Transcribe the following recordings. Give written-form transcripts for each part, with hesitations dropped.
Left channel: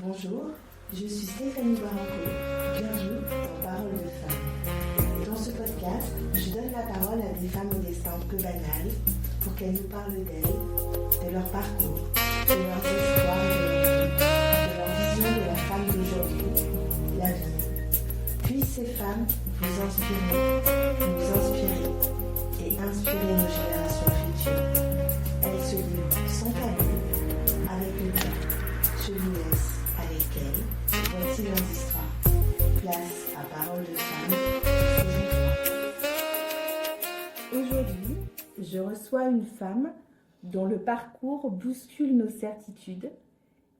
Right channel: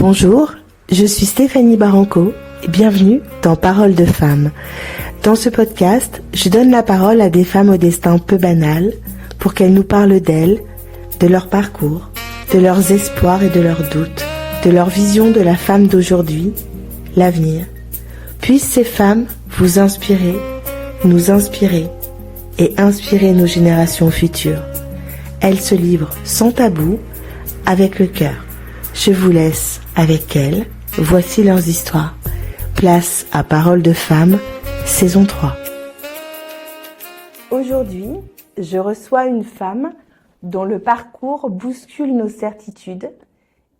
Bonjour, je suis Stéphanie Baranco et bienvenue dans Paroles de femmes. Dans ce podcast, je donne la parole à des femmes au destin peu banal pour qu'elles nous parlent d'elles, de leur parcours, de leurs espoirs et de leurs doutes, de leur vision de la femme d'aujourd'hui, l'avenir. Puissent ces femmes vous inspirer, nous inspirer et inspirer nos générations futures. Elles se livrent sans tabou, avec le cœur. Je vous laisse avec elles. Voici leurs histoires. Place à Paroles de femmes, saison 3. Aujourd'hui, je reçois une femme dont le parcours bouscule nos certitudes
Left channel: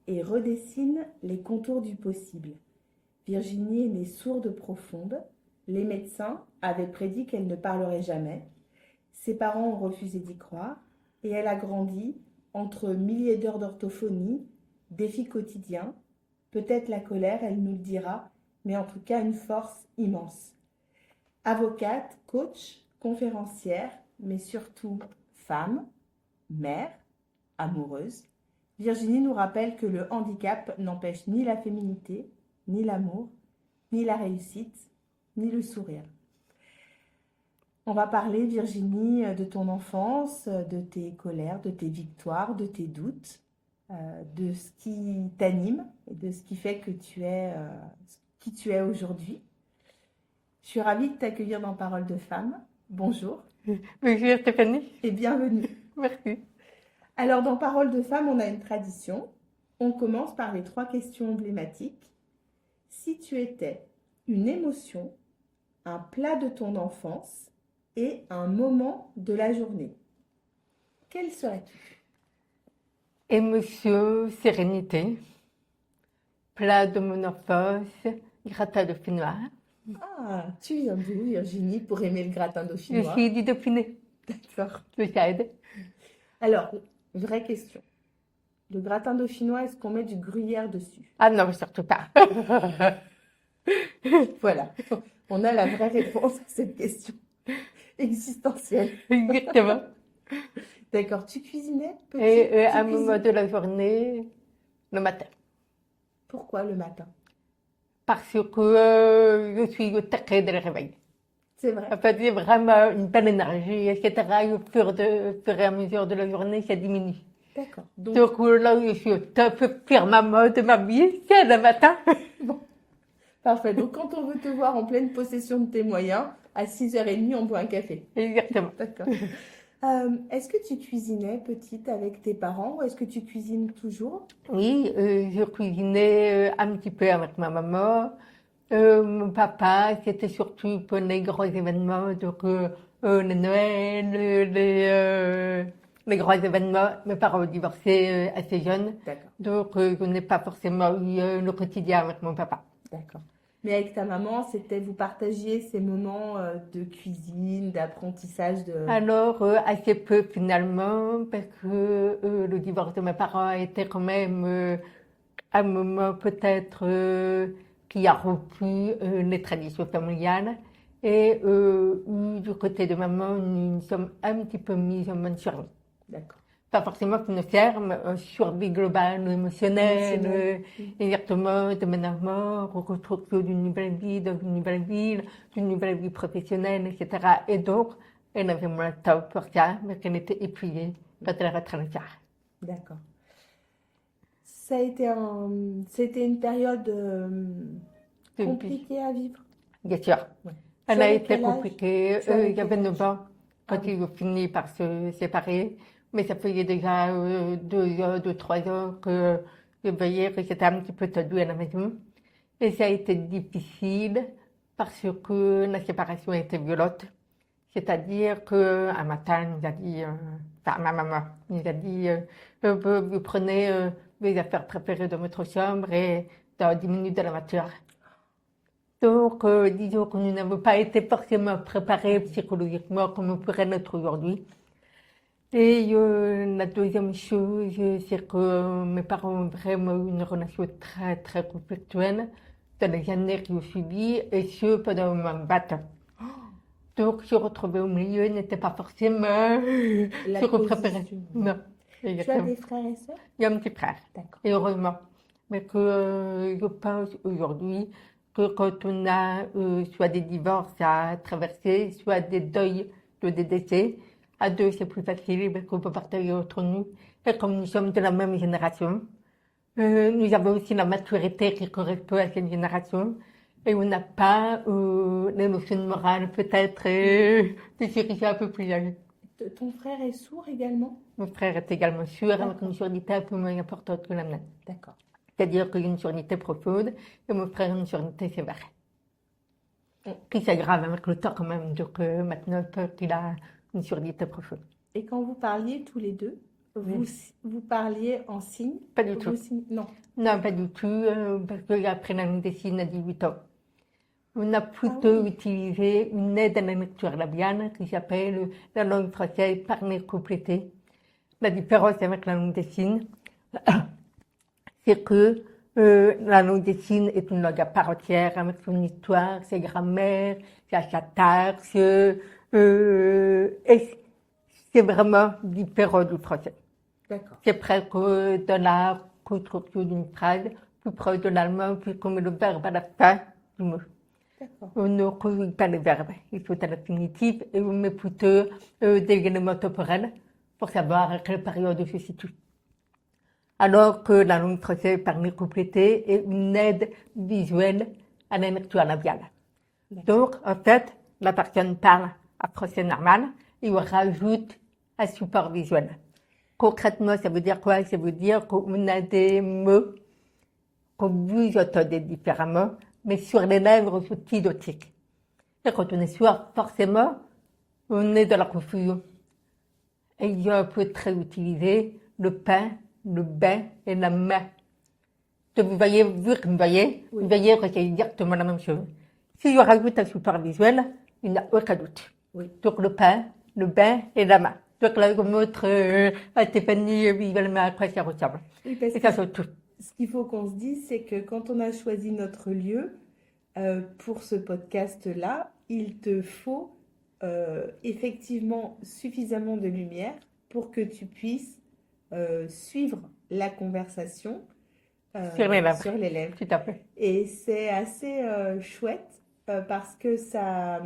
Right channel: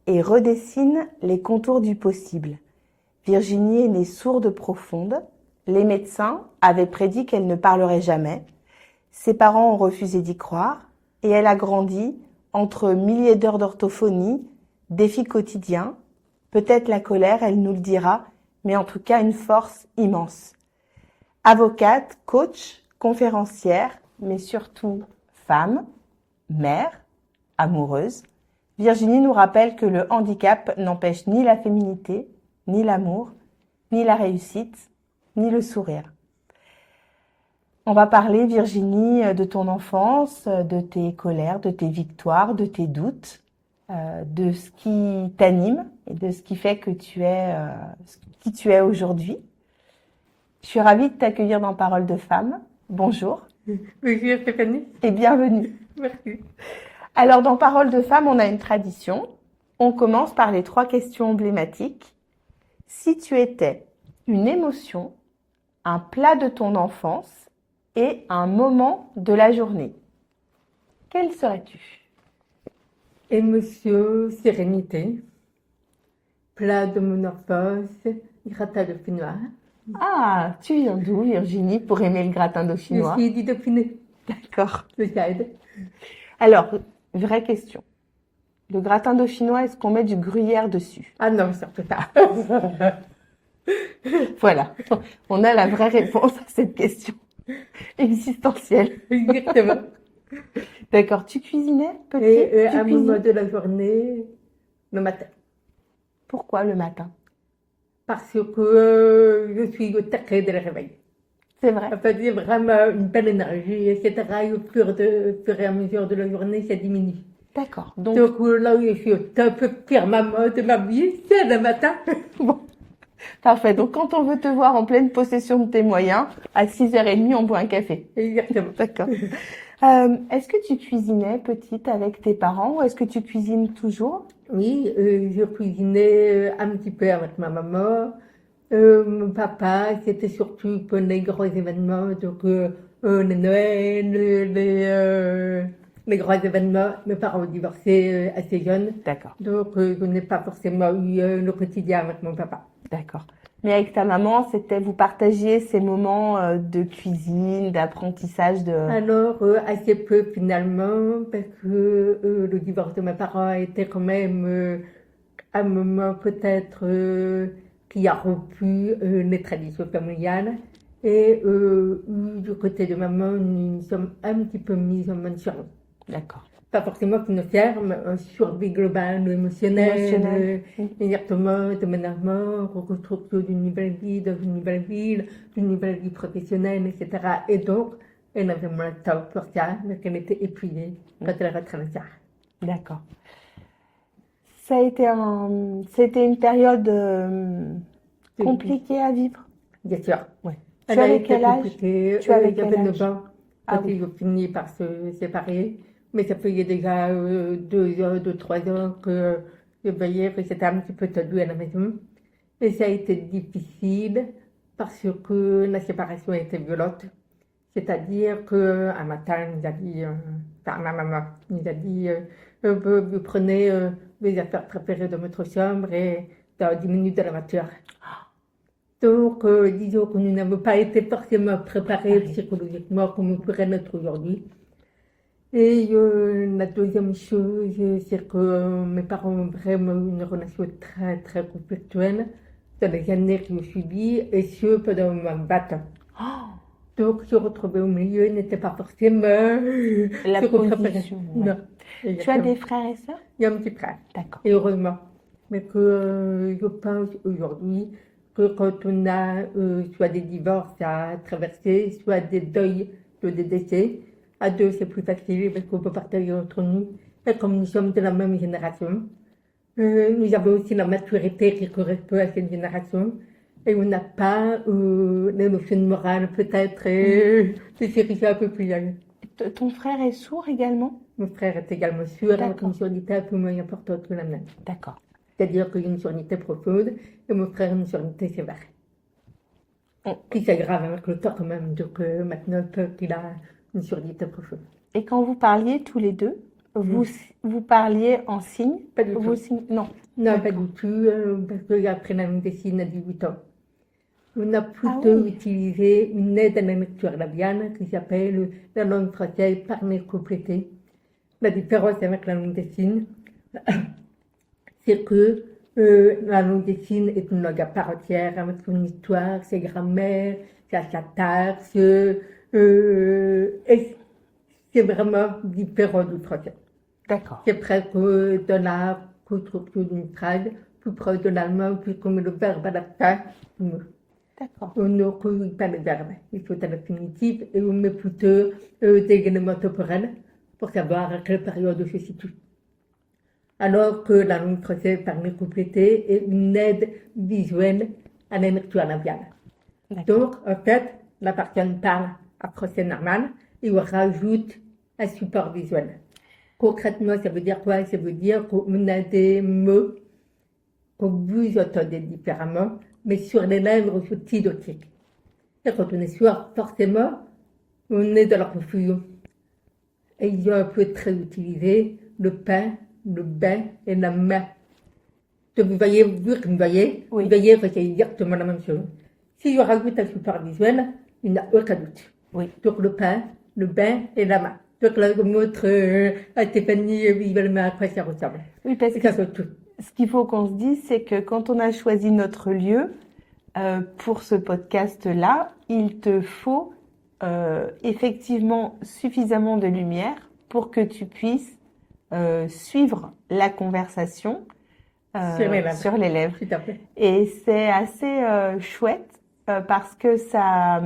et redessine les contours du possible. Virginie est née sourde profonde. Les médecins avaient prédit qu'elle ne parlerait jamais. Ses parents ont refusé d'y croire et elle a grandi entre milliers d'heures d'orthophonie, défis quotidiens, peut-être la colère, elle nous le dira, mais en tout cas une force immense. Avocate, coach, conférencière, mais surtout femme, mère, amoureuse, Virginie nous rappelle que le handicap n'empêche ni la féminité, ni l'amour, ni la réussite, ni le sourire. On va parler, Virginie, de ton enfance, de tes colères, de tes victoires, de tes doutes, de ce qui t'anime et de ce qui fait que tu es qui tu es aujourd'hui. Je suis ravie de t'accueillir dans Paroles de femmes. Bonjour. Bonjour Stéphanie. Et bienvenue. Merci. Alors, dans Paroles de femmes, on a une tradition. On commence par les 3 questions emblématiques. Si tu étais une émotion, un plat de ton enfance et un moment de la journée, quel serais-tu ? Émotion, sérénité, plat de mon enfance, gratin dauphinois. Ah, tu viens d'où, Virginie, pour aimer le gratin dauphinois ? Je suis du Dauphiné, D'accord. le Jade. Alors, vraie question. Le gratin dauphinois, est-ce qu'on met du gruyère dessus ? Ah non, surtout pas. Voilà, on a la vraie réponse à cette question existentielle. Exactement. D'accord, tu cuisinais, petit ? Et Tu à un cuisines moment de la journée, le matin. Pourquoi le matin ? Parce que je suis au taquet dès le réveil. C'est vrai. Ça veut dire vraiment une belle énergie, etc. Et au fur et à mesure de la journée, ça diminue. D'accord. Donc, Là où je suis au top, firmement de ma vie, c'est le matin. bon. Parfait. Donc, quand on veut te voir en pleine possession de tes moyens, à 6h30, on boit un café. Exactement. D'accord. Est-ce que tu cuisinais petite avec tes parents ou est-ce que tu cuisines toujours ? Oui, je cuisinais un petit peu avec ma maman. Mon papa, c'était surtout pour les gros événements, donc le Noël, les gros événements. Mes parents ont divorcé assez jeunes, D'accord. donc je n'ai pas forcément eu le quotidien avec mon papa. D'accord. Mais avec ta maman, vous partagiez ces moments de cuisine, d'apprentissage de... Alors, assez peu finalement, parce que le divorce de mes parents a été quand même un moment peut-être qui a rompu les traditions familiales. Et du côté de maman, nous sommes un petit peu mis en bonne survie. D'accord. Pas forcément financière, mais en survie globale, émotionnelle, exactement, déménagement, reconstruction d'une nouvelle vie dans une nouvelle ville, d'une nouvelle vie professionnelle, etc. Et donc, elle avait moins de temps pour ça, mais qu'elle était épuisée quand elle rentre le soir. D'accord. Ça a été une période compliquée à vivre. Bien sûr. Ouais. Elle a été compliquée. Tu avais J'avais quel 9 ans quand ils ont fini par se séparer. Mais ça faisait déjà 2 ans, 3 ans que je voyais que c'était un petit peu tendu à la maison. Et ça a été difficile parce que la séparation était violente. C'est-à-dire qu'un matin, elle nous a dit, ma maman nous a dit, vous prenez les affaires préférées de votre chambre et dans 10 minutes de la voiture. Donc, disons que nous n'avons pas été forcément préparés psychologiquement comme on pourrait l'être aujourd'hui. Et la deuxième chose, c'est que mes parents ont vraiment eu une relation très, très conflictuelle dans les années qui ont suivi, et ce, pendant 20 ans. Donc, se retrouver au milieu n'était pas forcément la ce qu'on position. préférait. Ouais. Non. Tu as des frères et sœurs ? Il y a un petit frère. D'accord. Et heureusement. Mais que je pense aujourd'hui que quand on a soit des divorces à traverser, soit des deuils, soit des décès, à deux c'est plus facile parce qu'on peut partager entre nous. Et comme nous sommes de la même génération, nous avons aussi la maturité qui correspond à cette génération. Et on n'a pas les notions morales peut-être et c'est un peu plus âgé. Ton frère est sourd également? Mon frère est également sourd avec D'accord. une surdité un peu moins importante que la mienne. D'accord. C'est-à-dire qu'il y a une surdité profonde et mon frère une surdité sévère. Mm. Et c'est grave avec le temps quand même, donc maintenant qu'il a une surdité profonde. Et quand vous parliez tous les deux, vous parliez en signe? Pas du Vous tout. Non. Non, pas du tout, parce qu'après la médecine à 18 ans, on a plutôt oui. utilisé une aide à la lecture labiale qui s'appelle la langue française parlée complétée. La différence avec la langue des signes, c'est que la langue des signes est une langue à part entière, avec son histoire, ses grammaires, sa syntaxe, et c'est vraiment différent du français. D'accord. C'est presque de la construction d'une phrase, plus proche de l'allemand, puisqu'on met le verbe à la fin du mot. D'accord. On ne corrige pas le verbe, il faut un infinitif, et on met plutôt des éléments temporels pour savoir à quelle période se situe. Alors que la langue française parlée complétée est une aide visuelle à la lecture labiale. Donc, en fait, la personne parle à français normal et on rajoute un support visuel. Concrètement, ça veut dire quoi? Ça veut dire qu'on a des mots que vous entendez différemment, mais sur les lèvres identiques. Et quand on est sourd, forcément, on est dans la confusion. Et il y a un peu très utilisé le pain, le bain et la main. Donc vous voyez, vu que vous voyez que c'est exactement la même chose. Si je rajoute un support visuel, il n'y a aucun doute. Oui. Donc le pain, le bain et la main. Donc là, je montre à Stéphanie visuellement à quoi ça ressemble. Oui, parce Et que ça fait tout. ce qu'il faut qu'on se dise, c'est que quand on a choisi notre lieu pour ce podcast-là, il te faut effectivement suffisamment de lumière pour que tu puisses suivre la conversation sur les lèvres. Tout à fait. Et c'est assez chouette parce que ça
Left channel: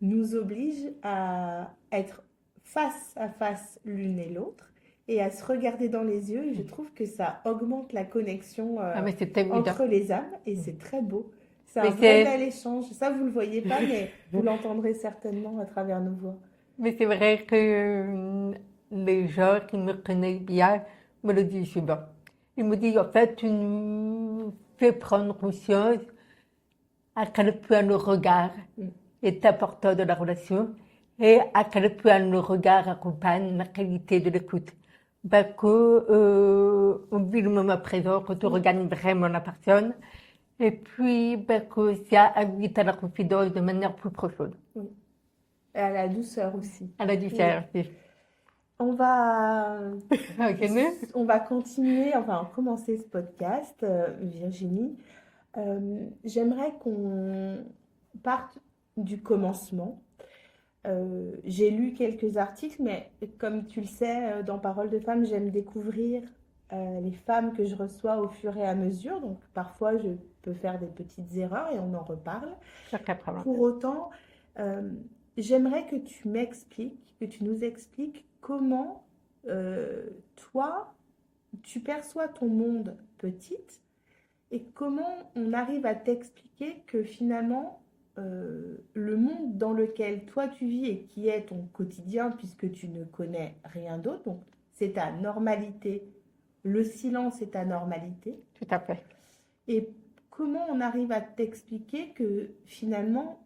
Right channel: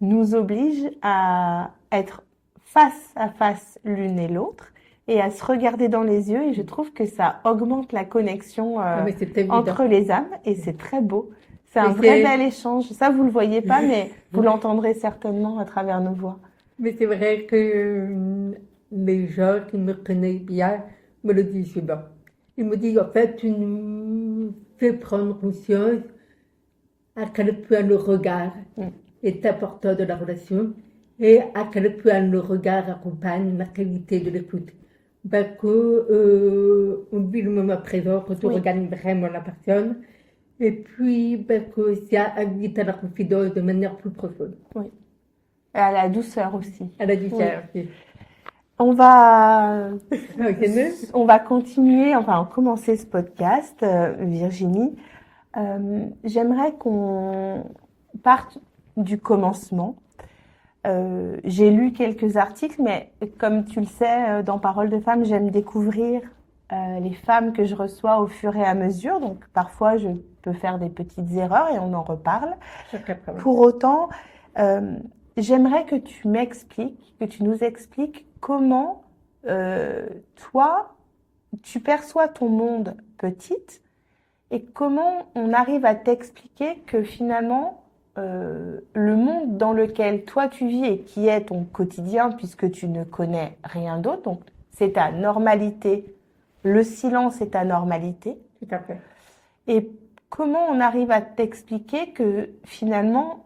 nous oblige à être face à face l'une et l'autre et à se regarder dans les yeux. Et je trouve que ça augmente la connexion Mais c'est évident. entre les âmes et c'est très beau. C'est Mais un vrai bel échange. Ça, vous ne le voyez pas, mais vous l'entendrez certainement à travers nos voix. Mais c'est vrai que les gens qui me connaissent bien me le disent souvent. Ils me disent, en fait, tu nous fais prendre conscience à quel point le regard est important de la relation et à quel point le regard accompagne la qualité de l'écoute. Parce qu'on vit le moment présent, quand on regarde vraiment la personne, et puis que ça invite à la confidence de manière plus profonde. Oui. Et à la douceur aussi. À la douceur. Oui. On va continuer, enfin commencer ce podcast, Virginie. J'aimerais qu'on parte du commencement. J'ai lu quelques articles, mais comme tu le sais, dans Paroles de femmes, j'aime découvrir les femmes que je reçois au fur et à mesure. Donc parfois, je peux faire des petites erreurs et on en reparle. Pour autant, j'aimerais que tu m'expliques, que tu nous expliques comment toi, tu perçois ton monde petite et comment on arrive à t'expliquer que finalement, le monde dans lequel toi tu vis et qui est ton quotidien puisque tu ne connais rien d'autre, donc c'est ta normalité, le silence est ta normalité. Tout à fait. Et comment on arrive à t'expliquer que finalement,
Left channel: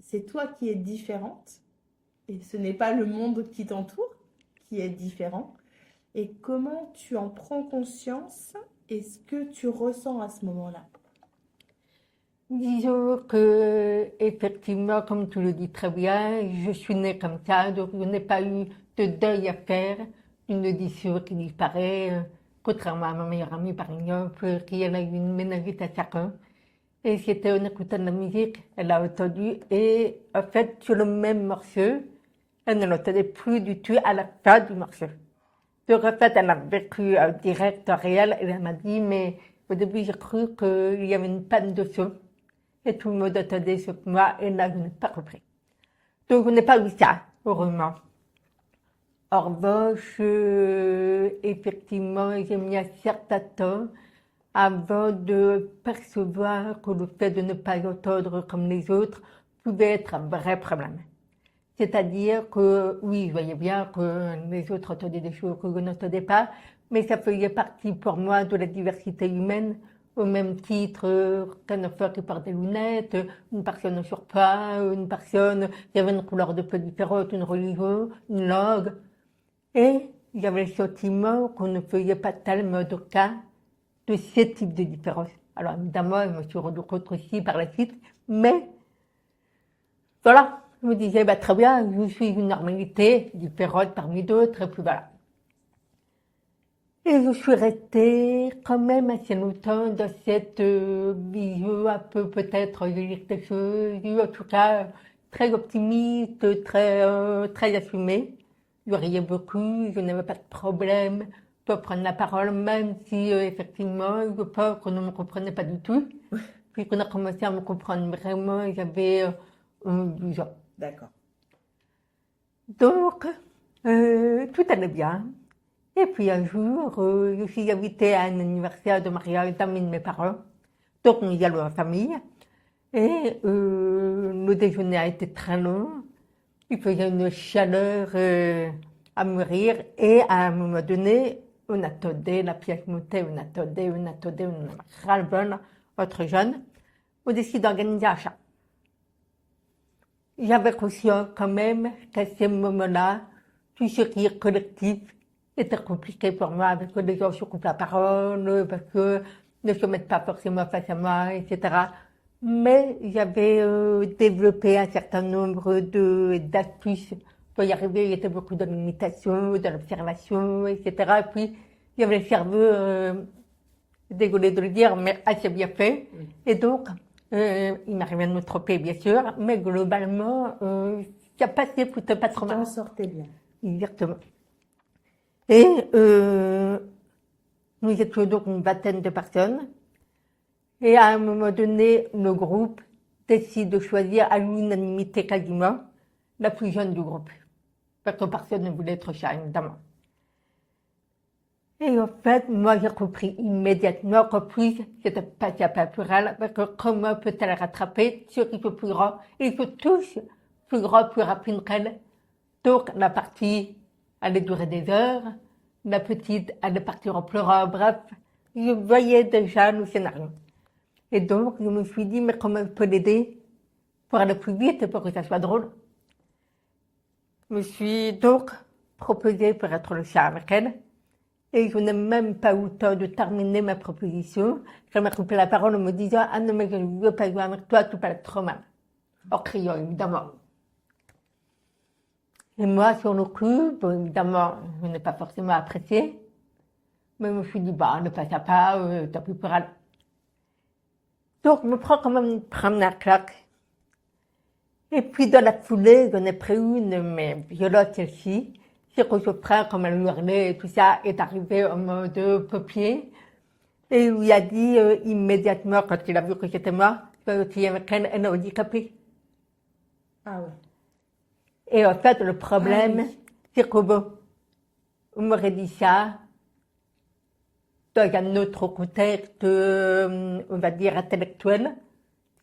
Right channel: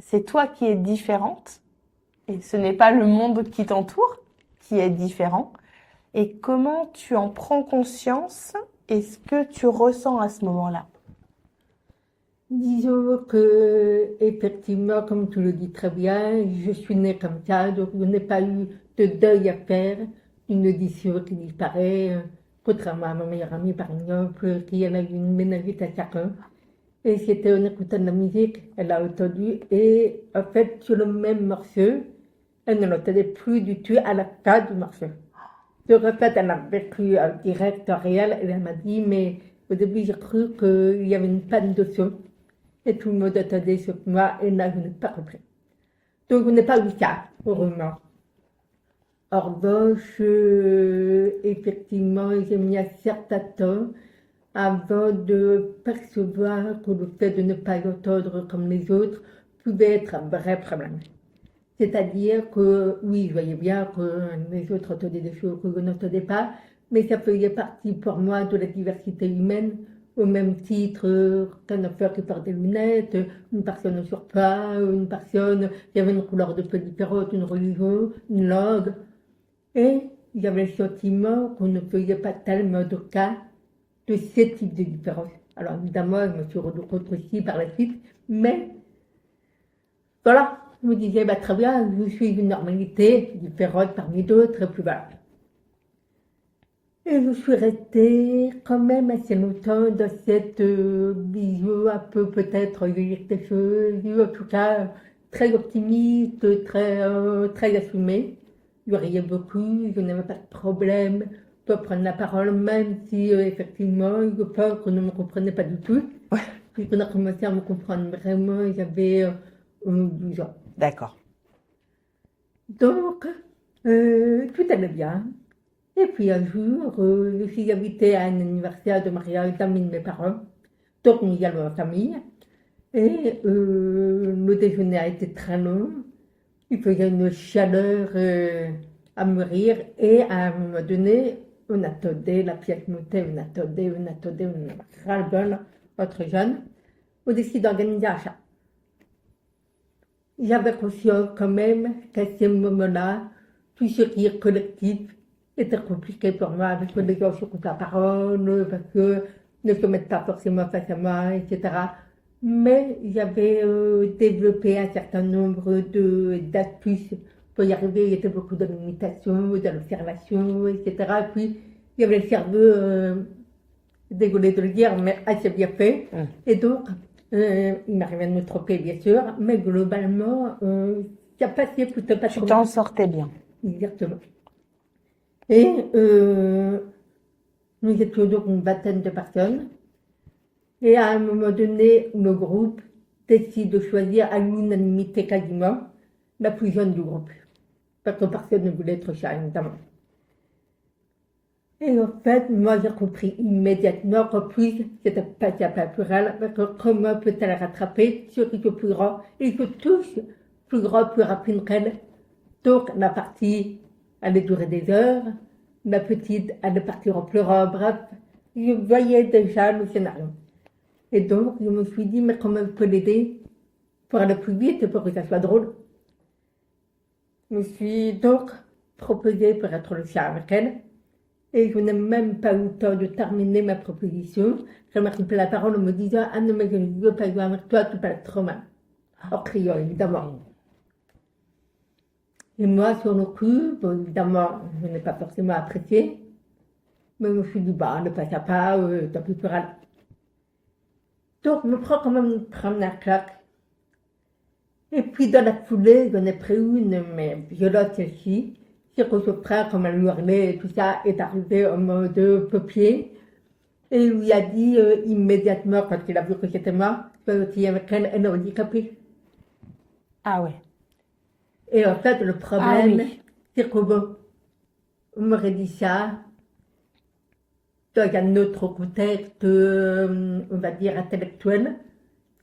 c'est toi qui es différente et ce n'est pas le monde qui t'entoure qui est différent. Et comment tu en prends conscience et ce que tu ressens à ce moment-là? Disons que, effectivement, comme tu le dis très bien, je suis née comme ça, donc je n'ai pas eu de deuil à faire, une audition qui disparaît, contrairement à ma meilleure amie, par exemple, qui en a eu une méningite à 5 ans. Et c'était en écoutant de la musique, elle a entendu, et en fait, sur le même morceau, elle ne l'entendait plus du tout à la fin du morceau. Donc, en fait, elle a vécu direct, réel, et elle m'a dit, mais au début, j'ai cru qu'il y avait une panne de feu. Et tout le monde attendait sur moi, et là, je n'ai pas compris. Donc, on n'a pas eu ça, heureusement. En revanche, effectivement, j'ai mis un certain temps avant de percevoir que le fait de ne pas entendre comme les autres pouvait être un vrai problème. C'est-à-dire que, oui, je voyais bien que les autres entendaient des choses que je n'entendais pas, mais ça faisait partie pour moi de la diversité humaine, au même titre qu'un enfant qui porte des lunettes, une personne ne sort pas, une personne qui avait une couleur de peau différente, une religion, une langue. Et j'avais le sentiment qu'on ne faisait pas tellement de cas de ces types de différences. Alors évidemment, je me suis rendu compte aussi par la suite, mais voilà, je me disais, bah, très bien, je suis une normalité différente parmi d'autres, et puis voilà. Et je suis restée quand même assez longtemps dans cette vision un peu peut-être de dire quelque chose, en tout cas très optimiste, très assumée. Je riais beaucoup, je n'avais pas de problème pour prendre la parole, même si effectivement, je pense qu'on ne me comprenait pas du tout. Ouais. Puis qu'on a commencé à me comprendre vraiment, j'avais 12 ans. D'accord. Donc, tout allait bien. Et puis un jour, je suis invitée à un anniversaire de mariage d'amis de mes parents. Donc, nous y allons en famille. Et le déjeuner a été très long. Il faisait une chaleur à mourir. Et à un moment donné, on attendait, la pièce montait, on attendait, on avait ras-le-bol, entre jeunes. On décide d'organiser un chat. J'avais conscience quand même qu'à ce moment-là, tout ce qui est collectif était compliqué pour moi, parce que les gens se coupent la parole, parce qu'ils ne se mettent pas forcément face à moi, etc. Mais j'avais développé un certain nombre d'astuces pour y arriver. Il y avait beaucoup de l'imitation, de l'observation, etc. Et puis, j'avais le cerveau, désolé de le dire, mais assez bien fait. Et donc, il m'arrivait de me tromper, bien sûr, mais globalement, ça passait plutôt pas trop Tu t'en sortais bien. Exactement. Et nous étions donc une vingtaine de personnes. Et à un moment donné, le groupe décide de choisir à l'unanimité quasiment la plus jeune du groupe. Parce que personne ne voulait être chat, évidemment. Et en fait, moi, j'ai compris immédiatement qu'en plus, c'était pas naturel, parce que comment peut-elle rattraper ceux qui sont plus grands? Ils sont tous plus grands, plus rapides qu'elle. Donc, la partie allait durer des heures, la petite allait partir en pleurant, bref, je voyais déjà le scénario. Et donc, je me suis dit, mais comment je peux l'aider pour aller plus vite et pour que ça soit drôle? Je me suis donc proposée pour être le chat avec elle. Et je n'ai même pas eu le temps de terminer ma proposition. Elle m'a coupé la parole en me disant, ah non, mais je ne veux pas jouer avec toi, tu parles trop mal. En criant, évidemment. Et moi, sur le coup, bon, évidemment, je n'ai pas forcément apprécié. Mais je me suis dit, bah, ne passe pas, tant pis pour elle. Donc, je me prends quand même une première claque. Et puis, dans la foulée, j'en ai pris une, mais violente celle-ci. C'est que je prends, comme elle hurlait et tout ça, est arrivé en mode papier. Et il lui a dit immédiatement, quand il a vu que j'étais mort, qu'il y avait elle est handicapée. Ah ouais. Et en fait, le problème, oui. c'est que bon, on m'aurait dit ça dans un autre contexte, on va dire intellectuel,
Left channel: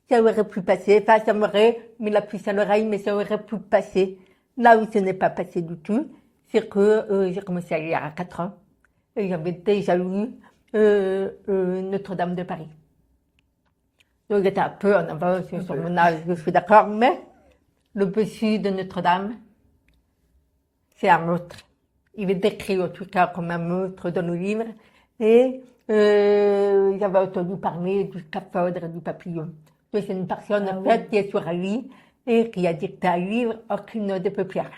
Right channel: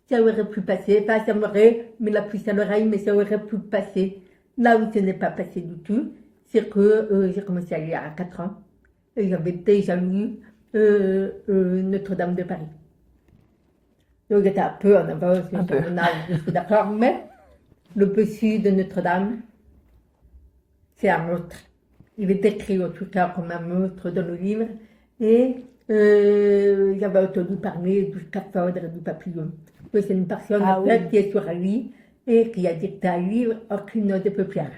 ça aurait pu passer. Enfin, ça m'aurait mis la puce à l'oreille, mais ça aurait pu passer. Là où ce n'est pas passé du tout, c'est que j'ai commencé à lire à 4 ans. Et j'avais déjà lu Notre-Dame de Paris. Donc j'étais un peu en avance sur mon âge, je suis d'accord, mais le bossu de Notre-Dame, c'est un monstre. Il est décrit en tout cas comme un monstre dans le livre. Et j'avais entendu parler du scaphandre et du papillon. Donc c'est une personne en fait, qui est sur un lit et qui a dicté un livre en clignant des paupières.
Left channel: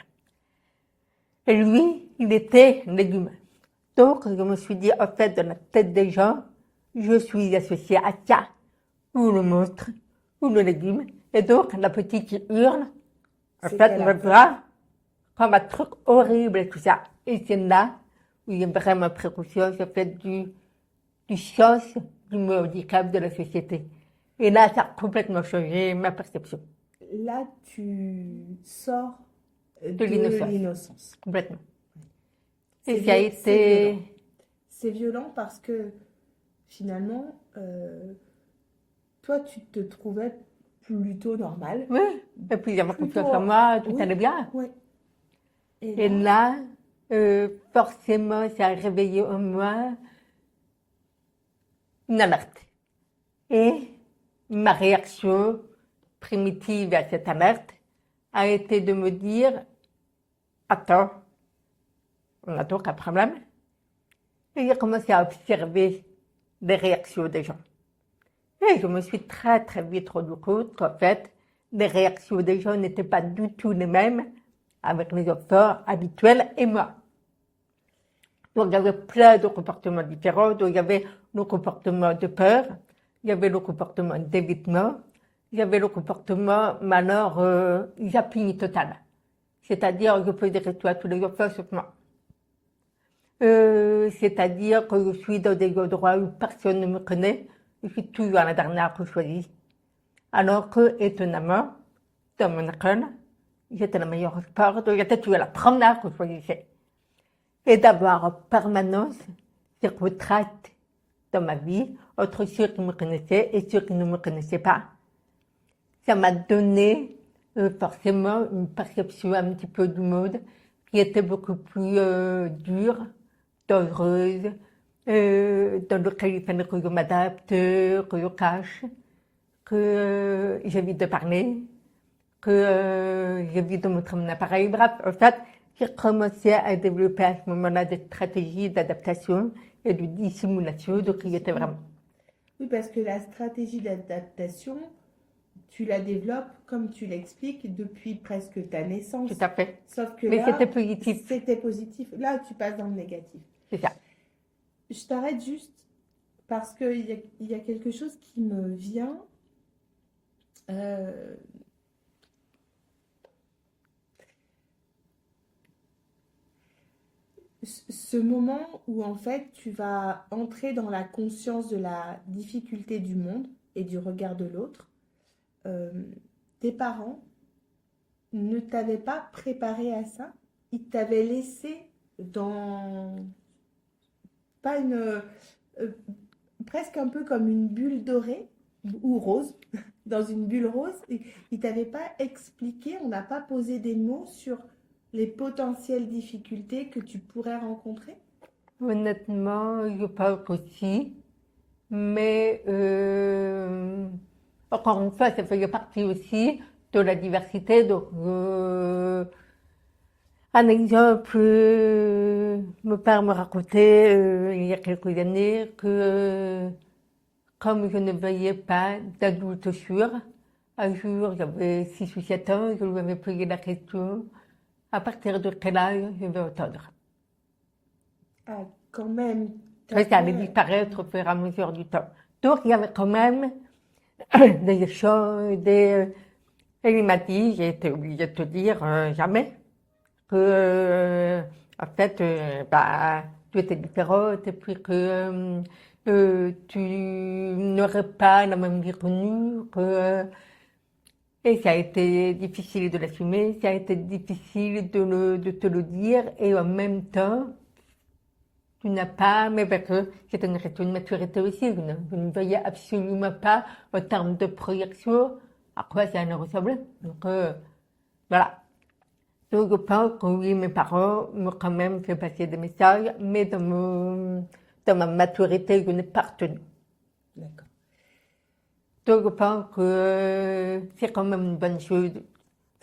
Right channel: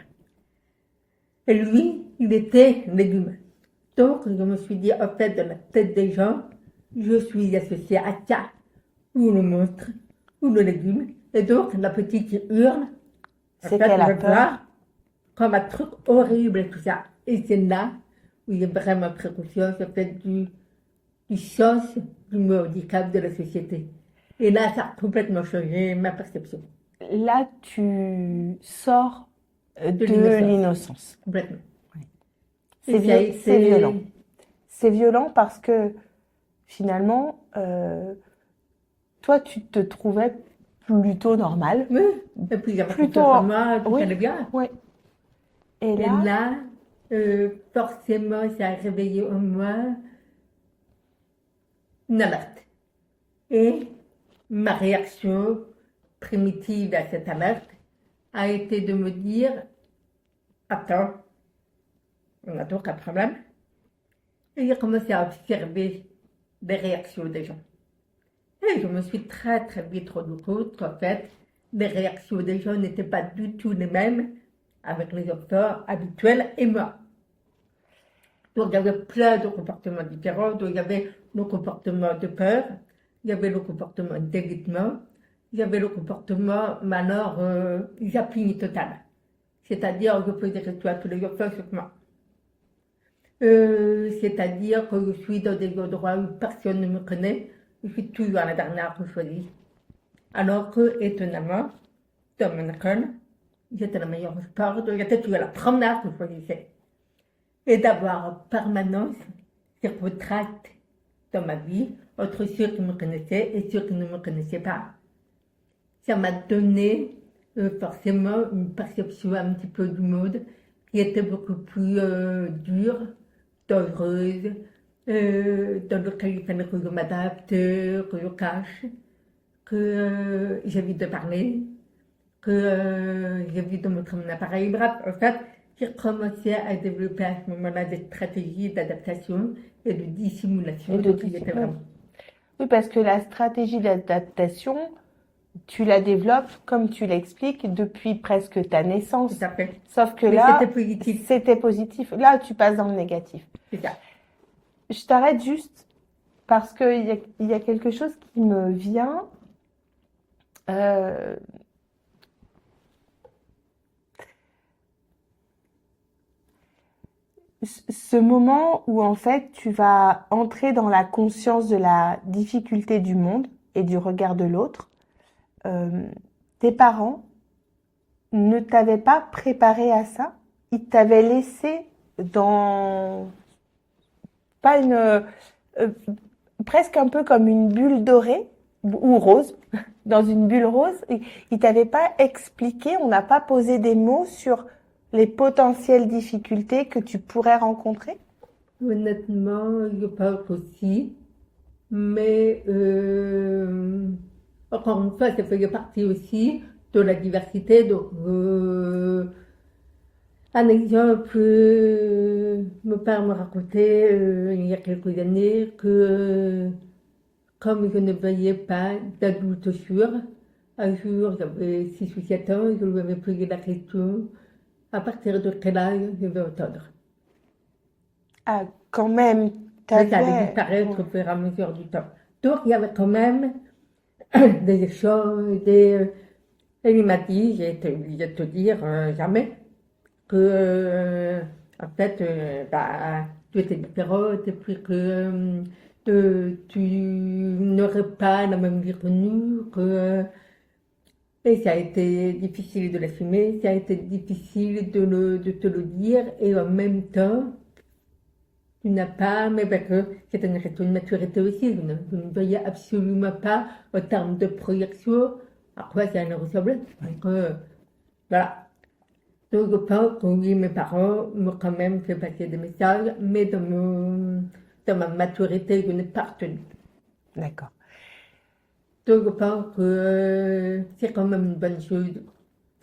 Et lui, il était légume. Donc je me suis dit, en fait, dans la tête des gens, je suis associée à ça, ou le monstre, ou le légume. Et donc la petite qui hurle, en fait, me voit comme un truc horrible et tout ça. Et c'est là où il est vraiment pris conscience en fait, du sens du mot handicap de la société. Et là, ça a complètement changé ma perception Là, tu sors de de l'innocence. l'innocence. Complètement. C'est Et ça a c'est violent. été. C'est violent parce que finalement, toi, tu te trouvais plutôt normal. Oui, et puis j'avais Plutôt. confiance en moi, tout Oui, allait bien. oui. Et Et là, là, forcément, ça a réveillé en moi une alerte. Et ma réaction primitive à cette alerte a été de me dire, attends, on a donc un problème. Et j'ai commencé à observer les réactions des gens. Et je me suis très très vite rendu compte qu'en fait, les réactions des gens n'étaient pas du tout les mêmes avec les enfants habituels et moi. Donc il y avait plein de comportements différents. Donc il y avait le comportement de peur, il y avait le comportement d'évitement, il y avait le comportement, mais alors, zapping total. C'est-à-dire que je peux dire à tous les enfants sauf moi. C'est-à-dire que je suis dans des endroits où personne ne me connaît, je suis toujours la dernière que je choisis. Alors que, étonnamment, dans mon école, j'étais la meilleure au sport, donc j'étais toujours la première que je choisissais. Et d'avoir en permanence ces retraites dans ma vie entre ceux qui me connaissaient et ceux qui ne me connaissaient pas. Ça m'a donné forcément une perception un petit peu du monde qui était beaucoup plus dure, dangereuse, dans lequel il fallait que je m'adapte, que je cache, que j'évite de parler, que j'évite de montrer mon appareil. Bref, en fait, j'ai commencé à développer à ce moment-là des stratégies d'adaptation et de dissimulation. Donc, il était vraiment. oui, parce que la stratégie d'adaptation, tu la développes, comme tu l'expliques, depuis presque ta naissance. Tout à fait. Sauf que Mais là, c'était positif. c'était positif. Là, tu passes dans le négatif. C'est ça. Je t'arrête juste parce qu'il y a quelque chose qui me vient. Ce moment où en fait tu vas entrer dans la conscience de la difficulté du monde et du regard de l'autre, tes parents ne t'avaient pas préparé à ça, ils t'avaient laissé dans pas une presque un peu comme une bulle dorée ou rose, dans une bulle rose, ils t'avaient pas expliqué, on n'a pas posé des mots sur les potentielles difficultés que tu pourrais rencontrer? Honnêtement, je pense aussi. Mais encore une fois, ça faisait partie aussi de la diversité. Donc, un exemple, mon père me racontait il y a quelques années que comme je ne voyais pas d'adulte sûr, un jour, j'avais 6 ou 7 ans, je lui avais posé la question à partir de quel âge je vais entendre. Ah, quand même, Mais ça allait t'avais... disparaître au fur et à mesure du temps. Donc, il y avait quand même des échanges, et il m'a dit, j'ai été obligée de te dire jamais, que en fait, bah, tu étais différente et puis que tu n'aurais pas la même vie que nous, et ça a été difficile de l'assumer, ça a été difficile de te le dire, et en même temps, tu n'as pas, mais parce que c'est une question de maturité aussi, je ne voyais absolument pas, en termes de projection, à quoi ça allait ressembler. Donc, voilà. Donc, je pense que oui, mes parents m'ont quand même fait passer des messages, mais dans ma maturité, je n'ai pas retenu. D'accord. Donc, je pense que c'est quand même une bonne chose.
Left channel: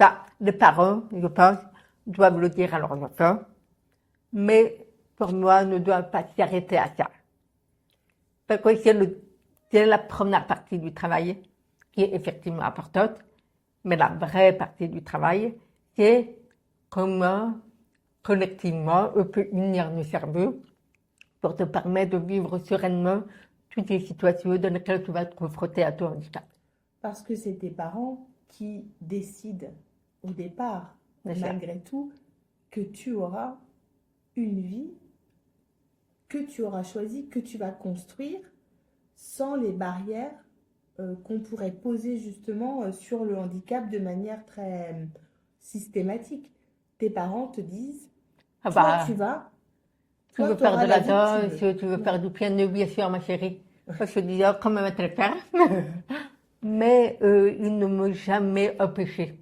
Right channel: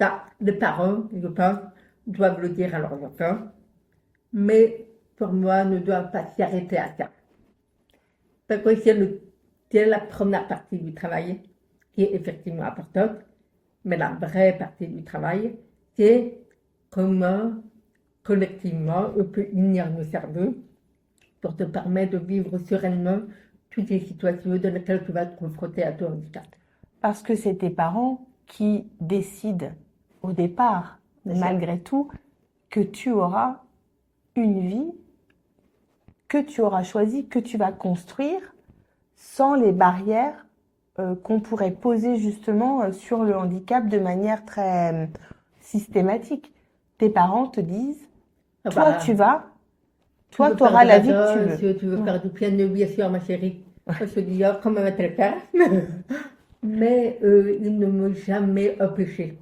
Ça, les parents, je pense, doivent le dire à leurs enfants, mais pour moi, ne doivent pas s'arrêter à ça. Parce que c'est la première partie du travail qui est effectivement importante, mais la vraie partie du travail, c'est comment, collectivement, on peut unir nos cerveaux pour te permettre de vivre sereinement toutes les situations dans lesquelles tu vas être confronté à ton handicap. Parce que c'est tes parents qui décident au départ, malgré tout, que tu auras une vie que tu auras choisi, que tu vas construire sans les barrières qu'on pourrait poser justement sur le handicap de manière très systématique. Tes parents te disent, Ah toi bah, tu toi, veux tu faire auras de la la vie que tu danse, veux. tu veux Ouais. faire du piano, bien sûr, ma chérie. Je disais comment va te le faire. Mais ils ne m'ont jamais empêché.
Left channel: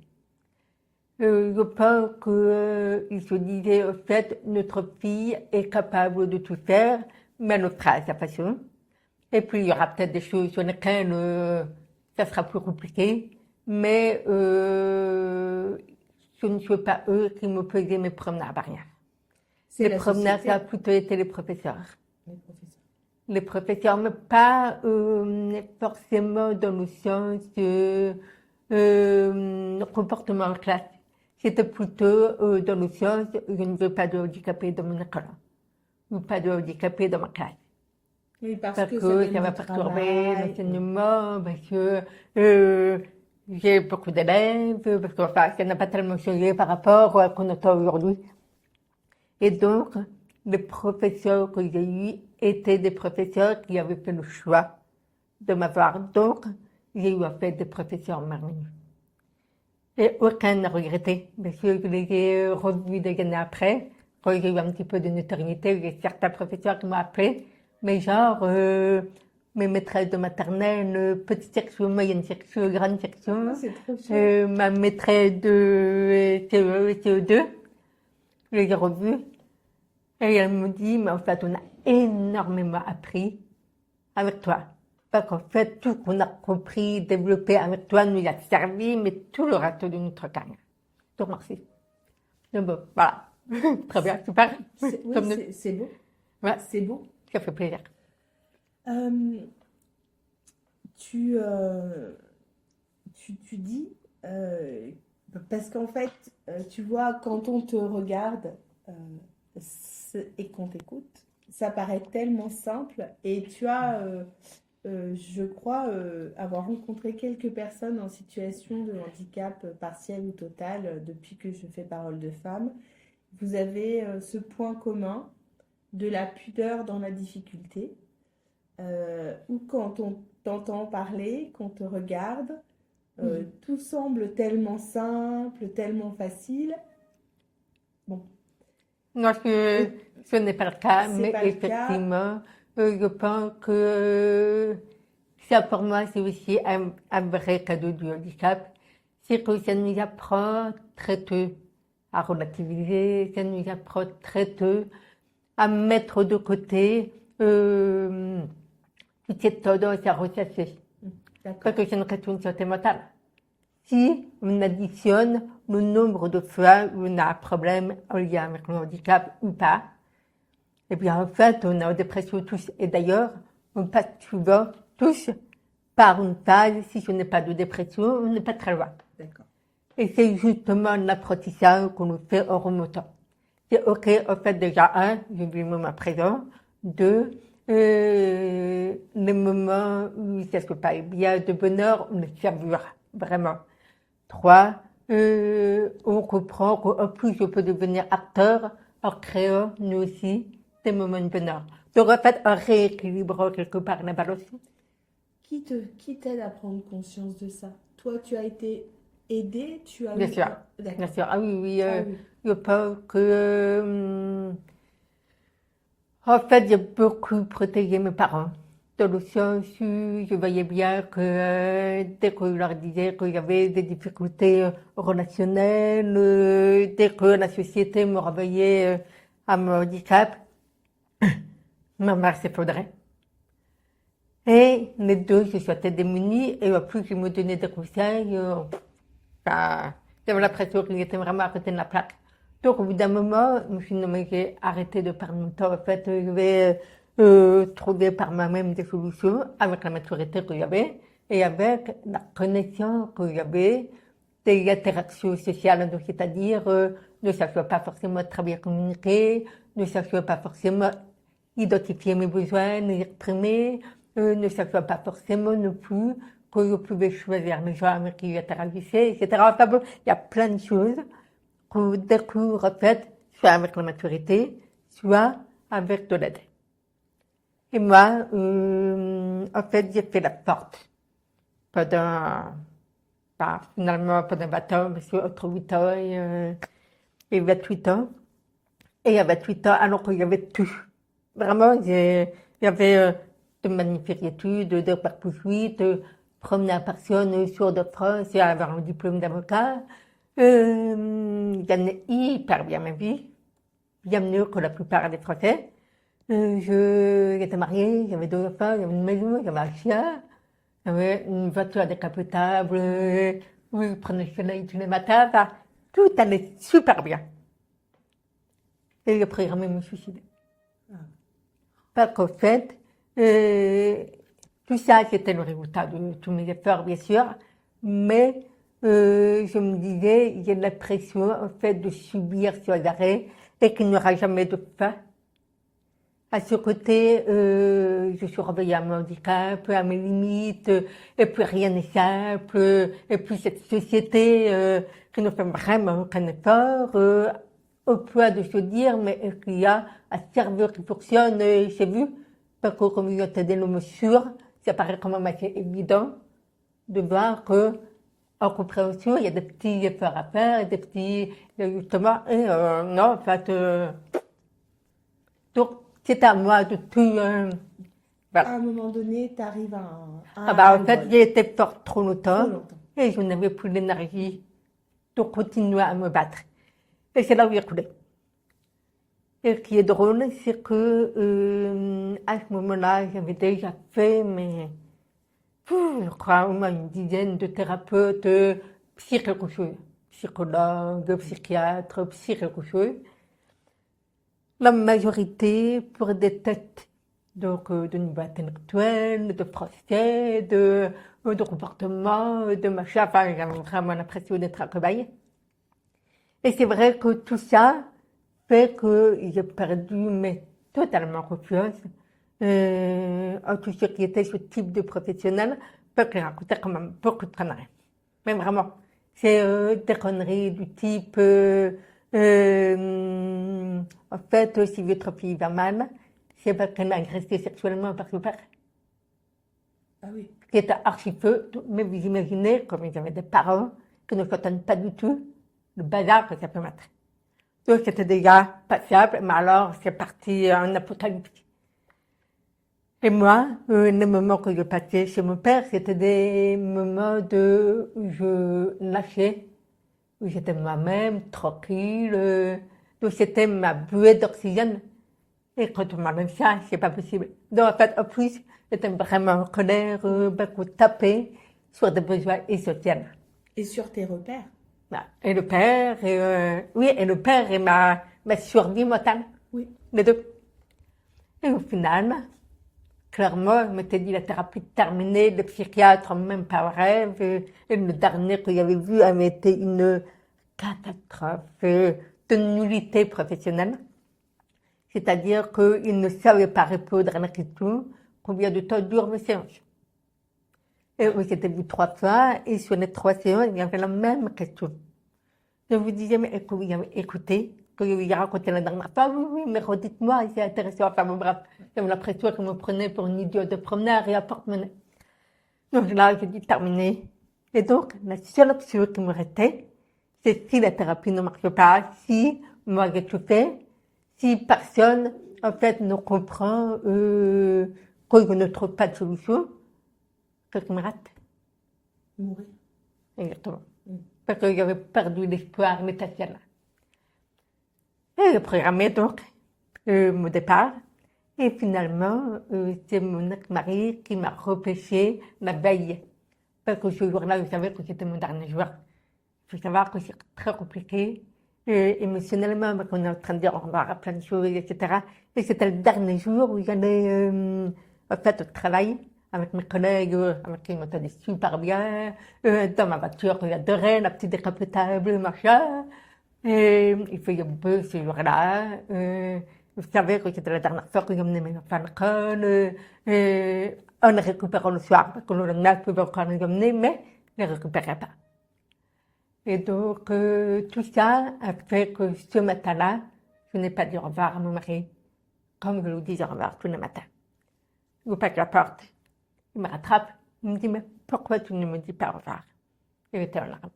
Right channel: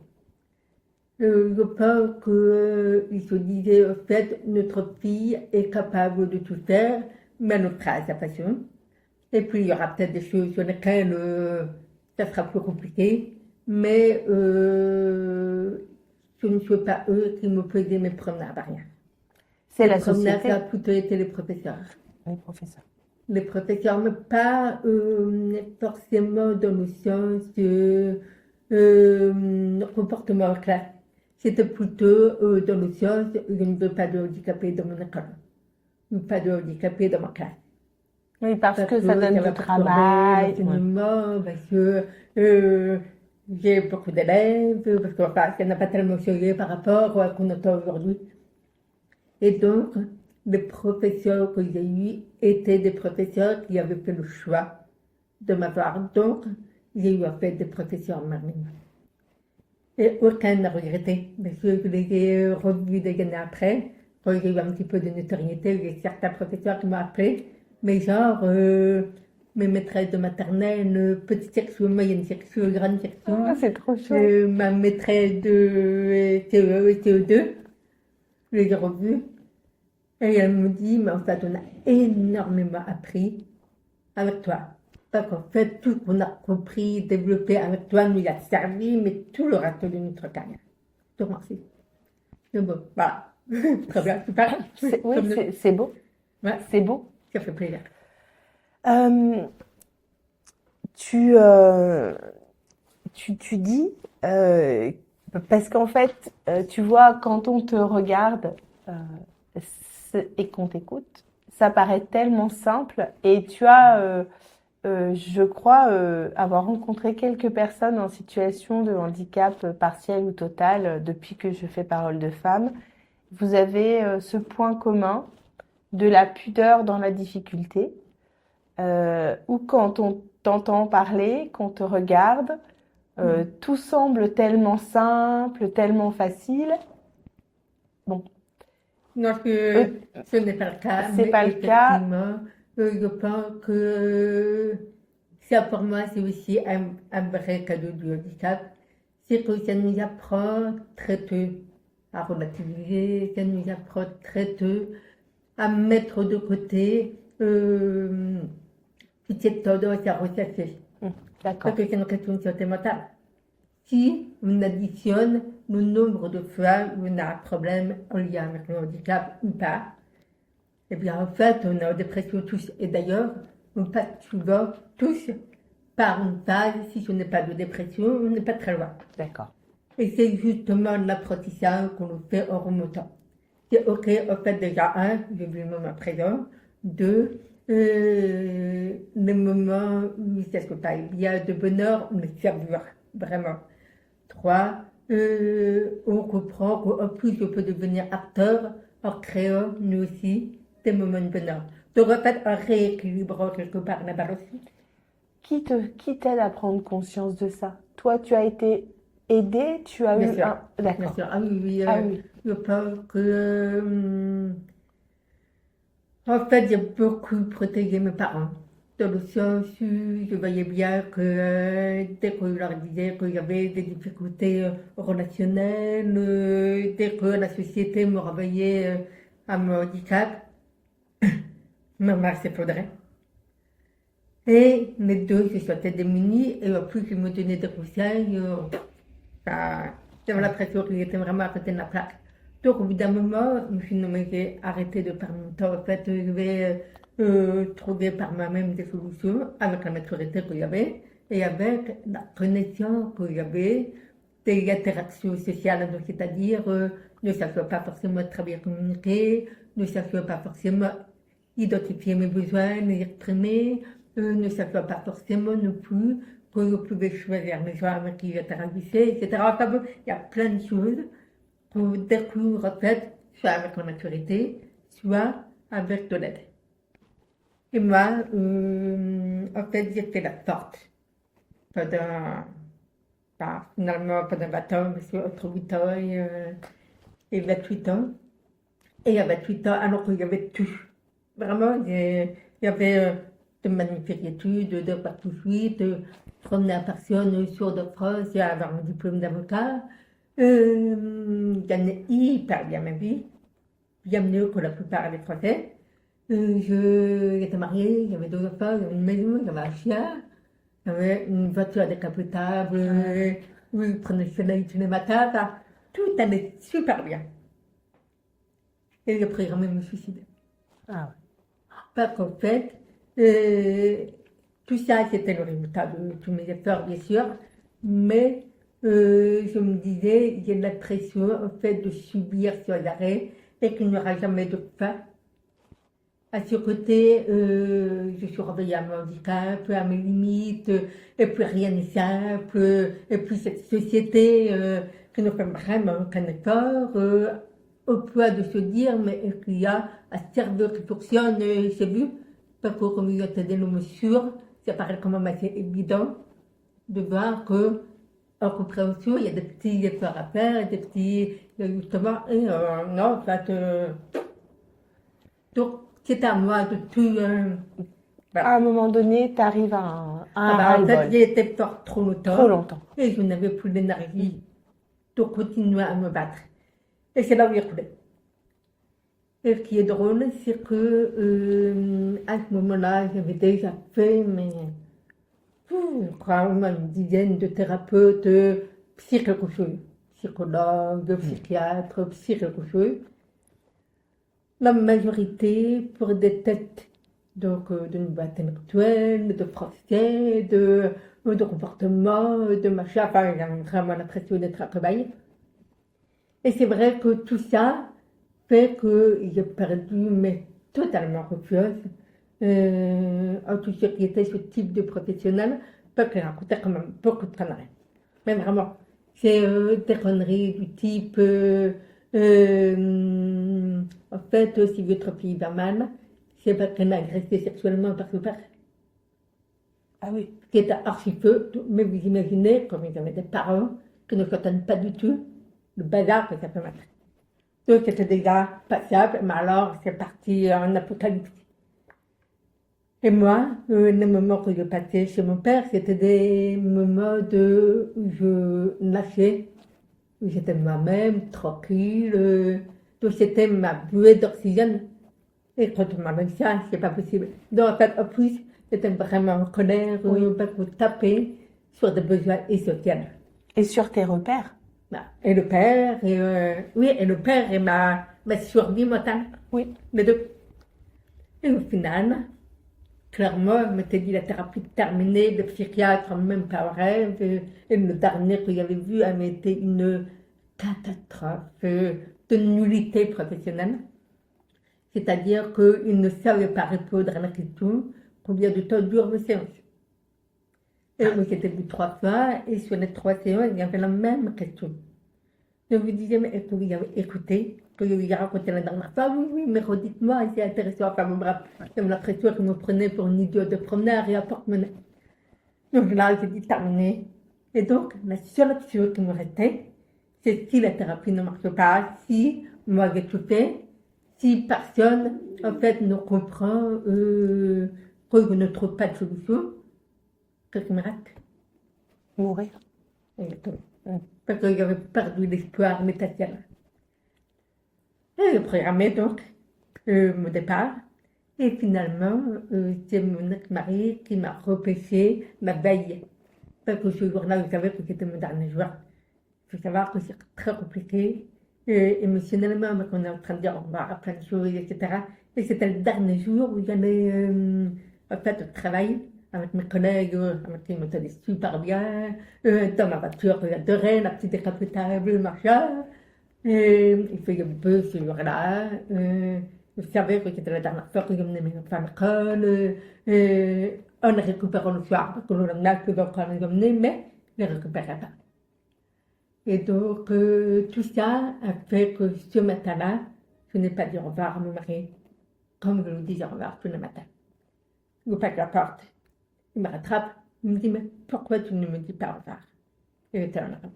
Je pense qu'ils se disaient, au fait, notre fille est capable de tout faire, mais elle le fera à sa façon. Et puis, il y aura peut-être des choses sur lesquelles ça sera plus compliqué. Mais ce ne sont pas eux qui me faisaient mes promenades à rien. C'est Les la promenades, société, ça a plutôt été les professeurs. les professeurs. Les professeurs, mais pas forcément dans le sens comportement en classe. C'était plutôt dans le sens je ne veux pas de handicapés dans mon école, ou pas de handicapés dans ma classe. Oui, parce que ça donne va du perturber travail. l'enseignement, parce que j'ai beaucoup d'élèves, parce que enfin, ça n'a pas tellement changé par rapport à ce qu'on entend aujourd'hui. Et donc, les professeurs que j'ai eus étaient des professeurs qui avaient fait le choix de m'avoir. Donc, j'ai eu en fait des professeurs merveilleux. Et aucun n'a regretté. Parce que je les ai revus des années après, quand j'ai eu un petit peu de notoriété, il y a certains professeurs qui m'ont appelé, mais genre, mes maîtresses de maternelle, petite section, moyenne section, grande section, Ah, c'est trop chouette. ma maîtresse de CE et CE2, je les ai revus. Et elle me dit, mais en fait, on a énormément appris avec toi. Parce qu'en fait, tout ce qu'on a compris, développé avec toi nous a servi, mais tout le reste de notre carrière. Donc, merci. Donc, bon, voilà. Très bien, super. Oui, Comme nous. c'est beau. Ouais, C'est beau. ça fait plaisir. Euh, tu dis, parce qu'en fait, tu vois, quand on te regarde et qu'on t'écoute, ça paraît tellement simple et tu as, je crois, avoir rencontré quelques personnes en situation de handicap partiel ou total depuis que je fais Parole de Femme. Vous avez ce point commun de la pudeur dans la difficulté, ou quand on t'entend parler, qu'on te regarde, tout semble tellement simple, tellement facile. Bon, Non, ce n'est pas le cas, c'est mais pas le cas. effectivement, je pense que ça pour moi, c'est aussi un vrai cadeau du handicap. C'est que ça nous apprend très tôt à relativiser, ça nous apprend très tôt à mettre de côté toute cette tendance à ressasser. D'accord. Parce que c'est une question de santé mentale. Si on additionne le nombre de fois où on a un problème en lien avec le handicap ou pas, eh bien en fait, on est en dépression tous. Et d'ailleurs, on passe souvent tous par une phase, si ce n'est pas de dépression, on n'est pas très loin. D'accord. Et c'est justement l'apprentissage qu'on nous fait en remontant. C'est OK, en fait, déjà, un, je vis le moment présent. Deux, les moments où ça se passe bien de bonheur, on le savoure vraiment. Trois, on comprend qu'en plus, je peux devenir acteur en créant, nous aussi, des moments de bonheur. Donc, en fait, en rééquilibrant quelque part la balance. Qui t'aide à prendre conscience de ça? Toi, tu as été aidée, tu as Bien eu sûr. un... Bien D'accord. sûr. Ah oui, oui. Ah oui. Je pense que, en fait, j'ai beaucoup protégé mes parents. Dans le sens où je voyais bien que dès que je leur disais qu'il y avait des difficultés relationnelles, dès que la société me renvoyait à mon handicap, ma mère s'effondrait. Et les deux se sentaient démunis et en plus, ils me donnaient des conseils. J'avais l'impression qu'ils étaient vraiment à côté de la plaque. Donc, au bout d'un moment, je me suis dit, non, mais j'ai arrêté de perdre mon temps. En fait, je vais trouver par moi-même des solutions avec la maturité que j'avais et avec la connaissance que j'avais des interactions sociales. Donc, c'est-à-dire, ne sachant pas forcément très bien communiquer, ne sachant pas forcément identifier mes besoins, les exprimer, ne sachant pas forcément non plus que je pouvais choisir les gens avec qui j'interagissais, etc. Enfin bon, il y a plein de choses qu'on découvre en fait, soit avec la maturité, soit avec de l'aide. Et moi, en fait, j'ai fait la porte pendant, finalement, pendant 20 ans, parce qu'entre 8 ans et 28 ans. Et à 28 ans, alors qu'il y avait tout. Vraiment, il y avait de magnifiques études, de bac plus 8, première personne sur de France à avoir un diplôme d'avocat. Je gagnais hyper bien ma vie, bien mieux que la plupart des Français. J'étais mariée, j'avais 2 enfants, j'avais une maison, j'avais un chien, j'avais une voiture décapotable, je prenais le soleil tous les matins, enfin, tout allait super bien. Et le programme me suicidait. Ah ouais. Parce qu'en fait, tout ça, c'était le résultat de tous mes efforts, bien sûr, mais je me disais, j'ai l'impression, en fait, de subir sur l'arrêt et qu'il n'y aura jamais de fin. À ce côté, je suis réveillée à mon handicap, à mes limites, et puis rien n'est simple, et puis cette société qui ne fait vraiment aucun effort, au point de se dire, mais est-ce qu'il y a un serveur qui fonctionne, j'ai vu, parce que comme il y a des noms sûrs, ça paraît quand même assez évident de voir que, en compréhension, il y a des petits efforts à faire, des petits, justement, et non, en fait, donc, c'est à moi de tout. À Voilà. un moment donné, tu arrives à un En fait, ras-le-bol. j'ai été forte trop Trop longtemps longtemps. et je n'avais plus l'énergie de continuer à me battre. Et c'est là où j'ai coulé. Et ce qui est drôle, c'est que à ce moment-là, j'avais déjà fait, mais je crois au moins une dizaine de thérapeutes, psy quelque chose, psychologues, psychiatres, psy quelque chose. La majorité pour des têtes donc, de niveau intellectuel, de français, de comportement, de machin. Enfin, j'ai vraiment l'impression d'être un cobaye. Et c'est vrai que tout ça fait que j'ai perdu, mais totalement confiance en tout ce qui était ce type de professionnel, parce que ça coûtait quand même beaucoup de conneries. Mais vraiment, c'est des conneries du type, en fait, si votre fille va mal, c'est parce qu'elle a agressé sexuellement par son père. Ah oui. Qui était archi-peu, mais vous imaginez, comme ils avaient des parents qui ne comprennent pas du tout le bazar que ça peut mettre. Donc c'était déjà passable, mais alors c'est parti en apocalypse. Et moi, les moments que je passais chez mon père, c'était des moments de je lâchais, où j'étais moi-même, tranquille. Donc c'était ma buée d'oxygène. Et quand on m'amène ça, c'est pas possible. Donc en fait, en plus, j'étais vraiment en colère, beaucoup tapée sur des besoins essentiels. Et sur tes repères. Voilà. Et le père, et le père et ma survie mentale. Oui, les deux. Et au final, clairement, je m'étais dit la thérapie terminée, le psychiatre, même pas en rêve. Et le dernier que j'avais vu avait été une catastrophe de nullité professionnelle. C'est-à-dire qu'il ne savait pas répondre à la question combien de temps durent mes séances. Et oui, j'étais vu 3 fois, et sur les 3 séances, il y avait la même question. Je vous disais, mais écoutez, que je vous ai raconté la dernière fois, oui, mais redites-moi, c'est intéressant. Enfin, bon, bref, j'avais l'impression que me prenait pour une idiote de promeneur et à porte-monnaie. Donc là, j'ai dit terminé. Et donc, la seule option qui me restait, c'est si la thérapie ne marche pas, si moi j'ai tout fait, si personne, en fait, ne comprend que je ne trouve pas de solution, qu'est-ce qui me reste? Mourir. Exactement. Parce que j'avais perdu l'espoir métatiel. Et je programmais donc mon départ. Et finalement, c'est mon ex-mari qui m'a repêché la veille. Parce que ce jour-là, je savais que c'était mon dernier jour. Il faut savoir que c'est très compliqué. Émotionnellement, parce qu'on est en train de dire au revoir à plein de choses, etc. Et c'était le dernier jour où j'allais en fait au travail avec mes collègues, avec qui je m'entendais super bien, dans ma voiture que j'adorais, la petite décapotable, machin. Et il faisait beau ce jour-là. Je savais que c'était la dernière fois que j'emmenais mes enfants à l'école. En les récupérant le soir, parce que le lendemain, je pouvais encore les emmener, mais je ne les récupérais pas. Et donc, tout ça a fait que ce matin-là, je n'ai pas dit au revoir à mon mari, comme je lui disais au revoir tous les matins. il ouvre la porte, il me rattrape, il me dit, mais pourquoi tu ne me dis pas au revoir? Il était en larmes.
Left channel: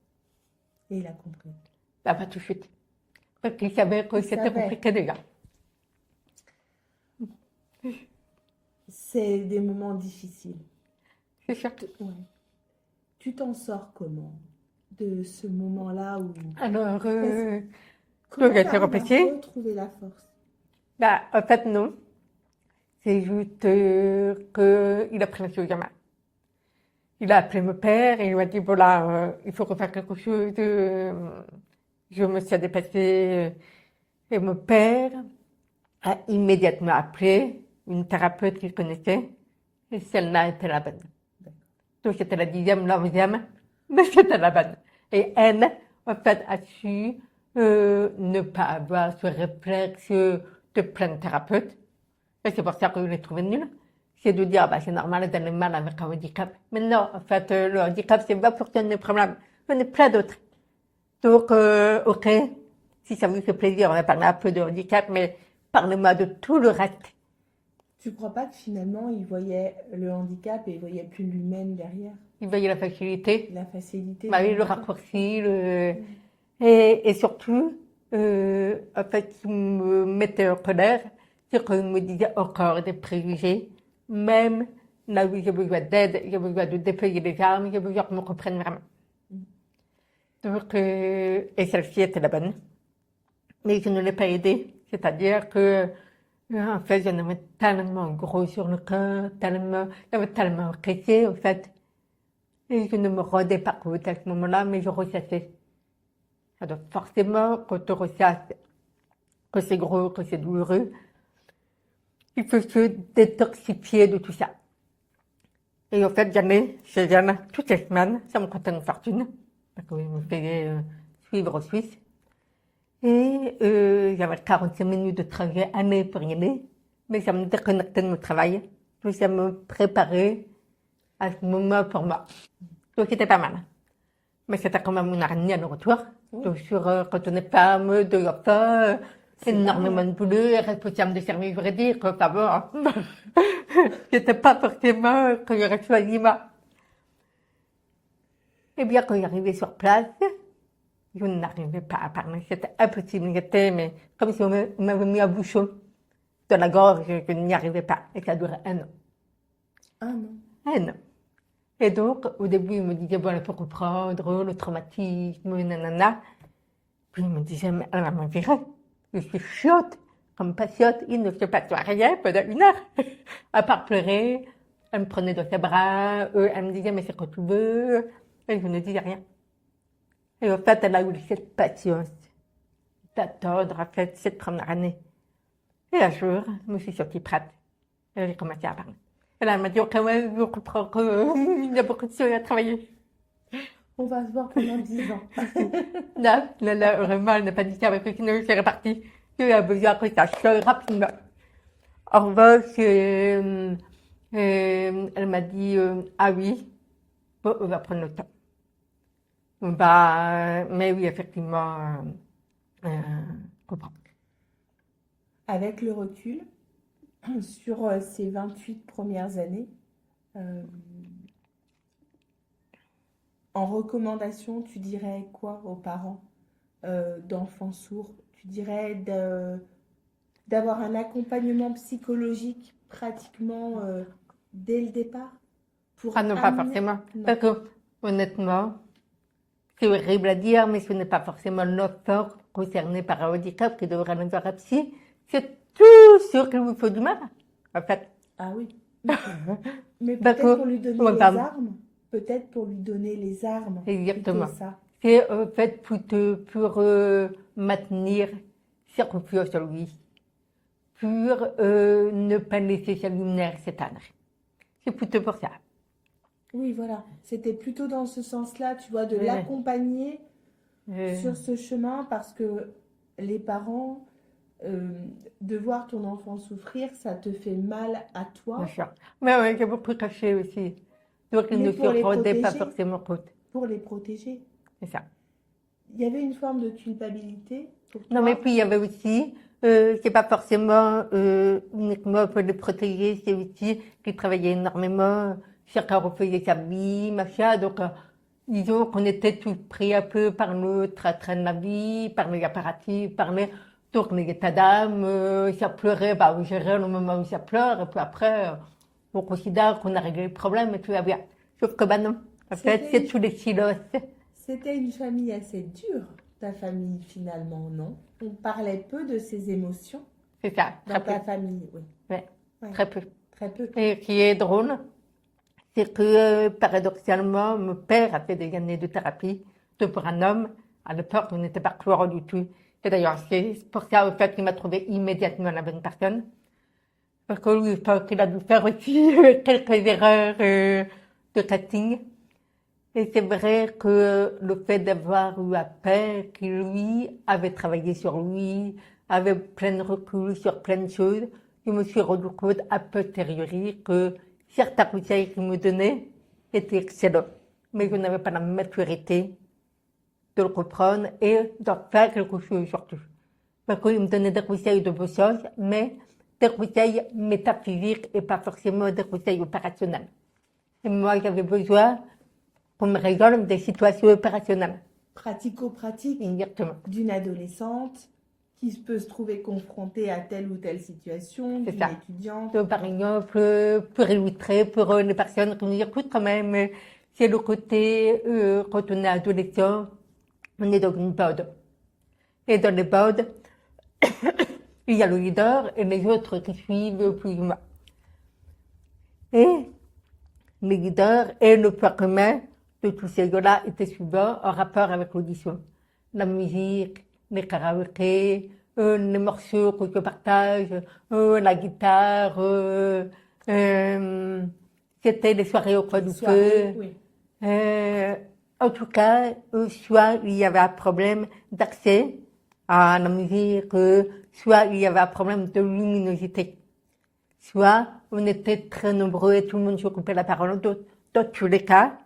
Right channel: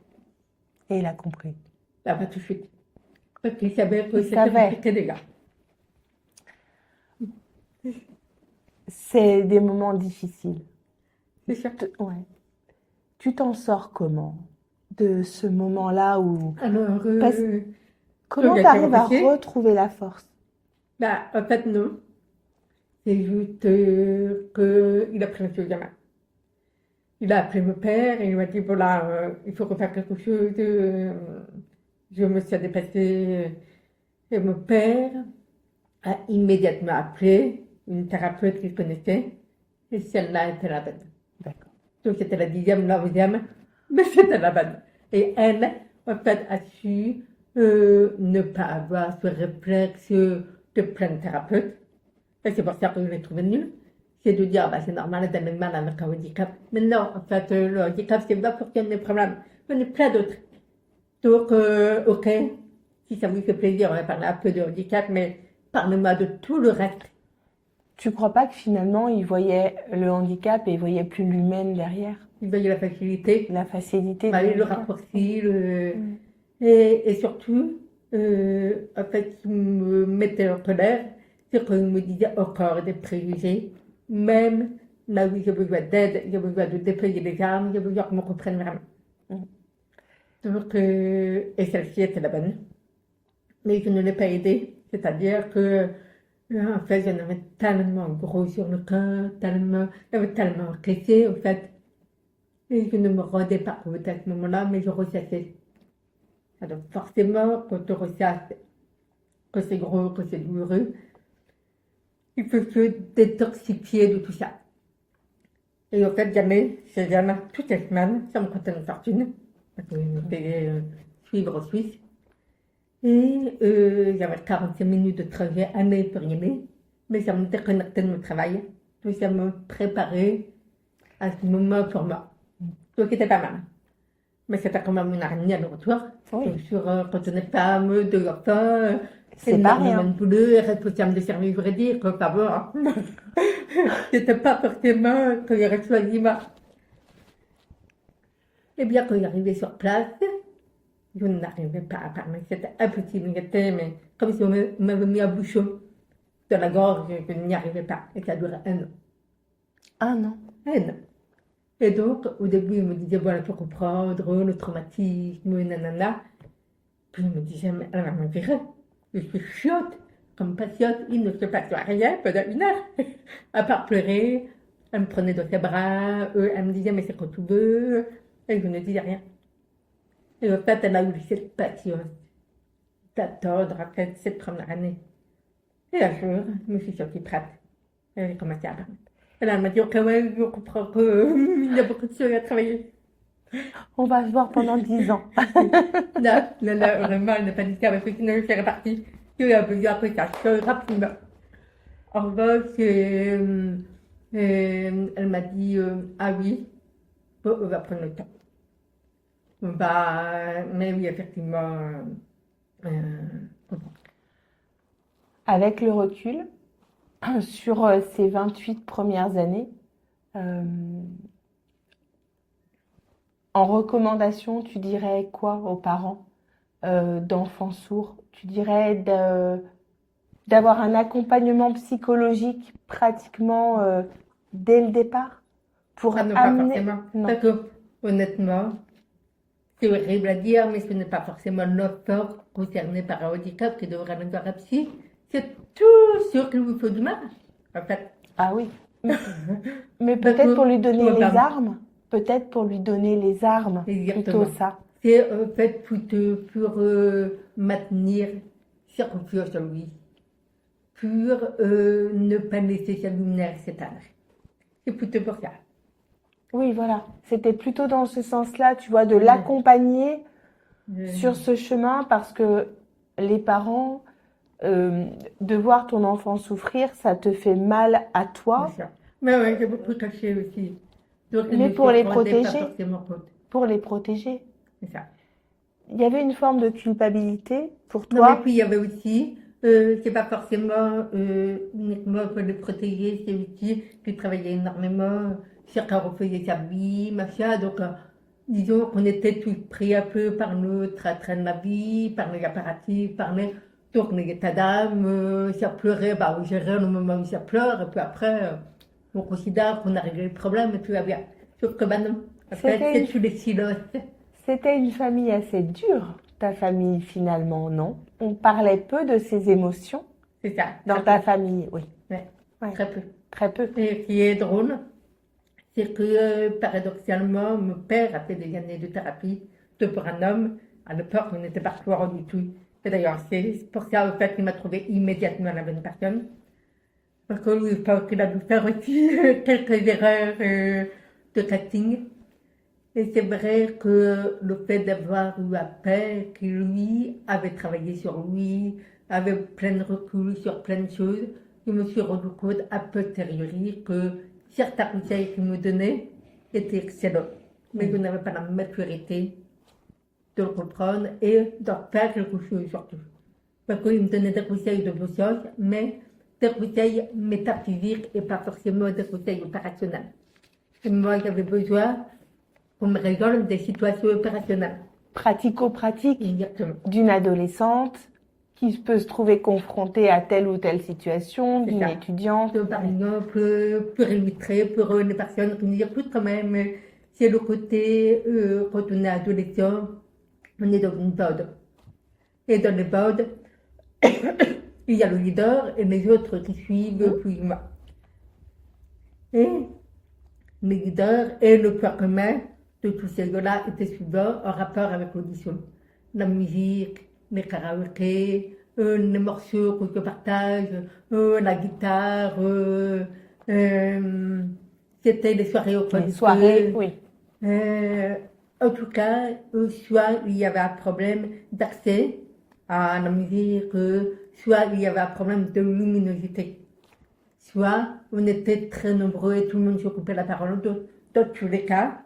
Et il a compris. Là, pas tout de suite. Parce qu'il savait que Il c'était savait. compliqué déjà. C'est des moments difficiles. C'est sûr. Ouais. Tu t'en sors comment de ce moment-là où... Alors, Comment j'ai tu arrives à réfléchi. retrouver la force? Bah, en fait, non. C'est juste qu'il a pris les choses en main. Il a appelé mon père et il m'a dit, voilà, il faut refaire quelque chose. Je me suis dépassée. Et mon père a immédiatement appelé une thérapeute qu'il connaissait. Et celle-là était la bonne. D'accord. Donc c'était la 10e, la 11e, mais c'était la bonne. Et elle, en fait, a su ne pas avoir ce réflexe de plein de thérapeutes. Et c'est pour ça que je l'ai trouvé nulle. C'est de dire, bah, c'est normal d'aller mal avec un handicap. Mais non, en fait, le handicap, c'est pas pour le problème. Il y en a plein d'autres. Donc, ok, si ça vous fait plaisir, on va parler un peu de handicap, mais parlez-moi de tout le reste. Tu crois pas que finalement, il voyait le handicap et il voyait plus l'humaine derrière? Il voyait la facilité, La facilité bah, du le handicap. raccourci, et surtout, en fait, il me mettait en colère, c'est qu'il me disait encore des préjugés, même là où j'ai besoin d'aide, j'ai besoin de déployer les armes, j'ai besoin qu'on me comprenne vraiment. Mm. Donc, et celle-ci était la bonne. Mais je ne l'ai pas aidée, c'est-à-dire que, en fait, j'en avais tellement gros sur le cœur, j'avais tellement encaissé, en fait. Et je ne me rendais pas compte à ce moment-là, mais je ressassais. Alors forcément, quand on ressasse, que c'est gros, que c'est douloureux, il faut se détoxifier de tout ça. Et en fait, j'allais chez Jeanne toutes les semaines, ça me coûtait une fortune, parce qu'il me payait suivre en Suisse. Et j'avais 45 minutes de trajet aller pour y aller, mais ça me déconnectait de mon travail, puis ça me préparait à ce moment pour moi. Donc c'était pas mal. Mais c'était quand même une araignée à le retour. Oui. Donc, quand on est femme, deux enfants, C'est pas énormément rien. de boulot, responsable de service juridique, enfin bon. C'était pas forcément que j'aurais choisi moi. Et bien, quand j'arrivais sur place, je n'arrivais pas à parler. C'était impossible. J'étais, mais comme si on m'avait mis un bouchon dans la gorge, je n'y arrivais pas. Et ça durait 1 an. Ah non. 1 an. Et donc, au début, il me disait, voilà, pour reprendre le traumatisme, nanana. Puis il me disait, mais elle va me virer. Je suis chiotte, comme pas chiotte, il ne se passe rien pendant 1 heure. À part pleurer, elle me prenait dans ses bras, elle me disait, mais c'est quand tu veux. Et je ne disais rien. Et en fait, elle a eu cette patience d'attendre, en fait, cette première année. Et un jour, je me suis sentie prête. Et j'ai commencé à parler. Et là, elle m'a dit, ok, ouais, je comprends qu'il y a beaucoup de choses à travailler. On va se voir pendant 10 ans. Là, vraiment, elle n'a pas dit ça, parce que sinon, je serais partie. J'ai eu besoin après ça, je rapidement. En revanche, elle m'a dit, ah oui, bon, on va prendre le temps. Bah, mais oui, effectivement, comprends. Avec le recul, sur ces 28 premières années, en recommandation, tu dirais quoi aux parents d'enfants sourds? Tu dirais d'avoir un accompagnement psychologique pratiquement dès le départ pour Ah non, pas amener... forcément. Non. Parce que, honnêtement, c'est horrible à dire, mais ce n'est pas forcément l'enfant concerné par un handicap qui devrait aller voir un psy. C'est tout sûr qu'il vous faut du mal, en fait. Ah oui. Mais Parce peut-être que, pour lui donner toi, les dame. armes. Peut-être pour lui donner les armes. Exactement. Plutôt ça. C'est en fait pour maintenir sa confiance en lui, pour ne pas laisser sa lumière s'éteindre. C'est plutôt pour ça. Oui, voilà. C'était plutôt dans ce sens-là, tu vois, de l'accompagner sur ce chemin parce que les parents, de voir ton enfant souffrir, ça te fait mal à toi. C'est ça. Mais oui, j'ai beaucoup caché aussi. Donc, Mais ne pour se les rendait pas protéger. forcément compte. Pour les protéger. C'est ça. Il y avait une forme de culpabilité pour Non, mais toi. puis il y avait aussi c'est pas forcément uniquement pour les protéger, c'est aussi qu'ils travaillaient énormément, chacun refaisait sa vie, machin, donc disons qu'on était tous pris un peu par notre train de la vie, par les apparatifs, par donc les états d'âme, ça pleurait, bah oui, j'ai rien au moment où ça pleure, et puis après, on considère qu'on a réglé le problème et tout va bien. Sauf que bah non, en fait, c'est tous les silos. C'était une famille assez dure, ta famille finalement, non? On parlait peu de ses émotions C'est ça. dans ta famille, oui. Ouais, Ouais. très peu. Très peu. Et ce qui est drôle, c'est que paradoxalement, mon père a fait des années de thérapie pour un homme. À l'époque, on n'était pas clair du tout. Et d'ailleurs, c'est pour ça au fait, qu'il m'a trouvé immédiatement la bonne personne. Parce que lui, je pense qu'il a dû faire aussi quelques erreurs de casting. Et c'est vrai que le fait d'avoir eu un père qui, lui, avait travaillé sur lui, avait plein de recul sur plein de choses, je me suis rendu compte a posteriori que certains conseils qu'il me donnait étaient excellents. Mais je n'avais pas la maturité de le comprendre et d'en faire quelque chose surtout. Parce qu'il me donnait des conseils de bon sens, mais des conseils métaphysiques et pas forcément des conseils opérationnels. Et moi, j'avais besoin qu'on me résolve des situations opérationnelles. Pratico-pratique Exactement. d'une adolescente qui peut se trouver confrontée à telle ou telle situation, C'est d'une ça. étudiante. Par exemple, pour illustrer, pour les personnes qui nous écoutent quand même, c'est le côté, quand on est adolescent, on est dans une bande. Et dans les bandes, il y a le leader et les autres qui suivent plus ou moins. Et le leader et le point commun de tous ces gars-là étaient souvent en rapport avec l'audition. La musique, les karaokés, les morceaux que je partage, la guitare, c'était les soirées au coin Les du soirées, feu. oui. En tout cas, soit il y avait un problème d'accès à la musique, soit il y avait un problème de luminosité. Soit on était très nombreux et tout le monde s'occupait de la parole. Dans tous les cas,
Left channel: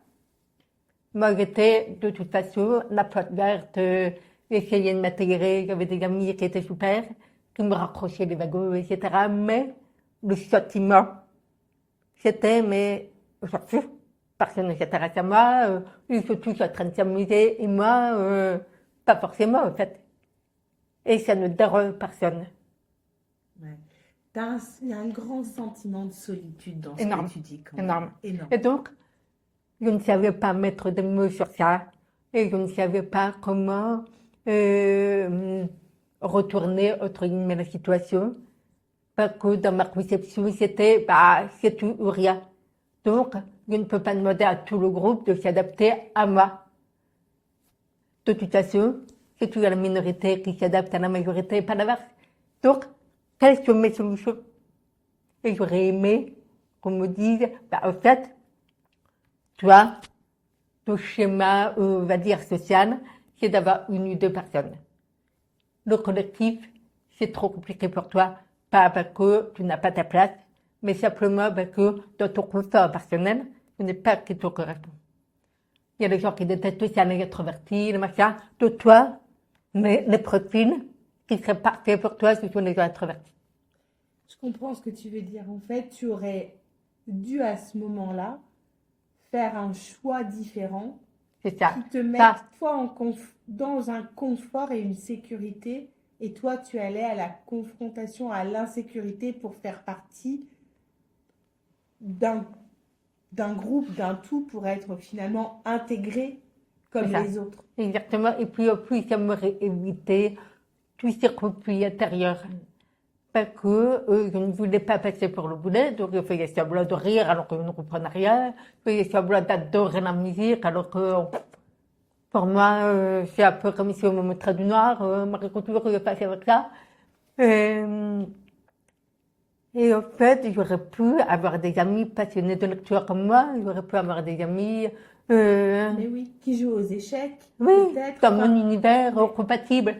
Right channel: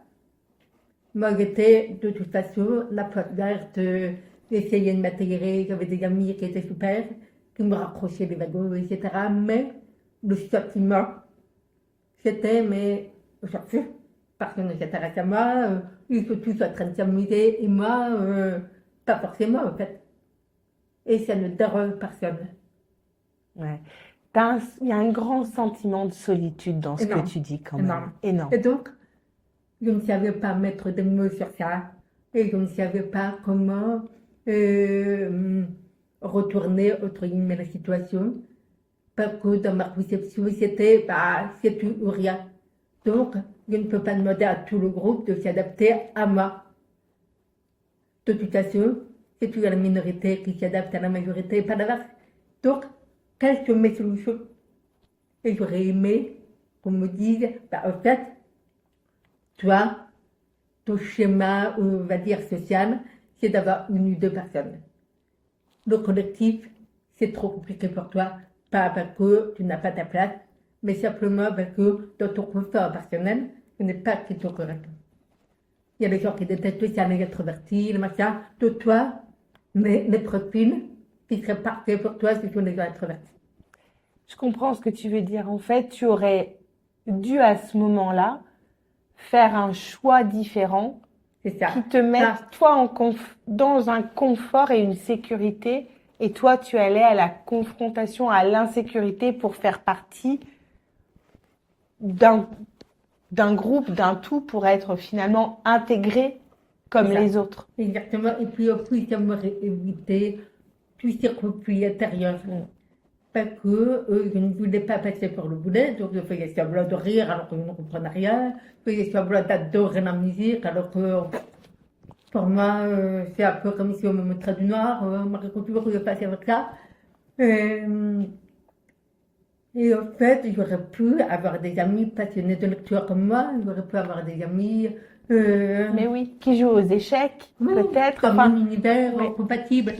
moi j'étais de toute façon la porte verte, essayer de m'intégrer. J'avais des amis qui étaient super, qui me raccrochaient les wagons, etc. Mais le sentiment, c'était, mais on s'en fout. Personne ne s'intéresse à moi, ils sont tous en train de s'amuser et moi, pas forcément en fait. Et ça ne dérange personne. Ouais. Il y a un grand sentiment de solitude dans ce Énorme. que tu dis quand même. Énorme. Énorme. Et donc, je ne savais pas mettre des mots sur ça et je ne savais pas comment retourner entre guillemets la situation. Parce que dans ma conception, c'était c'est tout ou rien. Donc, je ne peux pas demander à tout le groupe de s'adapter à moi. De toute façon, c'est toujours la minorité qui s'adapte à la majorité et pas l'inverse. Donc, quelles sont mes solutions? Et j'aurais aimé qu'on me dise, en fait, toi, ton schéma, on va dire, social, c'est d'avoir une ou deux personnes. Le collectif, c'est trop compliqué pour toi, pas parce que tu n'as pas ta place, mais simplement parce que dans ton confort personnel, ce n'est pas ce qui te correspond. Il y a des gens qui détestent aussi les introvertis, les machins. De toi, mais les profils qui seraient parfaits pour toi, ce sont les gens introvertis. Je comprends ce que tu veux dire. En fait, tu aurais dû à ce moment-là faire un choix différent C'est ça. qui te mette toi dans un confort et une sécurité, et toi tu allais à la confrontation, à l'insécurité pour faire partie d'un groupe, d'un tout, pour être finalement intégré comme C'est ça. les autres. Exactement. Et puis, au plus, ça m'aurait évité tous ces conflits intérieurs. Parce que je ne voulais pas passer pour le boulet, donc je faisais semblant de rire alors que je ne comprenais rien. Je faisais semblant d'adorer la musique alors que pour moi, c'est un peu comme si on me montrait du noir, Marie Couture, je passais avec ça. Et en fait, j'aurais pu avoir des amis passionnés de lecture comme moi, j'aurais pu avoir des amis. Mais oui, qui jouent aux échecs, Oui, peut-être. comme un univers compatible.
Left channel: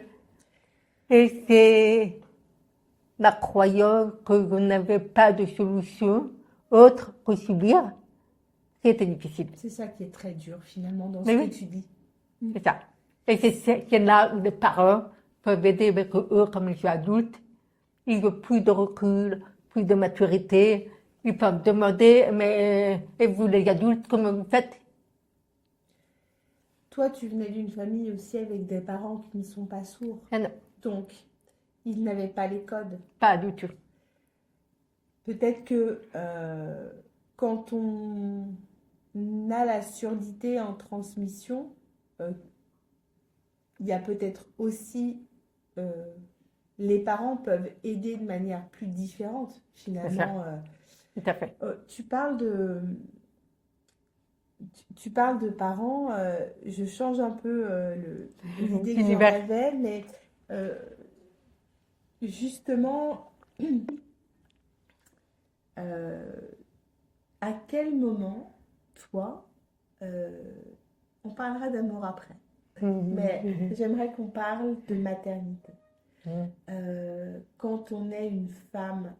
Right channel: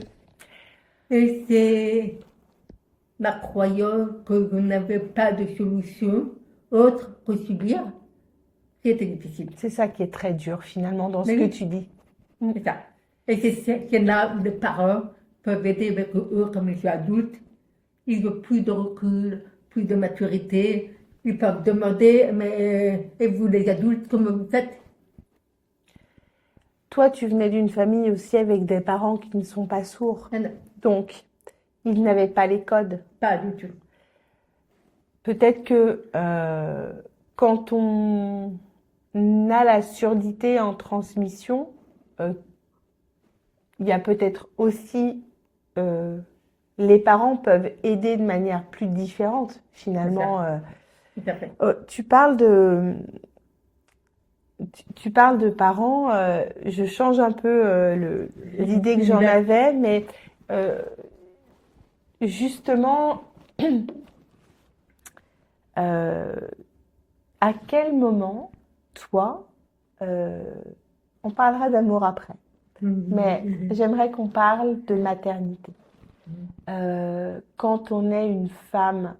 Et c'est la croyance que je n'avais pas de solution autre que subir qui était difficile. C'est ça qui est très dur finalement dans ce Mais que oui. tu dis. C'est ça. Et c'est là où les parents peuvent aider avec eux, comme ils sont adultes, ils veulent plus de recul, plus de maturité. Ils peuvent demander, mais et vous les adultes, comment vous faites? Toi, tu venais d'une famille aussi avec des parents qui ne sont pas sourds. Ah non, Donc, ils n'avaient pas les codes. pas du tout. Peut-être que quand on a la surdité en transmission, euh, il y a peut-être aussi les parents peuvent aider de manière plus différente finalement. Tout à fait. Tu parles de parents, je change un peu l'idée que j'en L'univers. avais, mais euh, justement, euh, à quel moment, toi, euh, on parlera d'amour après, mais j'aimerais qu'on parle de maternité. Quand on est une femme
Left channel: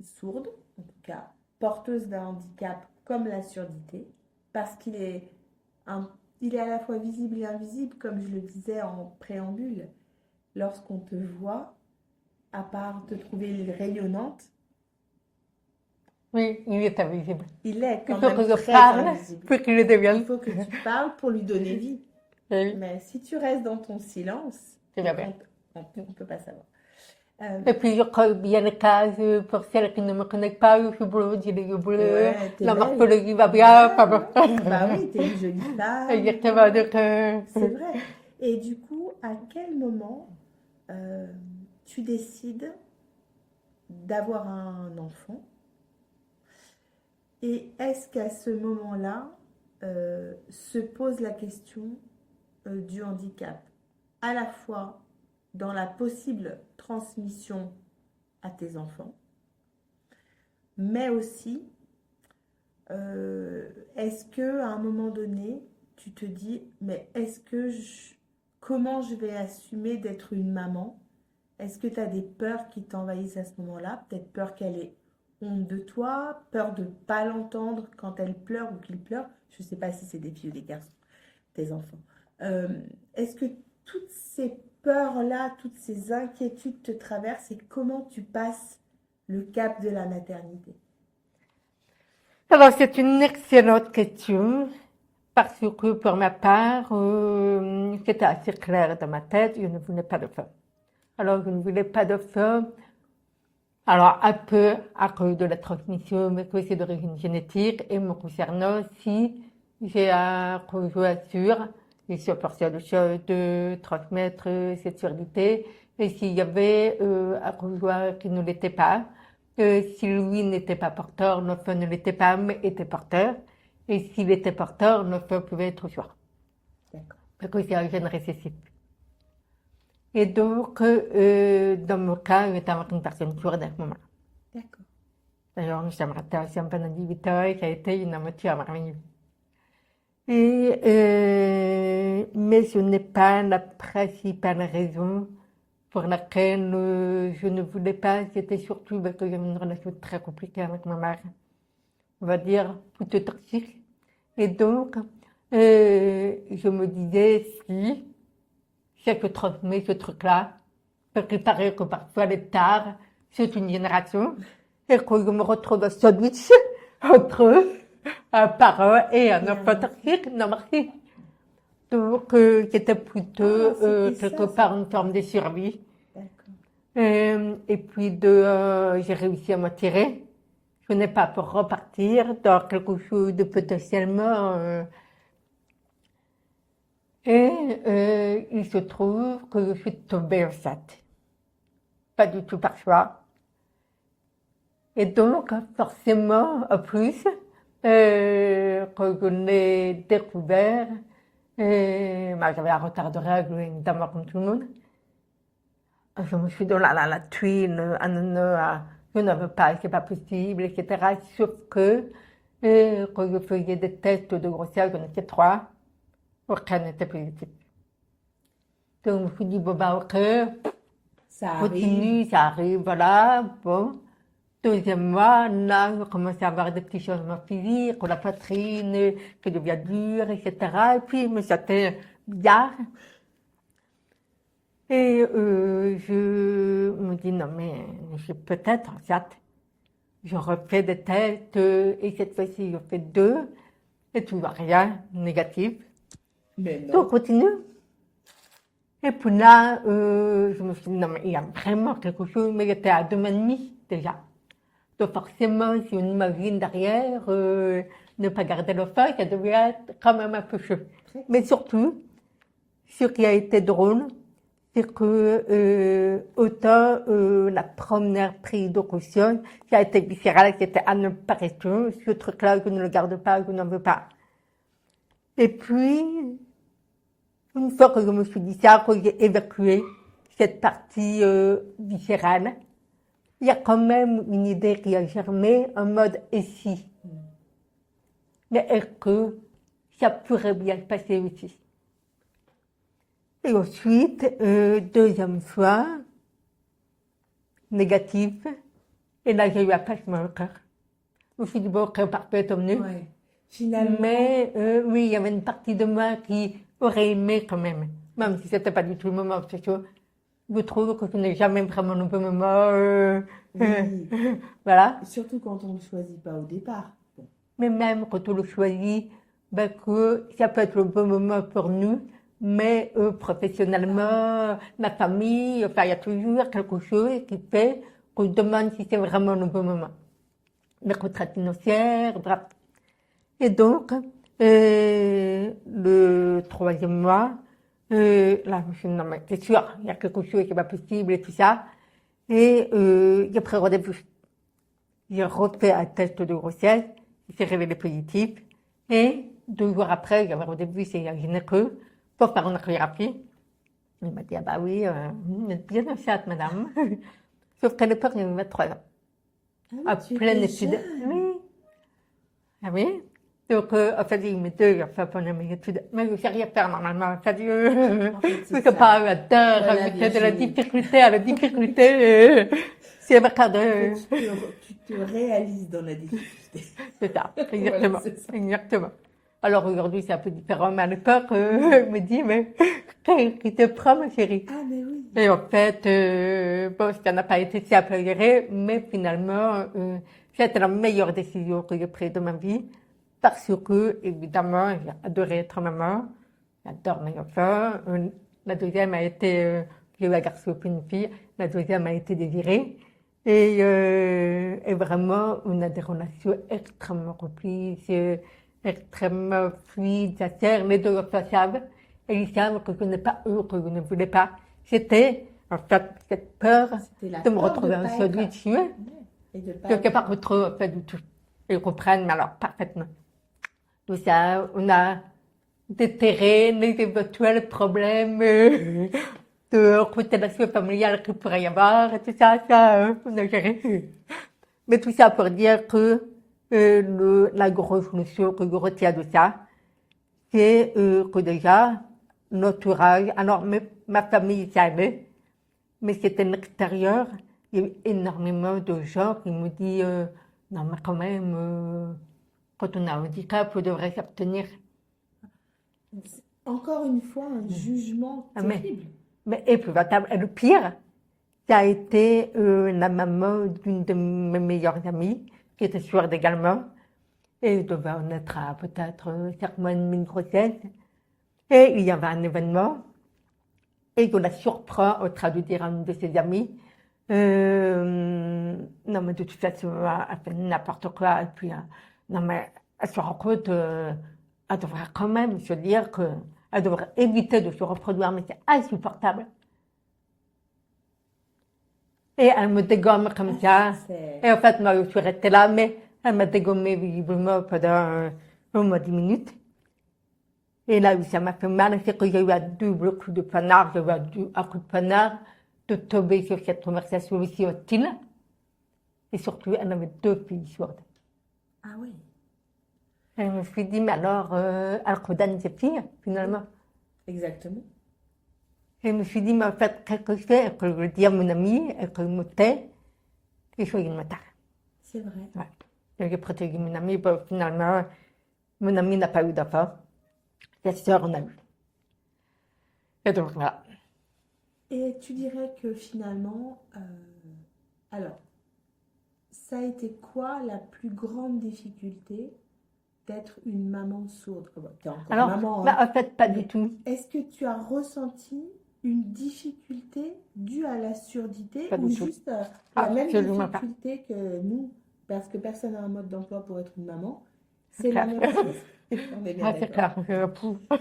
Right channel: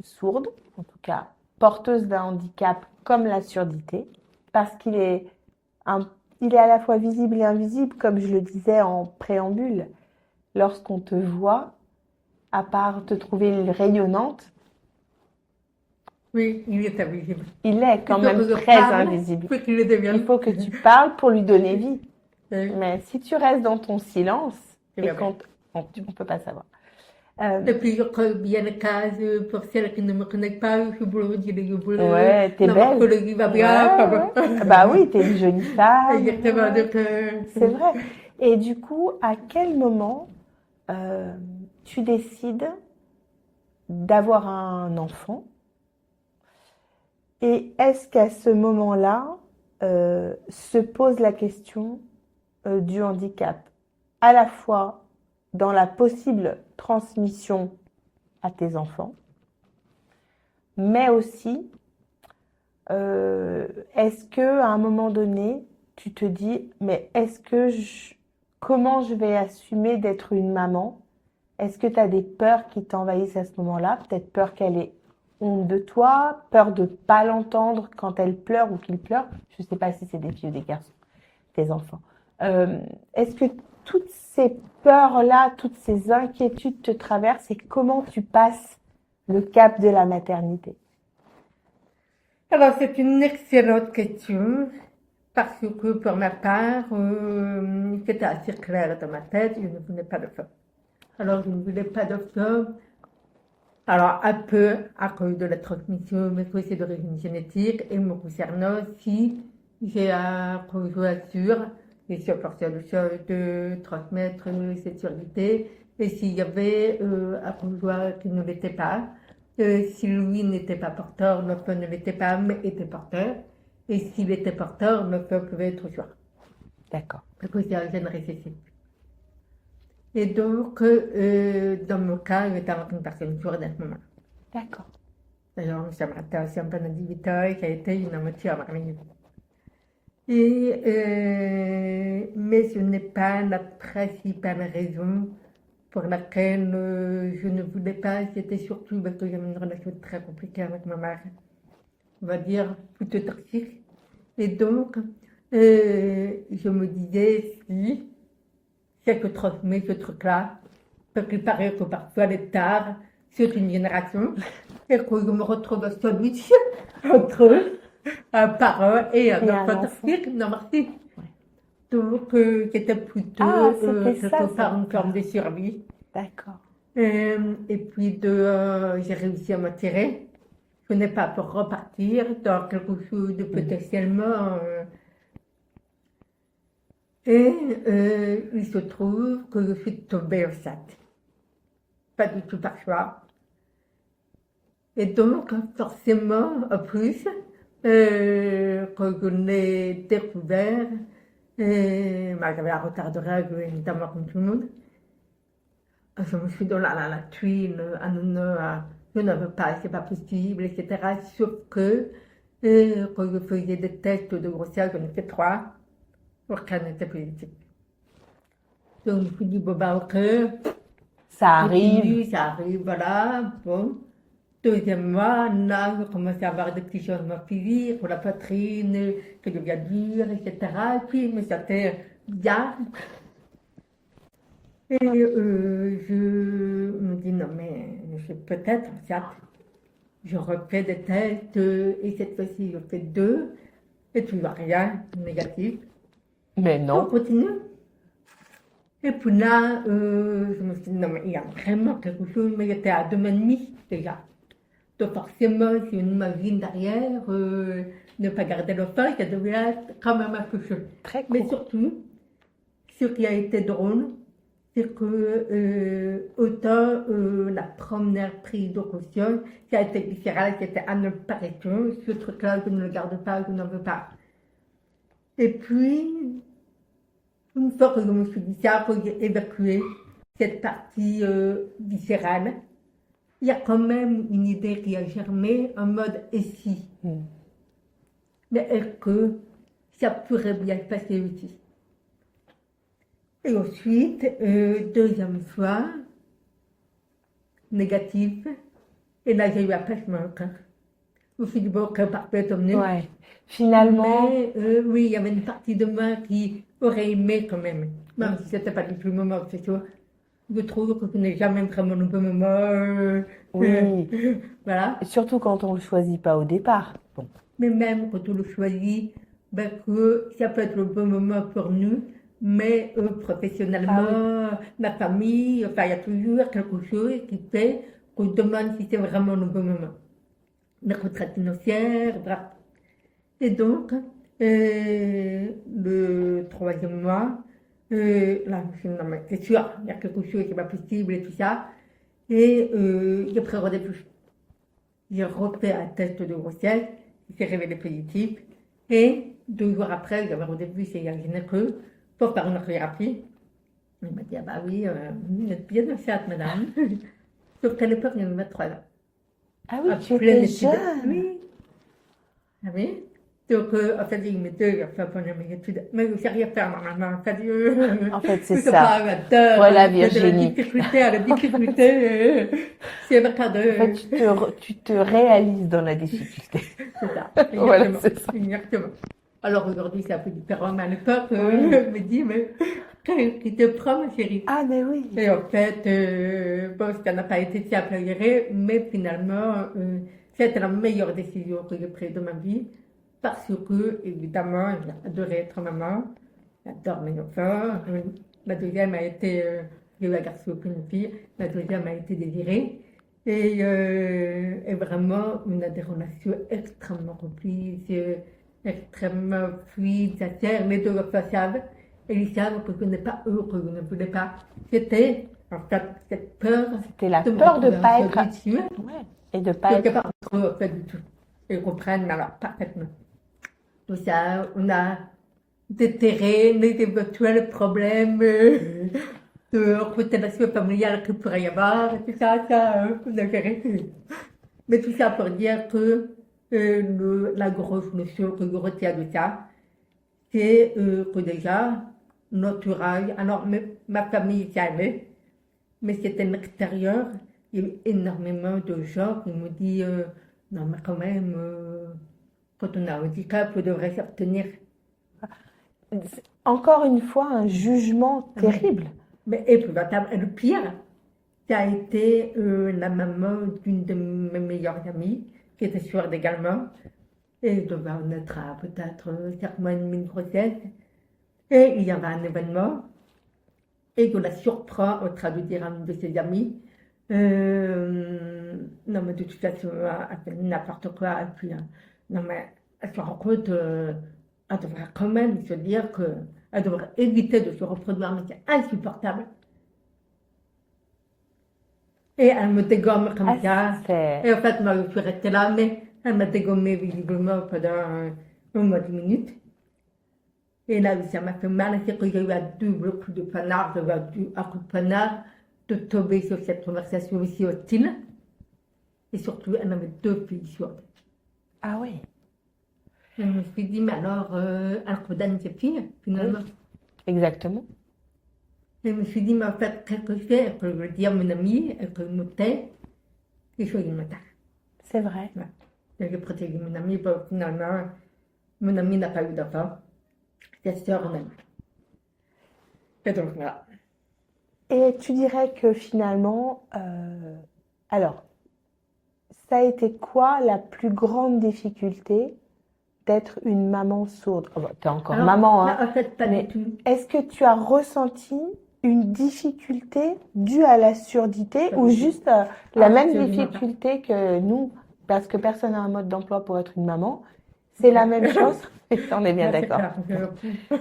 sourde, en tout cas porteuse d'un handicap comme la surdité, parce il est à la fois visible et invisible, comme je le disais en préambule. Lorsqu'on te voit, à part te trouver rayonnante, Oui, il est invisible. il est quand Il faut même que je très parle invisible. pour qu'il le devienne. Il faut que tu parles pour lui donner vie. Oui. Mais si tu restes dans ton silence, C'est et vrai. on ne peut pas savoir. Et puis, je crois bien les cases pour celles qui ne me connaissent pas. Je suis blonde, j'ai les yeux bleus. Ouais, t'es La belle. morphologie va bien. Ouais, pas bon. ouais. Bah oui, t'es une jolie femme. Exactement. Donc, C'est vrai. Et du coup, à quel moment tu décides d'avoir un enfant? Et est-ce qu'à ce moment-là, se pose la question du handicap, à la fois dans la possible transmission à tes enfants, mais aussi est-ce que à un moment donné, tu te dis, mais comment je vais assumer d'être une maman? Est-ce que tu as des peurs qui t'envahissent à ce moment-là? Peut-être peur qu'elle ait honte de toi, peur de ne pas l'entendre quand elle pleure ou qu'il pleure. Je ne sais pas si c'est des filles ou des garçons, tes enfants. Est-ce que toutes ces peurs-là, toutes ces inquiétudes te traversent et comment tu passes le cap de la maternité? alors, c'est une excellente question. Parce que pour ma part, c'était assez clair dans ma tête, je ne voulais pas de femme. Alors, je ne voulais pas de femme. Alors, un peu à cause de la transmission, mais que c'est d'origine génétique, et me concernant aussi, j'ai un conjoint sûr, et je forcé le choix de transmettre cette surdité. Et s'il y avait un conjoint qui ne l'était pas, si lui n'était pas porteur, l'enfant ne l'était pas, mais était porteur. Et s'il était porteur, l'enfant pouvait être choix. D'accord. Parce que c'est un gène récessif. Et donc, dans mon cas, j'étais avec une personne kurde à ce moment-là. D'accord. D'ailleurs, j'aimerais aussi pendant 18 ans et qui a été une amitié merveilleuse. Mais ce n'est pas la principale raison pour laquelle je ne voulais pas. C'était surtout parce que j'avais une relation très compliquée avec ma mère. On va dire plutôt toxique. Et donc, je me disais, si c'est que transmet ce truc-là, parce qu'il paraît que parfois les tard, c'est une génération, et que je me retrouve à sandwich entre un parent et un Et un enfant enfant. toxique, non merci. Donc, c'était plutôt Ah, c'était ça, quelque ça. part une forme de survie. D'accord. Et puis, j'ai réussi à m'attirer. Je n'ai pas pour repartir dans quelque chose de potentiellement. Il se trouve que je suis tombée enceinte. Pas du tout par choix. Et donc, forcément, en plus, quand je l'ai découvert, j'avais un retard de règles, évidemment, comme tout le monde. Je me suis dit, oh là là, la tuile, ah non, non, je ne veux pas, c'est pas possible, etc. Sauf que, quand je faisais des tests de grossesse, j'en ai fait 3, aucun n'était positif. Donc, je me suis dit, bon, ben, ok, Ça arrive. continue, ça arrive, voilà, bon. Deuxième mois, là, je commençais à avoir des petits changements physiques, la poitrine qui devient dure, etc. Et puis, je me sentais bien. Et je me dis, non, mais je peut-être, certes, je refais des tests, et cette fois-ci, je fais 2, et tu vois rien, négatif. Mais On non. continue. Et puis là, je me suis dit, non, mais il y a vraiment quelque chose, mais j'étais à 2 mois et demi déjà. Donc forcément, si on imagine derrière, ne pas garder le feu, ça devait être quand même un peu chaud. Très court. Mais surtout, ce qui a été drôle, c'est que autant la première prise de caution, ça a été viscéral, c'était à ne pas rester, ce truc-là, je ne le garde pas, je n'en veux pas. Et puis, une fois que je me suis dit ça, que j'ai évacué cette partie viscérale, il y a quand même une idée qui a germé en mode et si. Mais est-ce que ça pourrait bien se passer aussi? Et ensuite, deuxième fois, négatif, et là j'ai eu un pincement au cœur. Je me suis dit, bon, ok, parfait, tant mieux. Ouais. Finalement, Mais oui, il y avait une partie de moi qui aurait aimé quand même si c'était pas du tout le moment, c'est sûr. Je trouve que ce n'est jamais vraiment le bon moment. oui. Voilà. Surtout quand on ne le choisit pas au départ. Bon. Mais même quand on le choisit, ben que ça peut être le bon moment pour nous, mais professionnellement, ma famille, enfin, il y a toujours quelque chose qui fait qu'on se demande si c'est vraiment le bon moment. Les retraites financières, bref. Et donc, le troisième mois, là, je me suis dit, non, mais c'est sûr, il y a quelque chose qui n'est pas possible et tout ça. Et j'ai pris rendez-vous. J'ai refait un test de grossesse, il s'est révélé positif. Et 2 jours après, j'avais rendez-vous chez un gynéco pour faire une échographie. Il m'a dit, ah bah oui, vous êtes bien enceinte, madame. Sauf qu'à l'époque, j'avais 23 ans. Ah oui, À tu pleine étais étude. jeune. Oui. Ah oui. Donc, en fait, il me dit, il a fait pendant mes études. Mais je ne sais rien faire normalement. En fait, En fait, c'est je sais ça. pas, j'adore. Voilà, de la Virginie. difficulté à la difficulté. C'est ma carte En fait, tu te réalises dans la difficulté. C'est ça. Voilà, Exactement. c'est ça. Exactement. Alors aujourd'hui, c'est un peu différent, mais à l'époque, je me dis, mais qu'est-ce qui te prend, ma chérie? Ah, mais oui. Et en fait, bon, ça n'a pas été simple à gérer, mais finalement, c'était la meilleure décision que j'ai prise de ma vie. Parce que, évidemment, j'ai adoré être maman, j'adore mes enfants. La deuxième a été, j'ai eu un garçon et une fille, la deuxième a été désirée. Et vraiment, on a des relations extrêmement complices, extrêmement fluides, sincères. Les deux le savent, et ils savent que je n'ai pas eux, que je ne voulais pas. C'était, en fait, cette peur C'était la de me peur de retrouver ne pas en être. dessus. Ouais. Et de pas Je n'ai être. pas trop fait du tout. Ils comprennent, mais alors parfaitement. Tout ça, on a déterré les éventuels problèmes de constellation familiale qu'il pourrait y avoir, tout ça, on a géré. Mais tout ça pour dire que la grosse notion que je retiens de ça, c'est que déjà, l'entourage, alors ma famille savait, mais c'était l'extérieur, il y a eu énormément de gens qui me disent non, mais quand même, quand on a un handicap, on devrait s'abstenir. Encore une fois, un jugement Ah oui. terrible. Mais épouvantable. Et le pire, ça a été la maman d'une de mes meilleures amies, qui était sourde également. Et elle devait en être à peut-être 5 mois et demi de grossesse. Et il y avait un événement. Et on la surprend en train de dire à une de ses amies non, mais de toute façon, elle fait n'importe quoi. Et puis, non, mais elle se rend compte, elle devrait quand même se dire qu'elle devrait éviter de se reproduire, mais c'est insupportable. Et elle me dégomme comme ça. Et en fait, moi, je suis restée là, mais elle m'a dégommé visiblement pendant au moins 10 minutes. Et là où ça m'a fait mal, c'est que j'ai eu un double coup de poignard, j'ai eu un coup de poignard de tomber sur cette conversation aussi hostile. Et surtout, elle avait 2 filles sourdes. Ah oui. Et je me suis dit, mais alors, elle condamne ses filles, finalement. Exactement. Et je me suis dit, mais en fait, qu'est-ce que je fais? Est-ce que je le dis à mon ami? Est-ce que je me tais? Il faut qu'il me taise. C'est vrai. Ouais. Et j'ai protégé mon ami, bon, finalement, mon ami n'a pas eu d'enfant. Sa sœur en a eu. Et donc, voilà. Et tu dirais que finalement, alors, ça a été quoi la plus grande difficulté d'être une maman sourde? Oh, bah, t'es encore Alors, maman, non, hein, en fait, pas du mais tout. est-ce que tu as ressenti une difficulté due à la surdité Pas ou du tout. juste la même Absolument pas. difficulté que nous, parce que personne n'a un mode d'emploi pour être une maman, c'est la même chose? On est bien Ah, c'est d'accord. clair.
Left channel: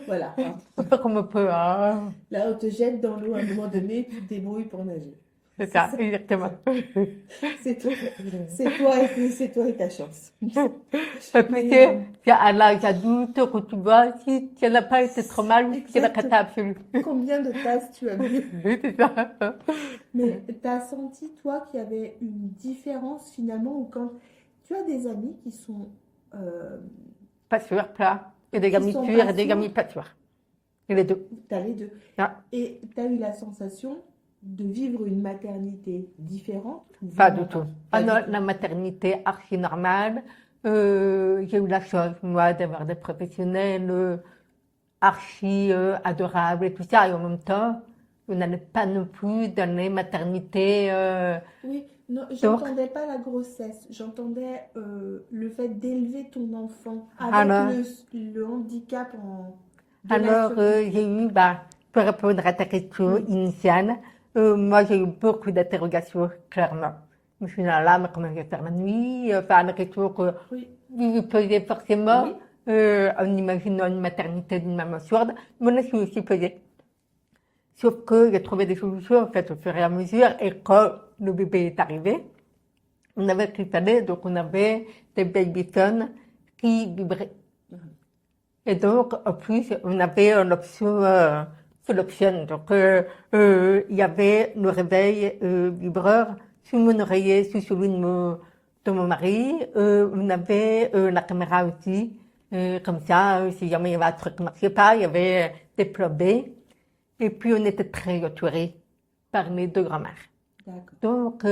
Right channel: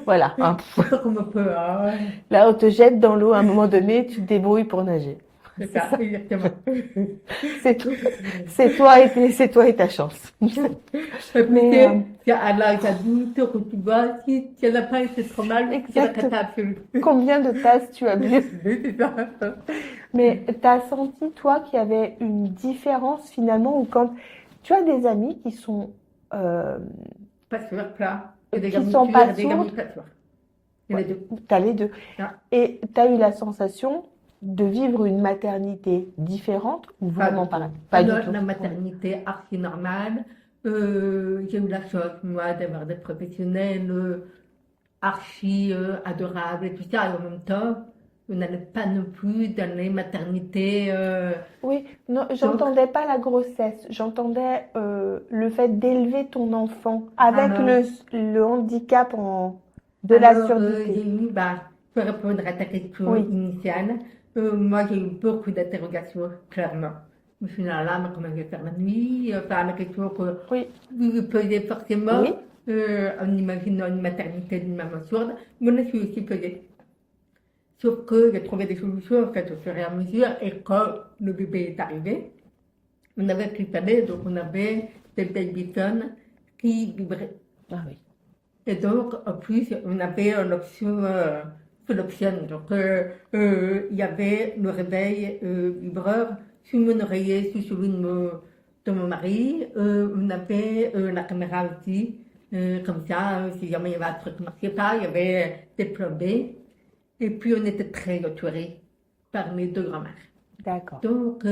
Voilà, hein. Comme on peut, hein. Là, on te jette dans l'eau à un moment donné, tu te débrouilles pour nager. C'est C'est ça, ça. exactement. C'est tout. C'est toi et ta chance. Et puis, Mais c'est à l'âge adulte que tu vois, si tu n'as pas été trop mal, c'est la exact. cata absolue. Combien de tasses tu as bu? C'est ça. Mais tu as senti, toi, qu'il y avait une différence finalement, ou quand tu as des amis qui sont, euh, Pas sûr, plat. Et des qui gamins sont sûrs pas et des gamins sourdes, pas sûrs. Et les deux. tu as les deux. Ah, Et tu as eu la sensation de vivre une maternité différente ou pas vraiment du tout. pareil? Pas Pas du dans tout. la maternité archi normale. J'ai eu la chance, moi, d'avoir des professionnels archi adorables et tout ça. Et en même temps, on n'allait pas non plus dans les maternités. Oui, non, Donc, j'entendais pas la grossesse, j'entendais le fait d'élever ton enfant avec alors, le handicap de la surdité. j'ai eu, bah, pour répondre à ta question Oui, initiale, moi j'ai eu beaucoup d'interrogations, clairement. Je me suis dit, ah là, mais comment je vais faire la nuit? Enfin, la question que oui, vous vous posez forcément oui, en imaginant une maternité d'une maman sourde, mais on a su aussi posé. Sauf que j'ai trouvé des solutions en fait au fur et à mesure, et quand le bébé est arrivé, on avait qu'il fallait, donc on avait des babyphones qui vibraient. ah oui, Et donc, en plus, on avait l'option full option. Donc, il y avait le réveil vibreur sur mon oreiller, sur celui de mon mari. On avait la caméra aussi. Comme ça, si jamais il y avait un truc qui ne marchait pas, il y avait des plans B. Et puis, on était très entourés par mes deux grands-mères. d'accord, Donc,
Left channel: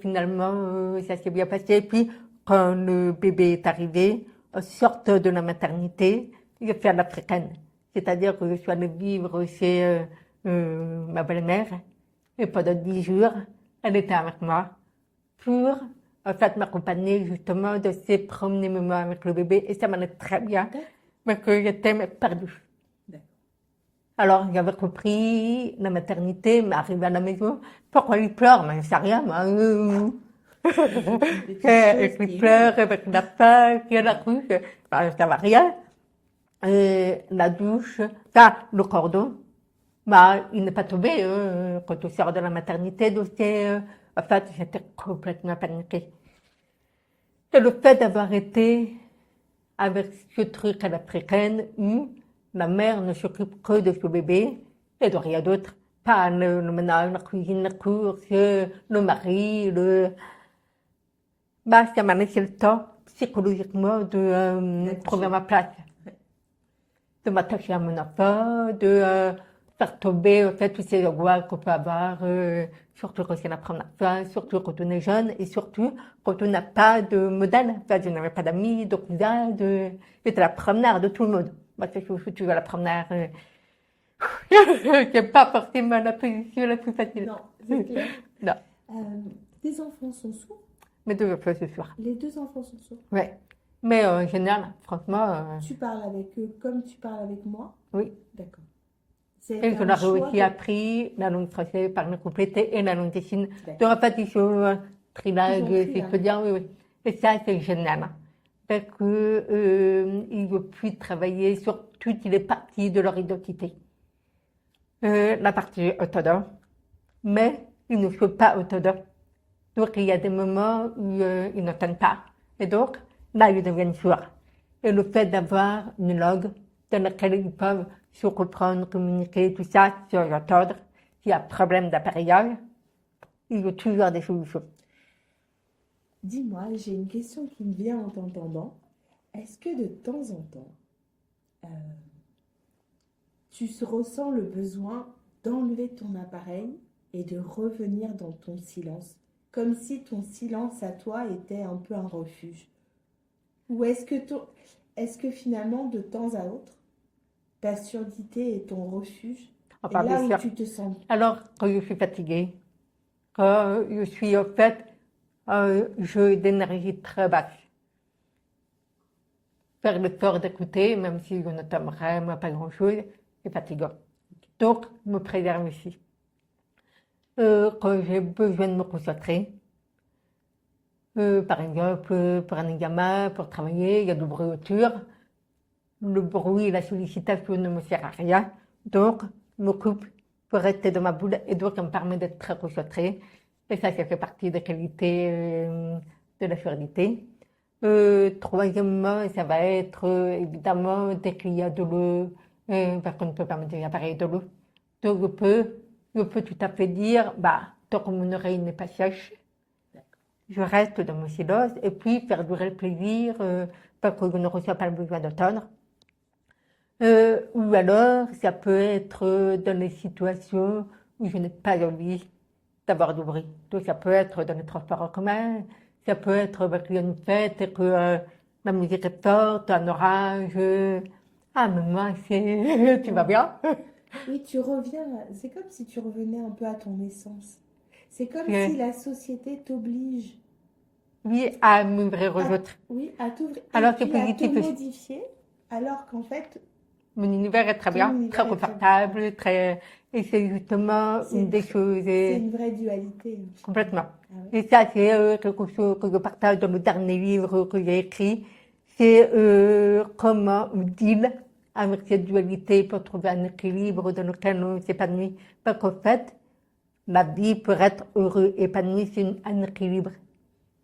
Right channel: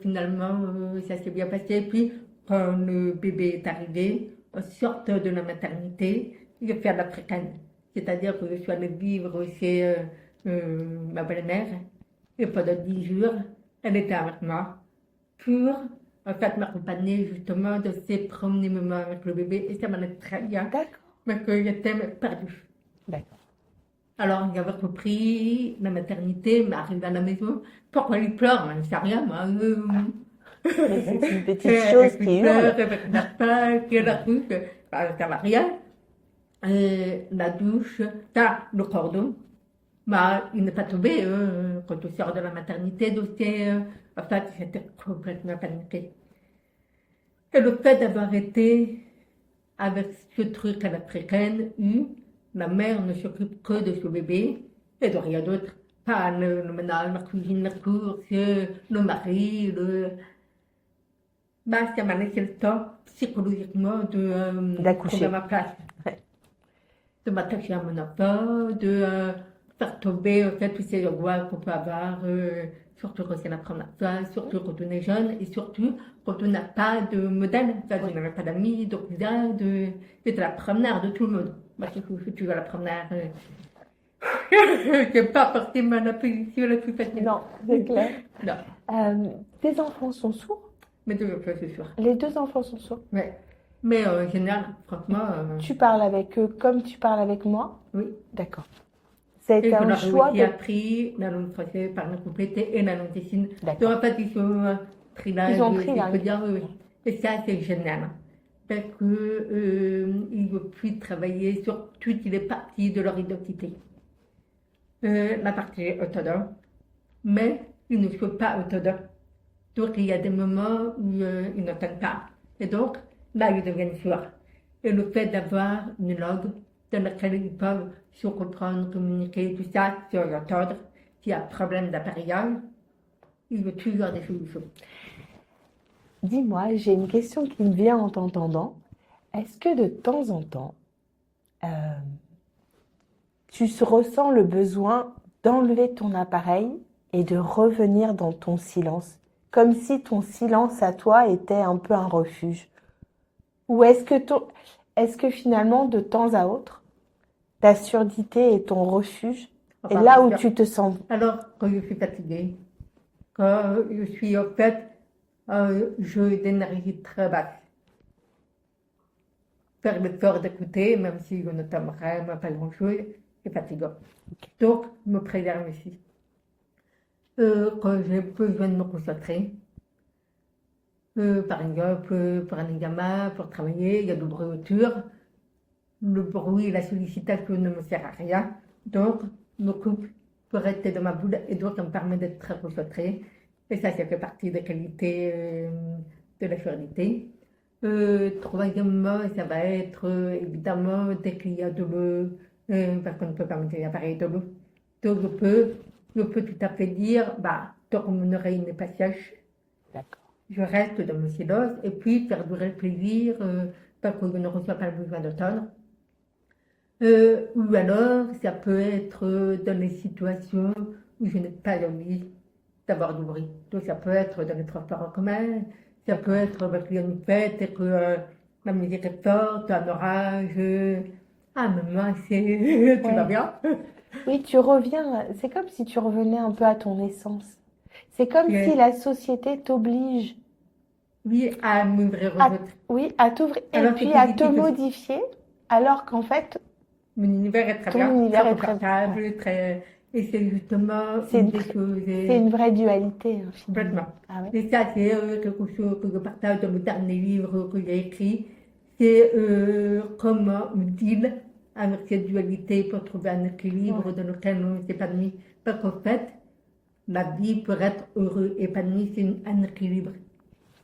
finalement, ça s'est bien passé. Et puis, quand le bébé est arrivé, en sortant de la maternité, j'ai fait l'africaine. C'est-à-dire que je suis allée vivre chez ma belle-mère. Et pendant 10 jours, elle était avec moi pour, en fait, m'accompagner justement de ces premiers moments avec le bébé. Et ça m'allait très bien, d'accord, mais que j'étais perdue. d'accord. Alors, j'avais compris la maternité, mais arrivé à la maison, pourquoi il pleure? Mais je ne sais rien, moi. Mais c'est une petite Et chose puis qui pleure hurle. avec la faim, qui est la truc, ça va rien. Et la douche, ça, le cordon, bah, il n'est pas tombé quand on sort de la maternité, donc en fait, j'étais complètement paniquée. Et le fait d'avoir été avec ce truc à l'africaine où la mère ne s'occupe que de son bébé et de rien d'autre, pas le ménage, la cuisine, la course, le mari, bah, ça m'a laissé le temps psychologiquement de trouver D'accoucher. ma place, Ouais. de m'attacher à mon enfant, de faire tomber en fait tous ces angoisses qu'on peut avoir, surtout quand c'est la première fois, surtout quand on est jeune et surtout quand on n'a pas de modèle. Enfin, je n'avais pas d'amis, de cousins, j'étais la première de tout le monde. Moi, je suis toujours la première. C'est pas forcément la position la plus facile. Non, c'est clair. Non, Tes enfants sont sourds? mais de fois, c'est sûr. Les deux enfants sont sourds. Ouais. Mais en général, franchement, Tu parles avec eux comme tu parles avec moi? oui. D'accord. Ça a Et été on un a choix aussi de... appris la langue française par nous compléter et la langue des signes. D'accord. Donc en fait, ils sont trilingues, Ils ont si je trilingue. peux dire, oui, oui. Et ça, c'est génial. Hein. Parce qu'ils ne veulent plus travailler sur toutes les parties de leur identité. La partie autonome, mais ils ne sont pas autonomes. Donc il y a des moments où ils n'entendent pas. Et donc, là, ils deviennent sourds. Et le fait d'avoir une langue dans laquelle ils peuvent se comprendre, communiquer, tout ça, se entendre, s'il y a un problème d'appareillage, il y a toujours des solutions. Dis-moi, j'ai une question qui me vient en t'entendant. Est-ce que de temps en temps, euh, tu ressens le besoin d'enlever ton appareil et de revenir dans ton silence, comme si ton silence à toi était un peu un refuge? Ou est-ce que finalement, de temps à autre, ta surdité est ton refuge? Et Enfin, là bien où sûr. tu te sens, Alors, quand je suis fatiguée, quand je suis en fait, j'ai d'énergie très basse. Faire l'effort d'écouter, même si je ne t'aime vraiment pas grand-chose, c'est fatigant. Donc, me préserve ici. Quand j'ai besoin de me concentrer, par exemple, pour un examen, pour travailler, il y a du bruit autour. Le bruit et la sollicitation ne me servent à rien. Donc, je me coupe pour rester dans ma bulle et donc, ça me permet d'être très concentrée. Et ça fait partie des qualités de la surdité. Troisièmement, ça va être évidemment dès qu'il y a de l'eau, parce qu'on ne peut pas mettre l'appareil de l'eau. Donc, je peux tout à fait dire, bah, tant que mon oreille n'est pas sèche, je reste dans mon silence et puis faire durer le plaisir parce que je ne ressens pas le besoin d'entendre. Ou alors, ça peut être dans les situations où je n'ai pas envie d'avoir du bruit. Donc, ça peut être dans les transports en commun, ça peut être parce qu'il y a une fête et que la musique est forte, un orage. Ah, maman, tu vas bien? oui, tu reviens, c'est comme si tu revenais un peu à ton essence. C'est comme Euh, si la société t'oblige Oui, à m'ouvrir aux à, autres. oui, à t'ouvrir et Alors, c'est puis à te positif aussi. modifier, alors qu'en fait, Mon univers est très ton bien, univers très est très... confortable, très... Et c'est justement C'est une une, des tr- choses. c'est une vraie dualité, hein, Complètement. finalement. Ah ouais. Et ça, c'est quelque chose que je partage dans mon dernier livre que j'ai écrit. C'est comment on deal avec cette dualité pour trouver un équilibre Ouais, dans lequel on s'épanouit. Parce qu'en fait, la vie pour être heureux, épanoui, c'est un équilibre.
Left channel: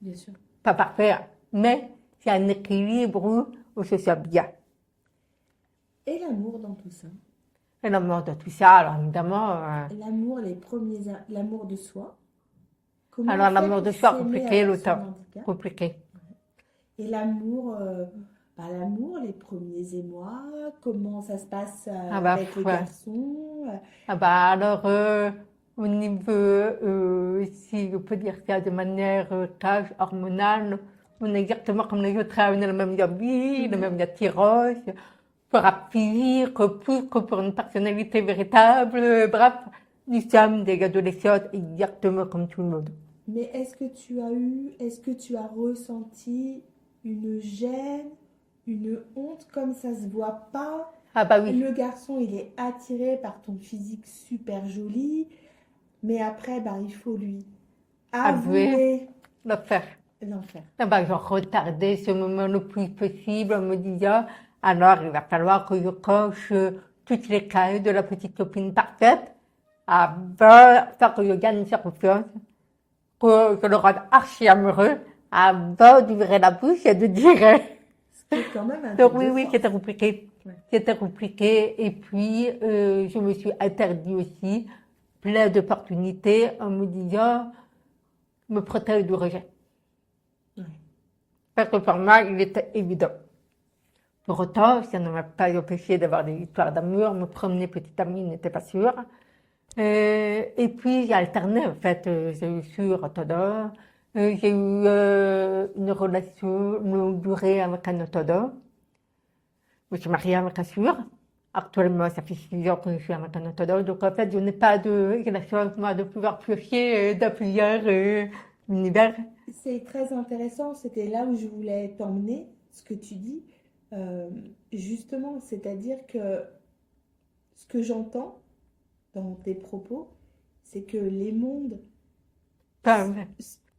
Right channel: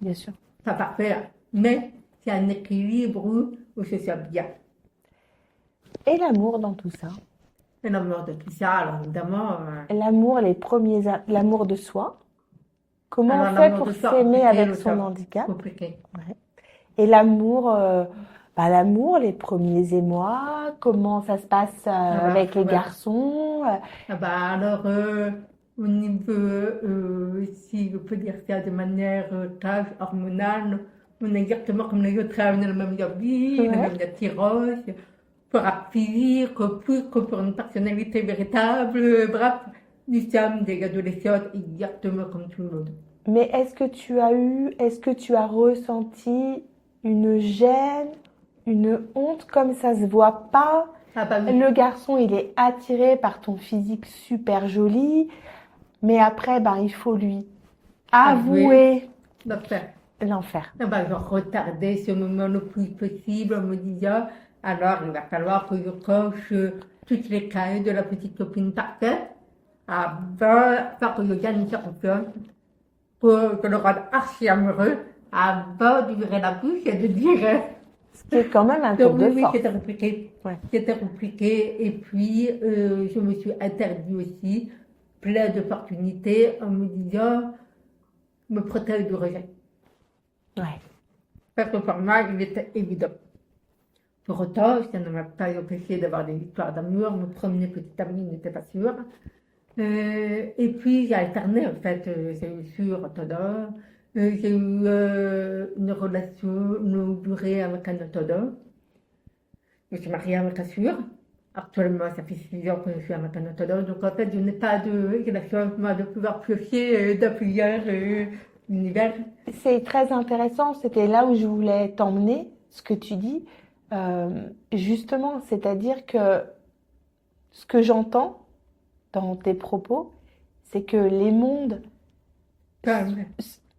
bien sûr. Pas parfait, hein, mais c'est un équilibre où on se sent bien. Et l'amour dans tout ça. Et la mort de tout ça, alors évidemment, L'amour, l'amour de soi. Comment on alors fait l'amour pour de soi, s'aimer compliqué, avec son l'automne, handicap? compliqué. Ouais. Et l'amour, l'amour, les premiers émois, comment ça se passe Ah bah, avec les ouais. garçons? Ah bah alors, au niveau, si je peux dire ça de manière cage hormonale, on est exactement comme les autres, on a le même envie, la Ouais. même attirance, pour un plaisir, plus que pour une personnalité véritable, bref, nous sommes des adolescents exactement comme tout le monde. Mais est-ce que tu as ressenti une gêne, une honte, comme ça se voit pas? Ah bah oui, Le garçon, il est attiré par ton physique super joli, mais après, ben, il faut lui avouer, avouer le faire. l'enfer. Ah bah, je retardais ce moment le plus possible en me disant, alors il va falloir que je coche toutes les cases de la petite copine parfaite avant que je gagne sa confiance, que je le rende archi amoureux, avant d'ouvrir la bouche et de dire. Ce qui est quand même un tour Donc de oui, force. c'était compliqué. Ouais. C'était compliqué. Et puis, je me suis interdit aussi plein d'opportunités en me disant, me protéger du rejet. Ouais. Parce que pour moi, il était évident. Pour autant, ça ne m'a pas empêché d'avoir des histoires d'amour. Me promener petite amie n'était pas sûr. Et puis, j'ai alterné, en fait. J'ai eu sur orthodoxe. J'ai eu une relation longue durée avec un orthodoxe. Je me suis mariée avec un sûr. Actuellement, ça fait 6 ans que je suis avec un orthodoxe. Donc, en fait, je n'ai pas la chance, moi, de pouvoir piocher dans plusieurs univers. C'est très intéressant, c'était là où je voulais t'emmener, ce que tu dis. Justement, c'est-à-dire que ce que j'entends dans tes propos, c'est que les mondes Enfin,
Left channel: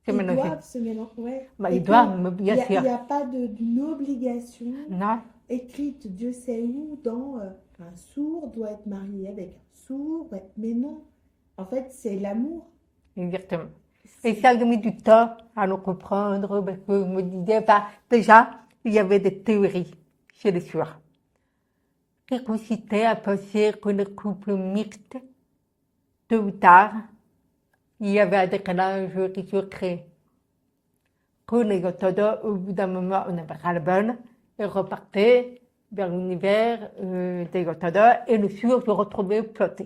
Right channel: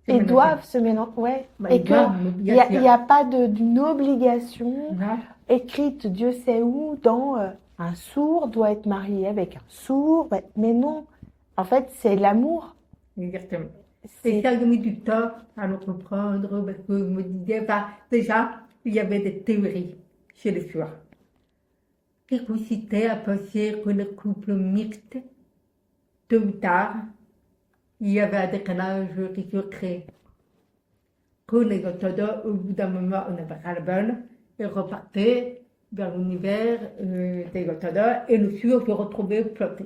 c'est ils mélangé. doivent se mélanger. Ouais. Bah, Et ils que doivent, il bien sûr. n'y a pas d'une obligation Non. écrite, Dieu sait où, dans un sourd doit être marié avec un sourd. Mais non, en fait, c'est l'amour. Exactement. Et C'est ça a mis du temps à le comprendre parce que je me disais, bah, déjà, il y avait des théories chez les sourds qui consistaient à penser que les couples mixtes, tôt ou tard, il y avait un décalage qui se crée. Que les orthodoxes, au bout d'un moment, on avait ras-le-bol et repartaient vers l'univers des orthodoxes et le sourd se retrouvait planté.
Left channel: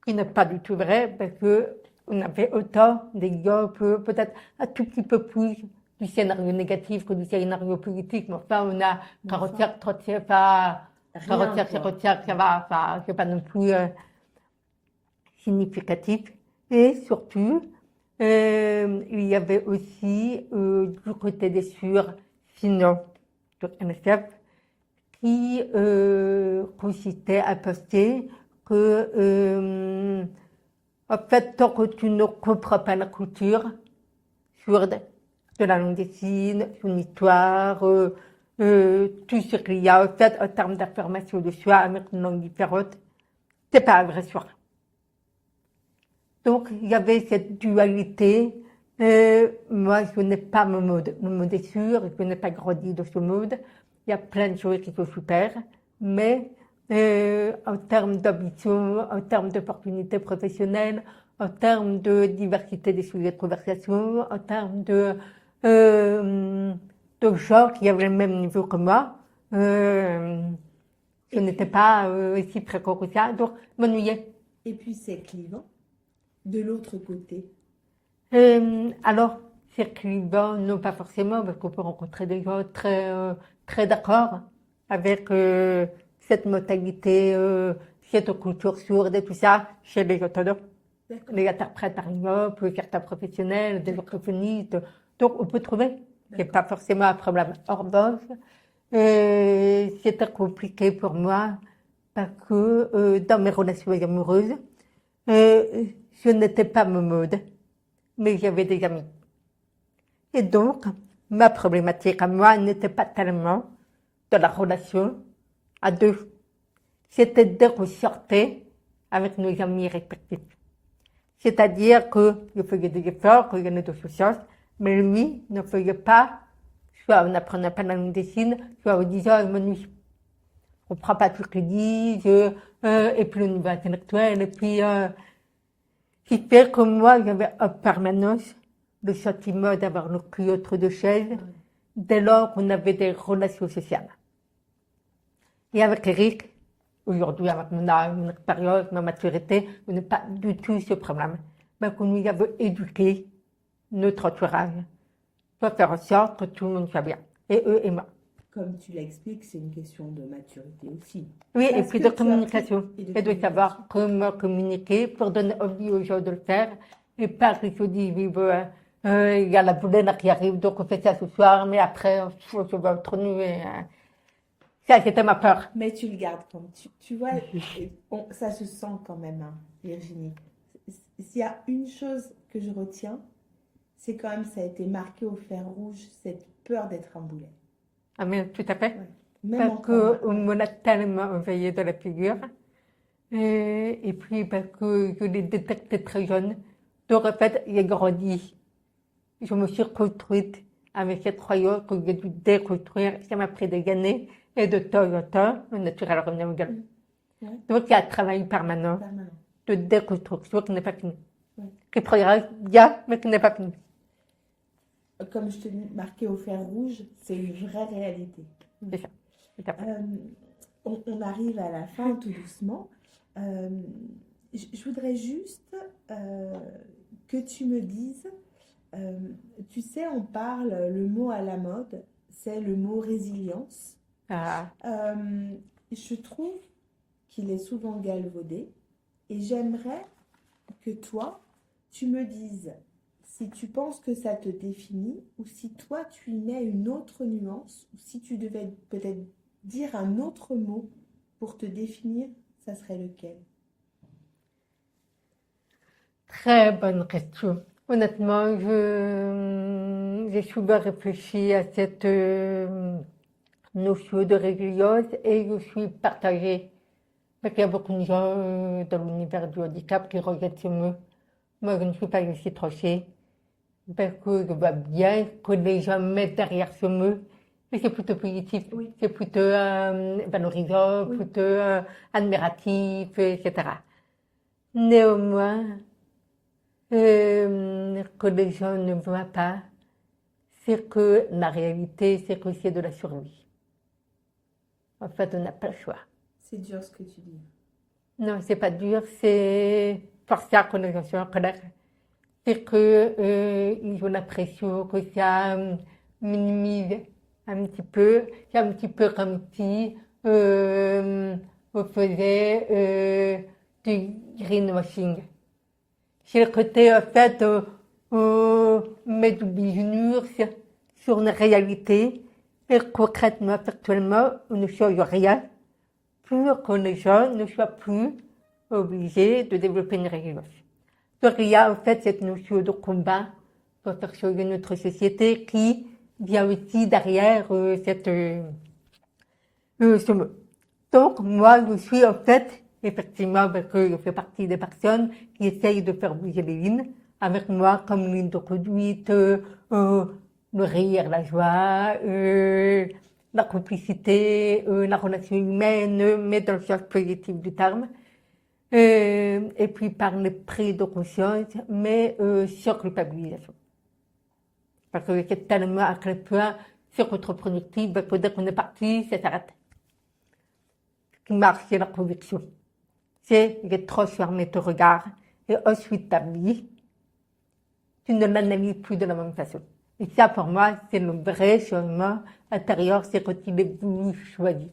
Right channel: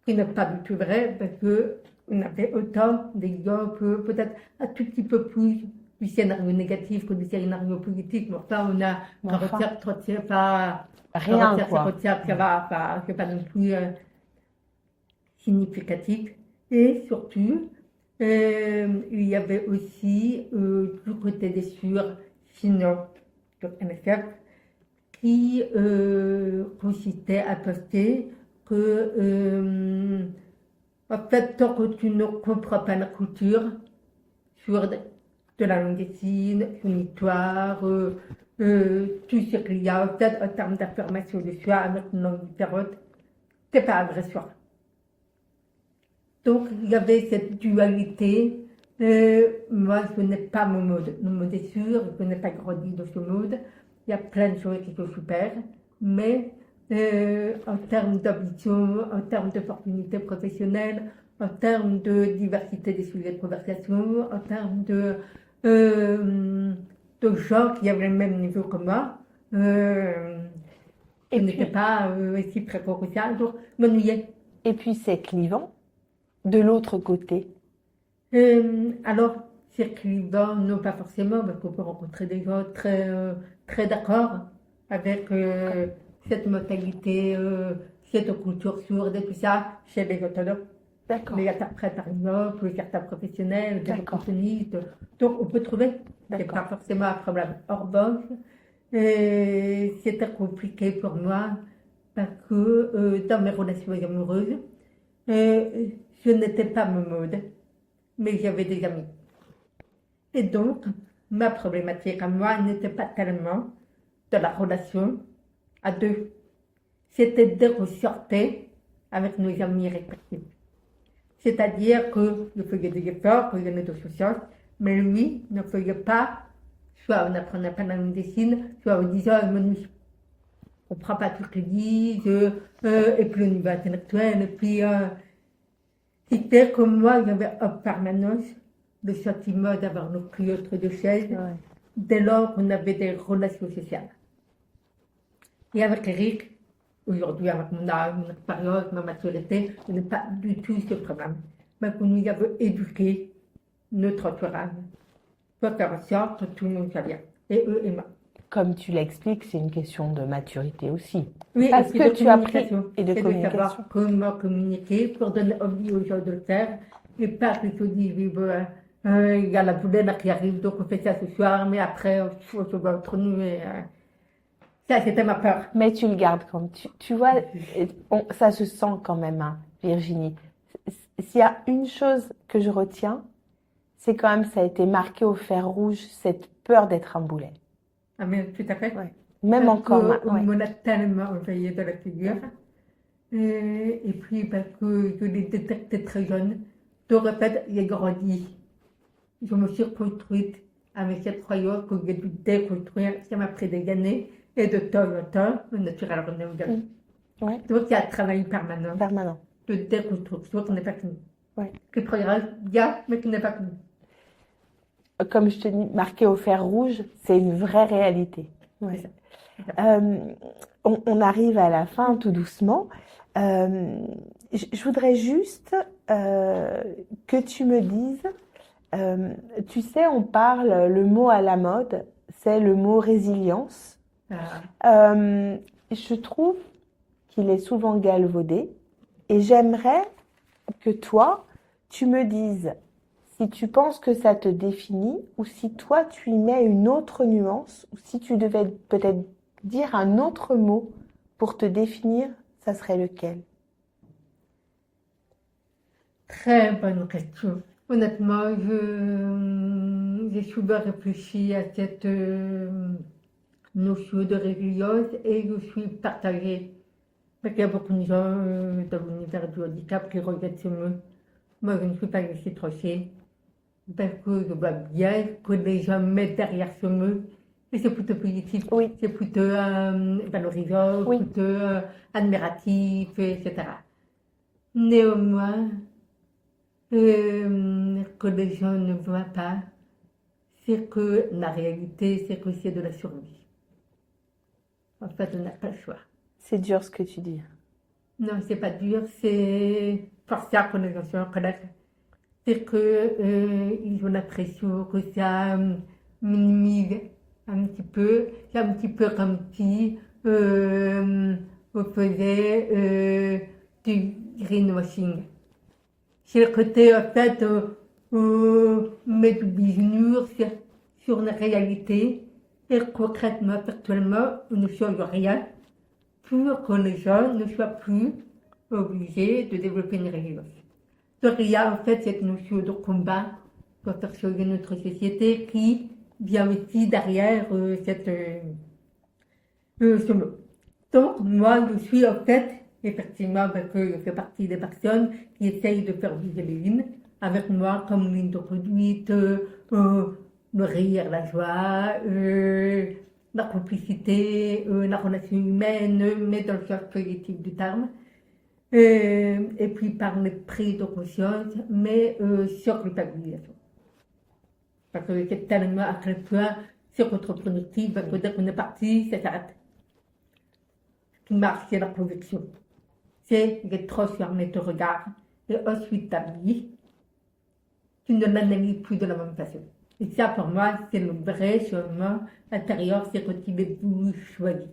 Ce qui n'est pas du tout vrai parce que on avait autant d'exemples, peut-être un tout petit peu plus du scénario négatif que du scénario positif, mais enfin, on a Mais enfin, 45, 37, pas rien, 45, quoi. 55, ça va, c'est pas non plus. significatif. Et surtout, il y avait aussi du côté des sinon sur NSF, qui consistait à poster que, en fait, tant que tu ne comprends pas la culture sur de la langue des signes, son histoire, tout ce qu'il y a en fait en termes d'affirmation de soi avec une langue différente, c'est pas un vrai soi. Donc, il y avait cette dualité. Moi, je n'ai pas mon mode. Mon mode est sûr, je n'ai pas grandi dans ce mode. Il y a plein de choses qui sont super, mais en termes d'ambition, en termes d'opportunités professionnelles, en termes de diversité des sujets de conversation, en termes de gens qui avaient le même niveau que moi, je n'étais pas si précoce que ça, donc je m'ennuyais. Et puis c'est clivant de l'autre côté. Alors, c'est clivant, non pas forcément, parce qu'on peut rencontrer des gens très d'accord avec cette mentalité, cette culture sourde et tout ça, chez les orthodoxes, les interprètes par exemple, certains professionnels, des orthophonistes. Donc, on peut trouver. C'est pas forcément un problème. En revanche, c'était compliqué pour moi parce que dans mes relations amoureuses, je n'étais pas mon mode, mais j'avais des amis. Et donc, ma problématique à moi n'était pas tellement de la relation à deux. C'était de ressortir avec nos amis respectifs. C'est-à-dire que je faisais des efforts, que je n'ai de souciance, mais lui ne faisait pas, soit en n'apprenant pas la langue des signes, soit en disant je m'ennuie. On ne comprend pas tout ce qu'ils disent, et puis au niveau intellectuel, et puis qui fait que moi j'avais en permanence le sentiment d'avoir le cul entre deux chaises, dès lors qu'on avait des relations sociales. Et avec Eric, aujourd'hui, avec mon âge, mon expérience, ma maturité, je n'ai pas du tout ce problème. Mais que nous avons éduqué notre entourage pour faire en sorte que tout le monde soit bien, et eux et moi. Comme tu l'expliques, c'est une question de maturité aussi. Oui, parce et puis que de tu as communication. et de C'est de savoir comment communiquer pour donner envie aux gens de le faire, et pas que se disent, il y a la boulette qui arrive, donc on fait ça ce soir, mais après, je vais être nu. Ça, c'était ma peur. Mais tu le gardes quand tu vois, ça se sent quand même, hein, Virginie. S'il y a une chose que je retiens, c'est quand même ça a été marqué au fer rouge, cette peur d'être un boulet. Ah, mais tout à fait. Ouais. Même parce encore. On me l'a tellement envoyé de la figure. Et puis parce que je l'ai détecté très jeune. Donc en fait, j'ai grandi. Je me suis construite avec cette croyance que j'ai dû déconstruire. Ça m'a pris des années. Et de temps en temps, le naturel revenait au galop. Ouais. Donc il y a un travail permanent de déconstruction qui n'est pas fini. Ouais. Qui progresse bien, mais qui n'est pas fini. Comme je te dis, marqué au fer rouge, c'est une vraie réalité. Ouais. On arrive à la fin tout doucement. Je voudrais juste que tu me dises, tu sais, on parle, le mot à la mode, c'est le mot résilience. Je trouve qu'il est souvent galvaudé et j'aimerais que toi, tu me dises si tu penses que ça te définit ou si toi, tu y mets une autre nuance ou si tu devais peut-être dire un autre mot pour te définir, ça serait lequel? Très bonne question. Honnêtement, j'ai souvent réfléchi à cette notion de résilience et je suis partagée. Parce qu'il y a beaucoup de gens dans l'univers du handicap qui rejettent ce mot. Moi, je ne suis pas laissée trancher. Parce que je vois bien que les gens mettent derrière ce mot. Mais c'est plutôt positif. Oui. C'est plutôt valorisant, Oui. plutôt admiratif, etc. Néanmoins, que les gens ne voient pas, c'est que la réalité, c'est que c'est de la survie. En fait, on n'a pas le choix. C'est dur ce que tu dis. Non, c'est pas dur, c'est forcer à connaissance en colère. C'est qu'ils ont l'impression que ça minimise un petit peu. C'est un petit peu comme si on faisait du greenwashing. c'est le côté, en fait, mettre du bisounours sur une réalité, et concrètement, factuellement, on ne change rien pour que les gens ne soient plus obligés de développer une résilience. Donc il y a en fait cette notion de combat pour faire changer notre société qui vient aussi derrière ce mot. Donc moi je suis en fait, effectivement, parce que je fais partie des personnes qui essayent de faire bouger les lignes, avec moi comme ligne de conduite, le rire, la joie, la complicité, la relation humaine, mais dans le sens positif du terme. Et puis par les prises de conscience, mais sur culpabilisation. Parce que c'est tellement à quel point c'est contre-productif, parce que dès qu'on est parti, ça s'arrête. Ce qui marche, c'est la conviction. C'est de transformer ton regard et ensuite ta vie, tu ne l'analyses plus de la même façon. Et ça, pour moi, c'est le vrai changement intérieur, c'est quand il est voulu choisi.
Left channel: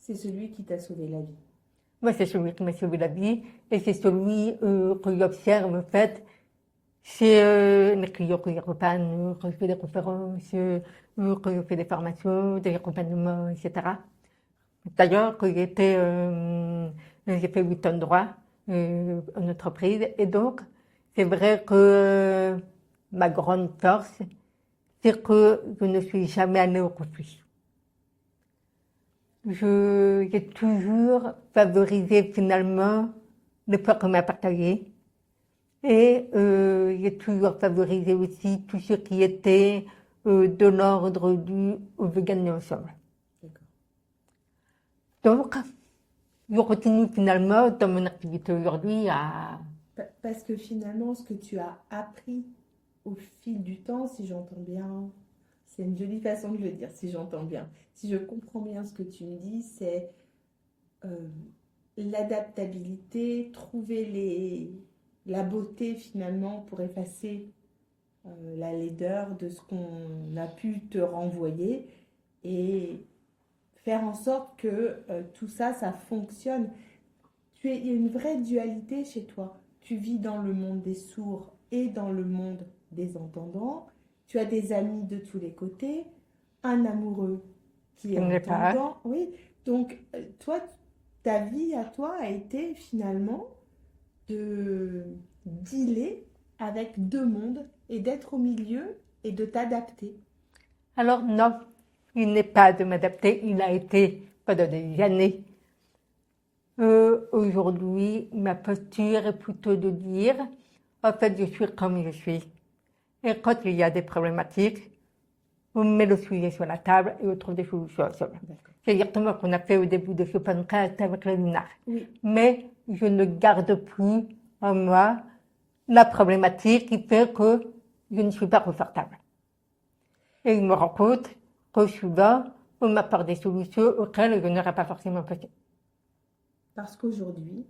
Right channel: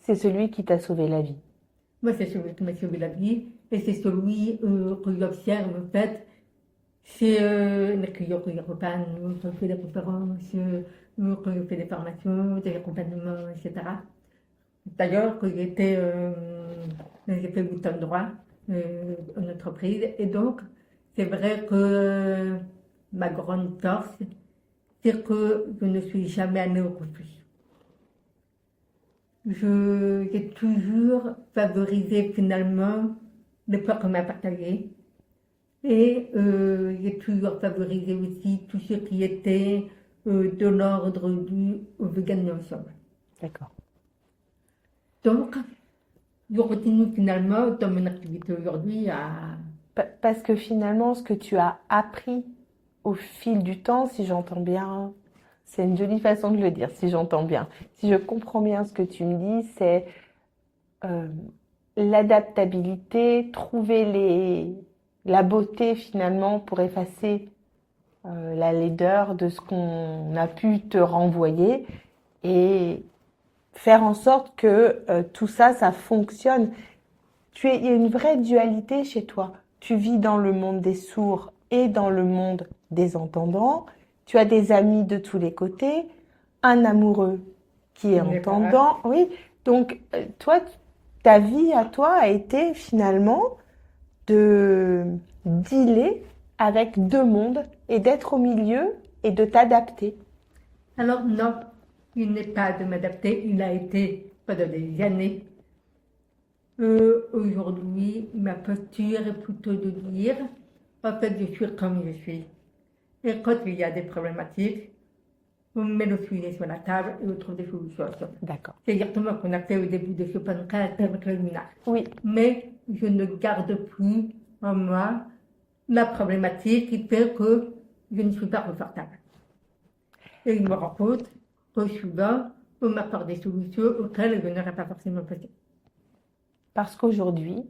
C'est celui qui t'a sauvé la vie. Moi, c'est celui qui m'a sauvé la vie et c'est celui que j'observe, en fait, chez les clients que j'accompagne, quand je fais des conférences, quand je fais des formations, des accompagnements, etc. D'ailleurs, quand j'ai fait 8 ans de droit en entreprise et donc, c'est vrai que ma grande force, c'est que je ne suis jamais allée au conflit. J'ai toujours favorisé finalement le peur qu'on m'a partagé et j'ai toujours favorisé aussi tout ce qui était de l'ordre du veut gagner ensemble. D'accord. Donc, je continue finalement dans mon activité aujourd'hui à... Parce que finalement, ce que tu as appris au fil du temps, si j'entends bien, c'est une jolie façon de le dire, si j'entends bien. Si je comprends bien ce que tu me dis, c'est l'adaptabilité, trouver la beauté finalement pour effacer la laideur de ce qu'on a pu te renvoyer et faire en sorte que tout ça, ça fonctionne. Il y a une vraie dualité chez toi. Tu vis dans le monde des sourds et dans le monde des entendants. Tu as des amis de tous les côtés, un amoureux qui est entendant. Oui, donc toi, ta vie à toi a été finalement de dealer avec deux mondes et d'être au milieu et de t'adapter. Alors non, il n'est pas de m'adapter, il a été pendant des années. Aujourd'hui, ma posture est plutôt de dire, en fait, je suis comme je suis. Et quand il y a des problématiques, on met le sujet sur la table et on trouve des solutions ensemble. D'accord. C'est exactement ce qu'on a fait au début de ce podcast avec le Luna. Oui. Mais je ne garde plus en moi la problématique qui fait que je ne suis pas confortable. Et je me rends compte que souvent, on m'apporte des solutions auxquelles je n'aurais pas forcément pensé. Parce qu'aujourd'hui,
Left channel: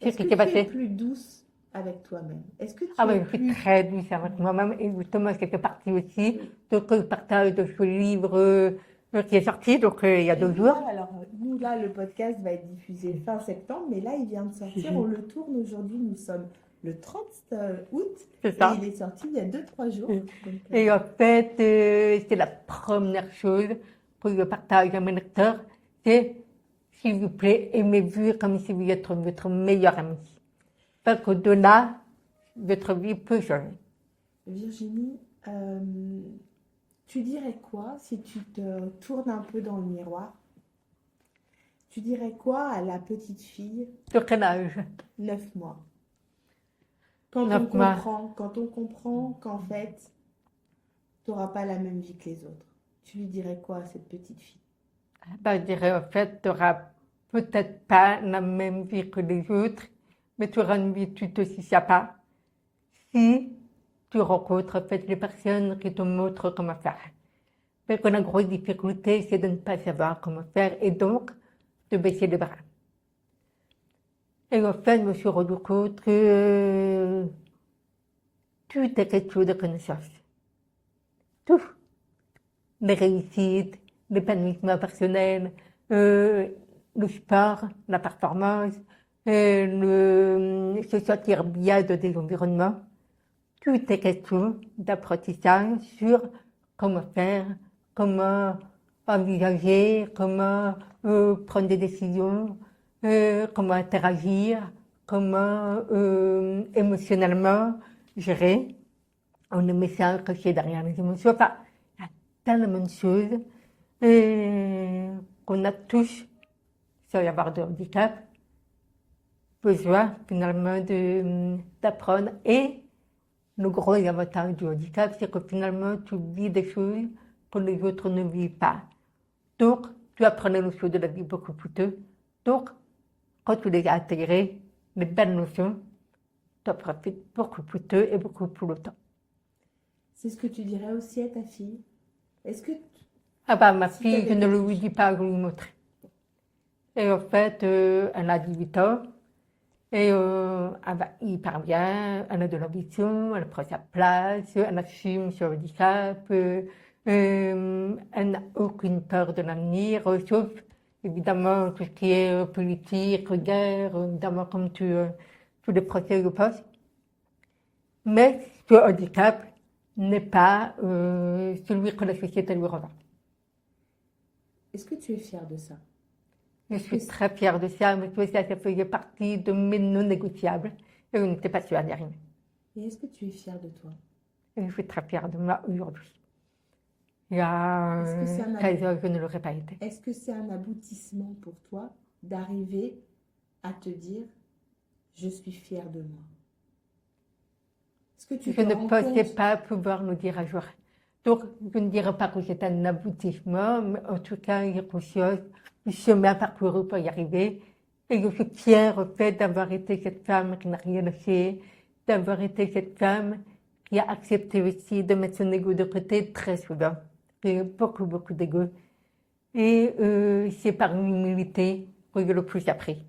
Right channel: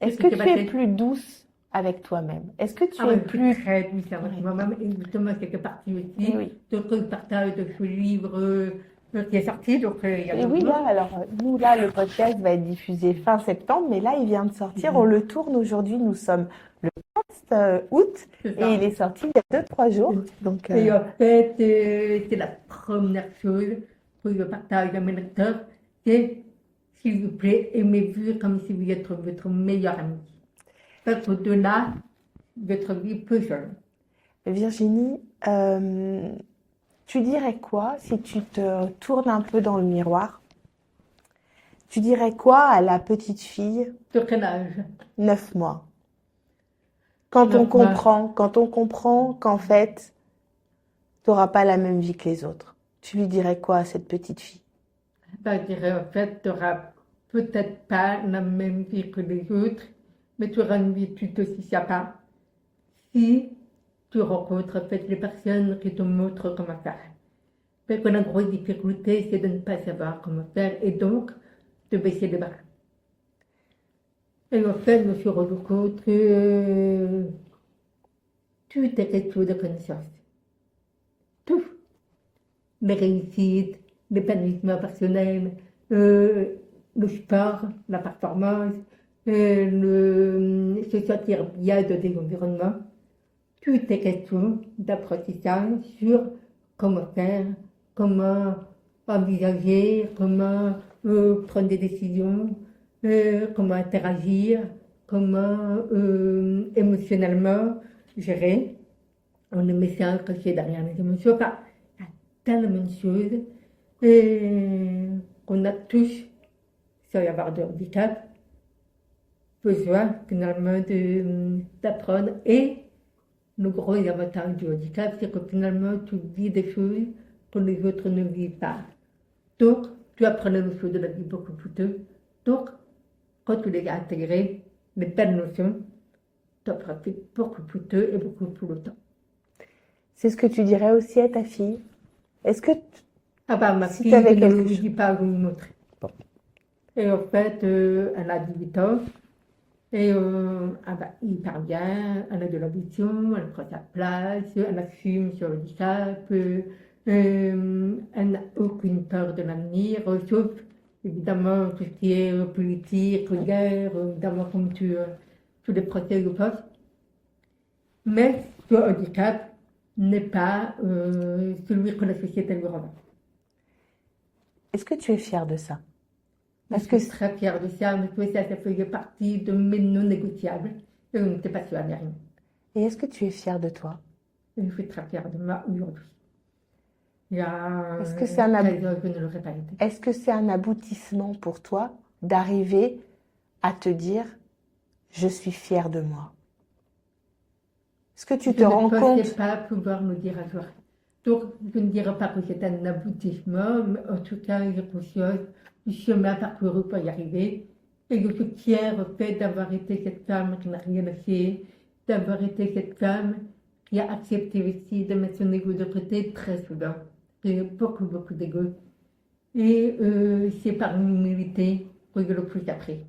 est-ce que tu es plus douce avec toi-même? Est-ce que tu es plus... très douce avec moi-même et justement, ça fait partie aussi de ce partage de ce livre qui est sorti, donc il y a 2 jours. Alors nous, là, le podcast va être diffusé fin septembre, mais là, il vient de sortir. On le tourne aujourd'hui, nous sommes le 30 août et il est sorti il y a 2-3 jours. Donc, Et en fait, c'est la première chose que je partage à mes lecteurs, c'est s'il vous plaît, aimez-vous comme si vous êtes votre meilleur ami. Parce qu'au-delà, votre vie peut changer. Virginie, tu dirais quoi si tu te tournes un peu dans le miroir? Tu dirais quoi à la petite fille? Sur quel âge? 9 mois. Quand on comprend qu'en fait, tu n'auras pas la même vie que les autres. Tu lui dirais quoi à cette petite fille? Je dirais en fait, tu n'auras peut-être pas la même vie que les autres, mais tu auras une vie tout aussi sympa si tu rencontres en fait les personnes qui te montrent comment faire. Parce que la grosse difficulté, c'est de ne pas savoir comment faire et donc de baisser les bras. Et en fait, je me suis rendu compte que tout est quelque chose de connaissance. Tout. Les réussites, l'épanouissement personnel, le sport, la performance, se sentir bien dans des environnements. Tout est question d'apprentissage sur comment faire, comment envisager, comment prendre des décisions, comment interagir, comment émotionnellement gérer. On ne met ça caché derrière les émotions. Enfin, il y a tellement de choses qu'on a tous, sans y avoir de handicap, besoin finalement d'apprendre. Et le gros avantage du handicap, c'est que finalement tu vis des choses que les autres ne vivent pas. Donc, tu apprends les notions de la vie beaucoup plus tôt. Donc, quand tu les as intégrées, les belles notions, tu en profites beaucoup plus tôt et beaucoup plus longtemps. C'est ce que tu dirais aussi à ta fille? Est-ce que Ah bah, ma si fille, t'avais je ne quelque lui chose- dis pas où me montrer. Bon. Et en fait, elle a 18 ans. Et elle va hyper bien, elle a de l'ambition, elle prend sa place, elle assume son handicap, elle n'a aucune peur de l'avenir, sauf évidemment tout ce qui est politique, guerre, évidemment comme tous les procès le posent. Mais ce handicap n'est pas celui que la société lui revend. Est-ce que tu es fière de ça? Je suis très fière de ça, mais ça faisait partie de mes non négociables. Et on n'était pas sûr d'y arriver. Et est-ce que tu es fière de toi? Et je suis très fière de moi aujourd'hui. Il y a Est-ce que c'est un 13 ans, je ne l'aurais pas été. Est-ce que c'est un aboutissement pour toi d'arriver à te dire je suis fière de moi? Est-ce que tu te rends Je ne pensais compte? pas pouvoir me dire un jour. Donc, je ne dirais pas que c'est un aboutissement, mais en tout cas, il y a conscience du chemin parcouru pour y arriver. Et je suis fière au fait d'avoir été cette femme qui n'a rien lâché, d'avoir été cette femme qui a accepté aussi de mettre son ego de côté très souvent. J'ai eu beaucoup, beaucoup d'ego. Et c'est par l'humilité que j'ai le plus appris.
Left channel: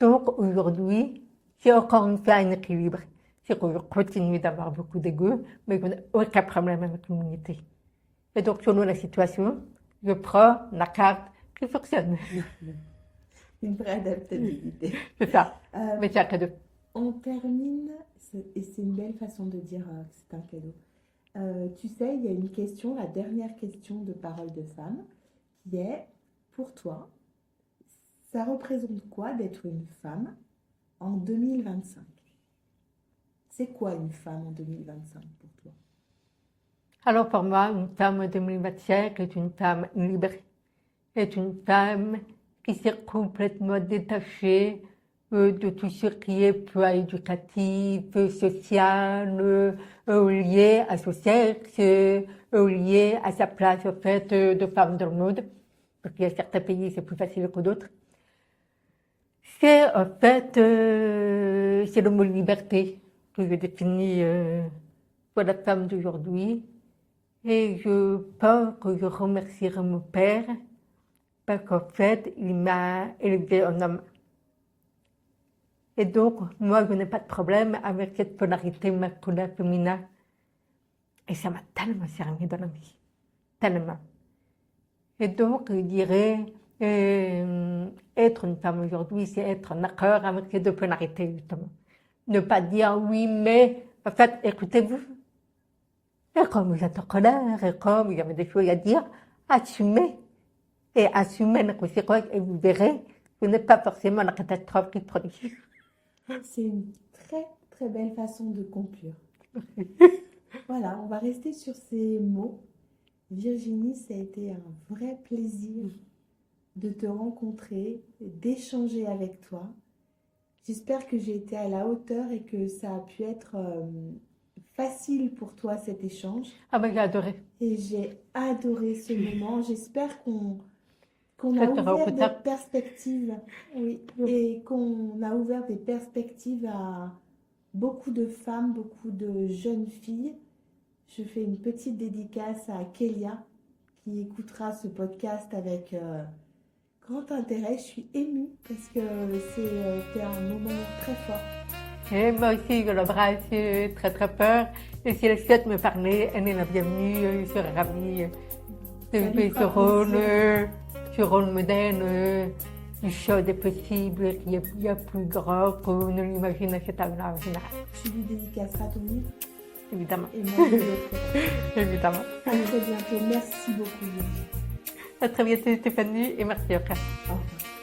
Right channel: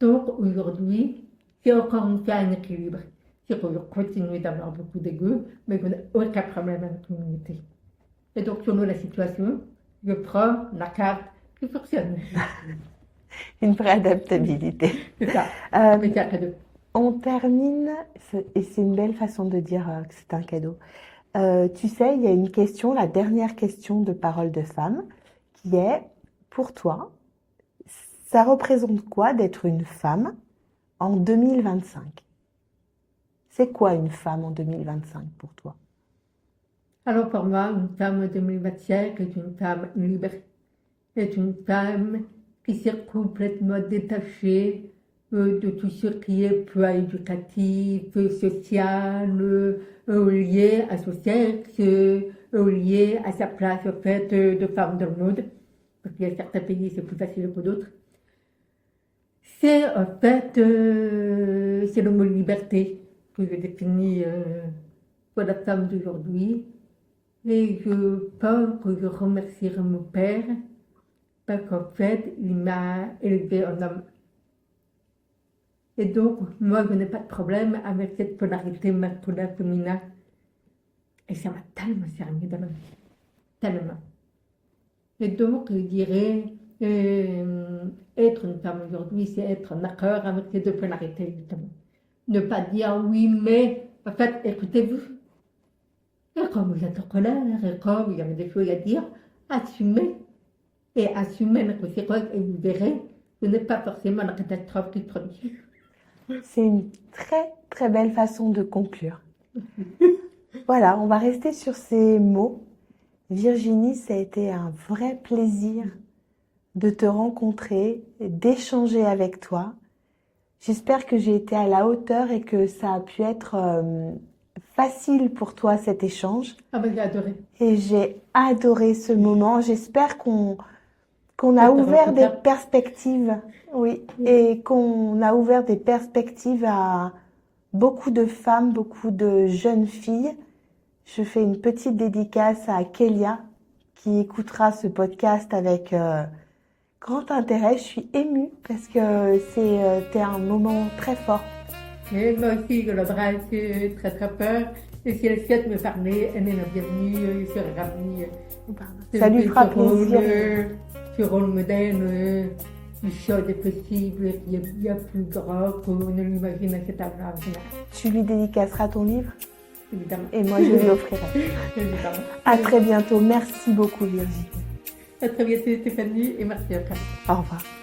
Donc aujourd'hui, c'est encore une fois un équilibre. C'est que je continue d'avoir beaucoup d'ego, mais je n'ai aucun problème avec l'humilité. Et donc, selon la situation, je prends la carte qui fonctionne. Une vraie adaptabilité. C'est ça. Euh, Mais c'est un cadeau. On termine, et c'est une belle façon de dire que c'est un cadeau. Tu sais, il y a une question, la dernière question de Parole de femme, qui est, pour toi, ça représente quoi d'être une femme en 2025? C'est quoi une femme en 2025 pour toi? Alors pour moi, une femme en 2025 est une femme libre, est une femme qui s'est complètement détachée de tout ce qui est poids éducatif, social, lié à son sexe, lié à sa place en fait, de femme dans le monde. Parce qu'il y a certains pays, c'est plus facile que d'autres. C'est en fait, c'est le mot liberté que je définis pour la femme d'aujourd'hui. Et je pense que je remercierai mon père parce qu'en fait, il m'a élevé en homme. Et donc, moi, je n'ai pas de problème avec cette polarité masculin-féminin. Et ça m'a tellement servi dans la vie. Tellement. Et donc, je dirais, être une femme aujourd'hui, c'est être en accord avec ces deux polarités, justement. Ne pas dire oui, mais, en fait, écoutez-vous. Et comme vous êtes en colère, et comme il y avait des choses à dire, assumez. Et assumez les conséquences, et vous verrez, ce n'est pas forcément la catastrophe qui se produit. C'est une très très belle façon de conclure. Voilà, on va rester sur ces mots. Virginie, ça a été un vrai plaisir de te rencontrer, d'échanger avec toi. J'espère que j'ai été à la hauteur et que ça a pu être facile pour toi cet échange. Ah ben j'ai adoré. Et j'ai adoré ce moment. J'espère qu'on Je a te ouvert des rencontre. perspectives, oui, et qu'on a ouvert des perspectives à beaucoup de femmes, beaucoup de jeunes filles. Je fais une petite dédicace à Kélia qui écoutera ce podcast avec grand intérêt. Je suis émue parce que c'était un moment très fort. Et moi aussi, je l'embrasse très très fort. Et si elle souhaite me parler, elle est la bienvenue, je serai ravie. Ça lui fera plaisir. Ce rôle moderne du show des possibles qui est bien plus grand qu'on ne l'imagine à cet âge-là, Tu lui dédicaceras ton livre évidemment. et moi je lui offrirai. Évidemment. À très bientôt. Merci beaucoup Virginie. À très bientôt Stéphanie et merci encore. Au revoir.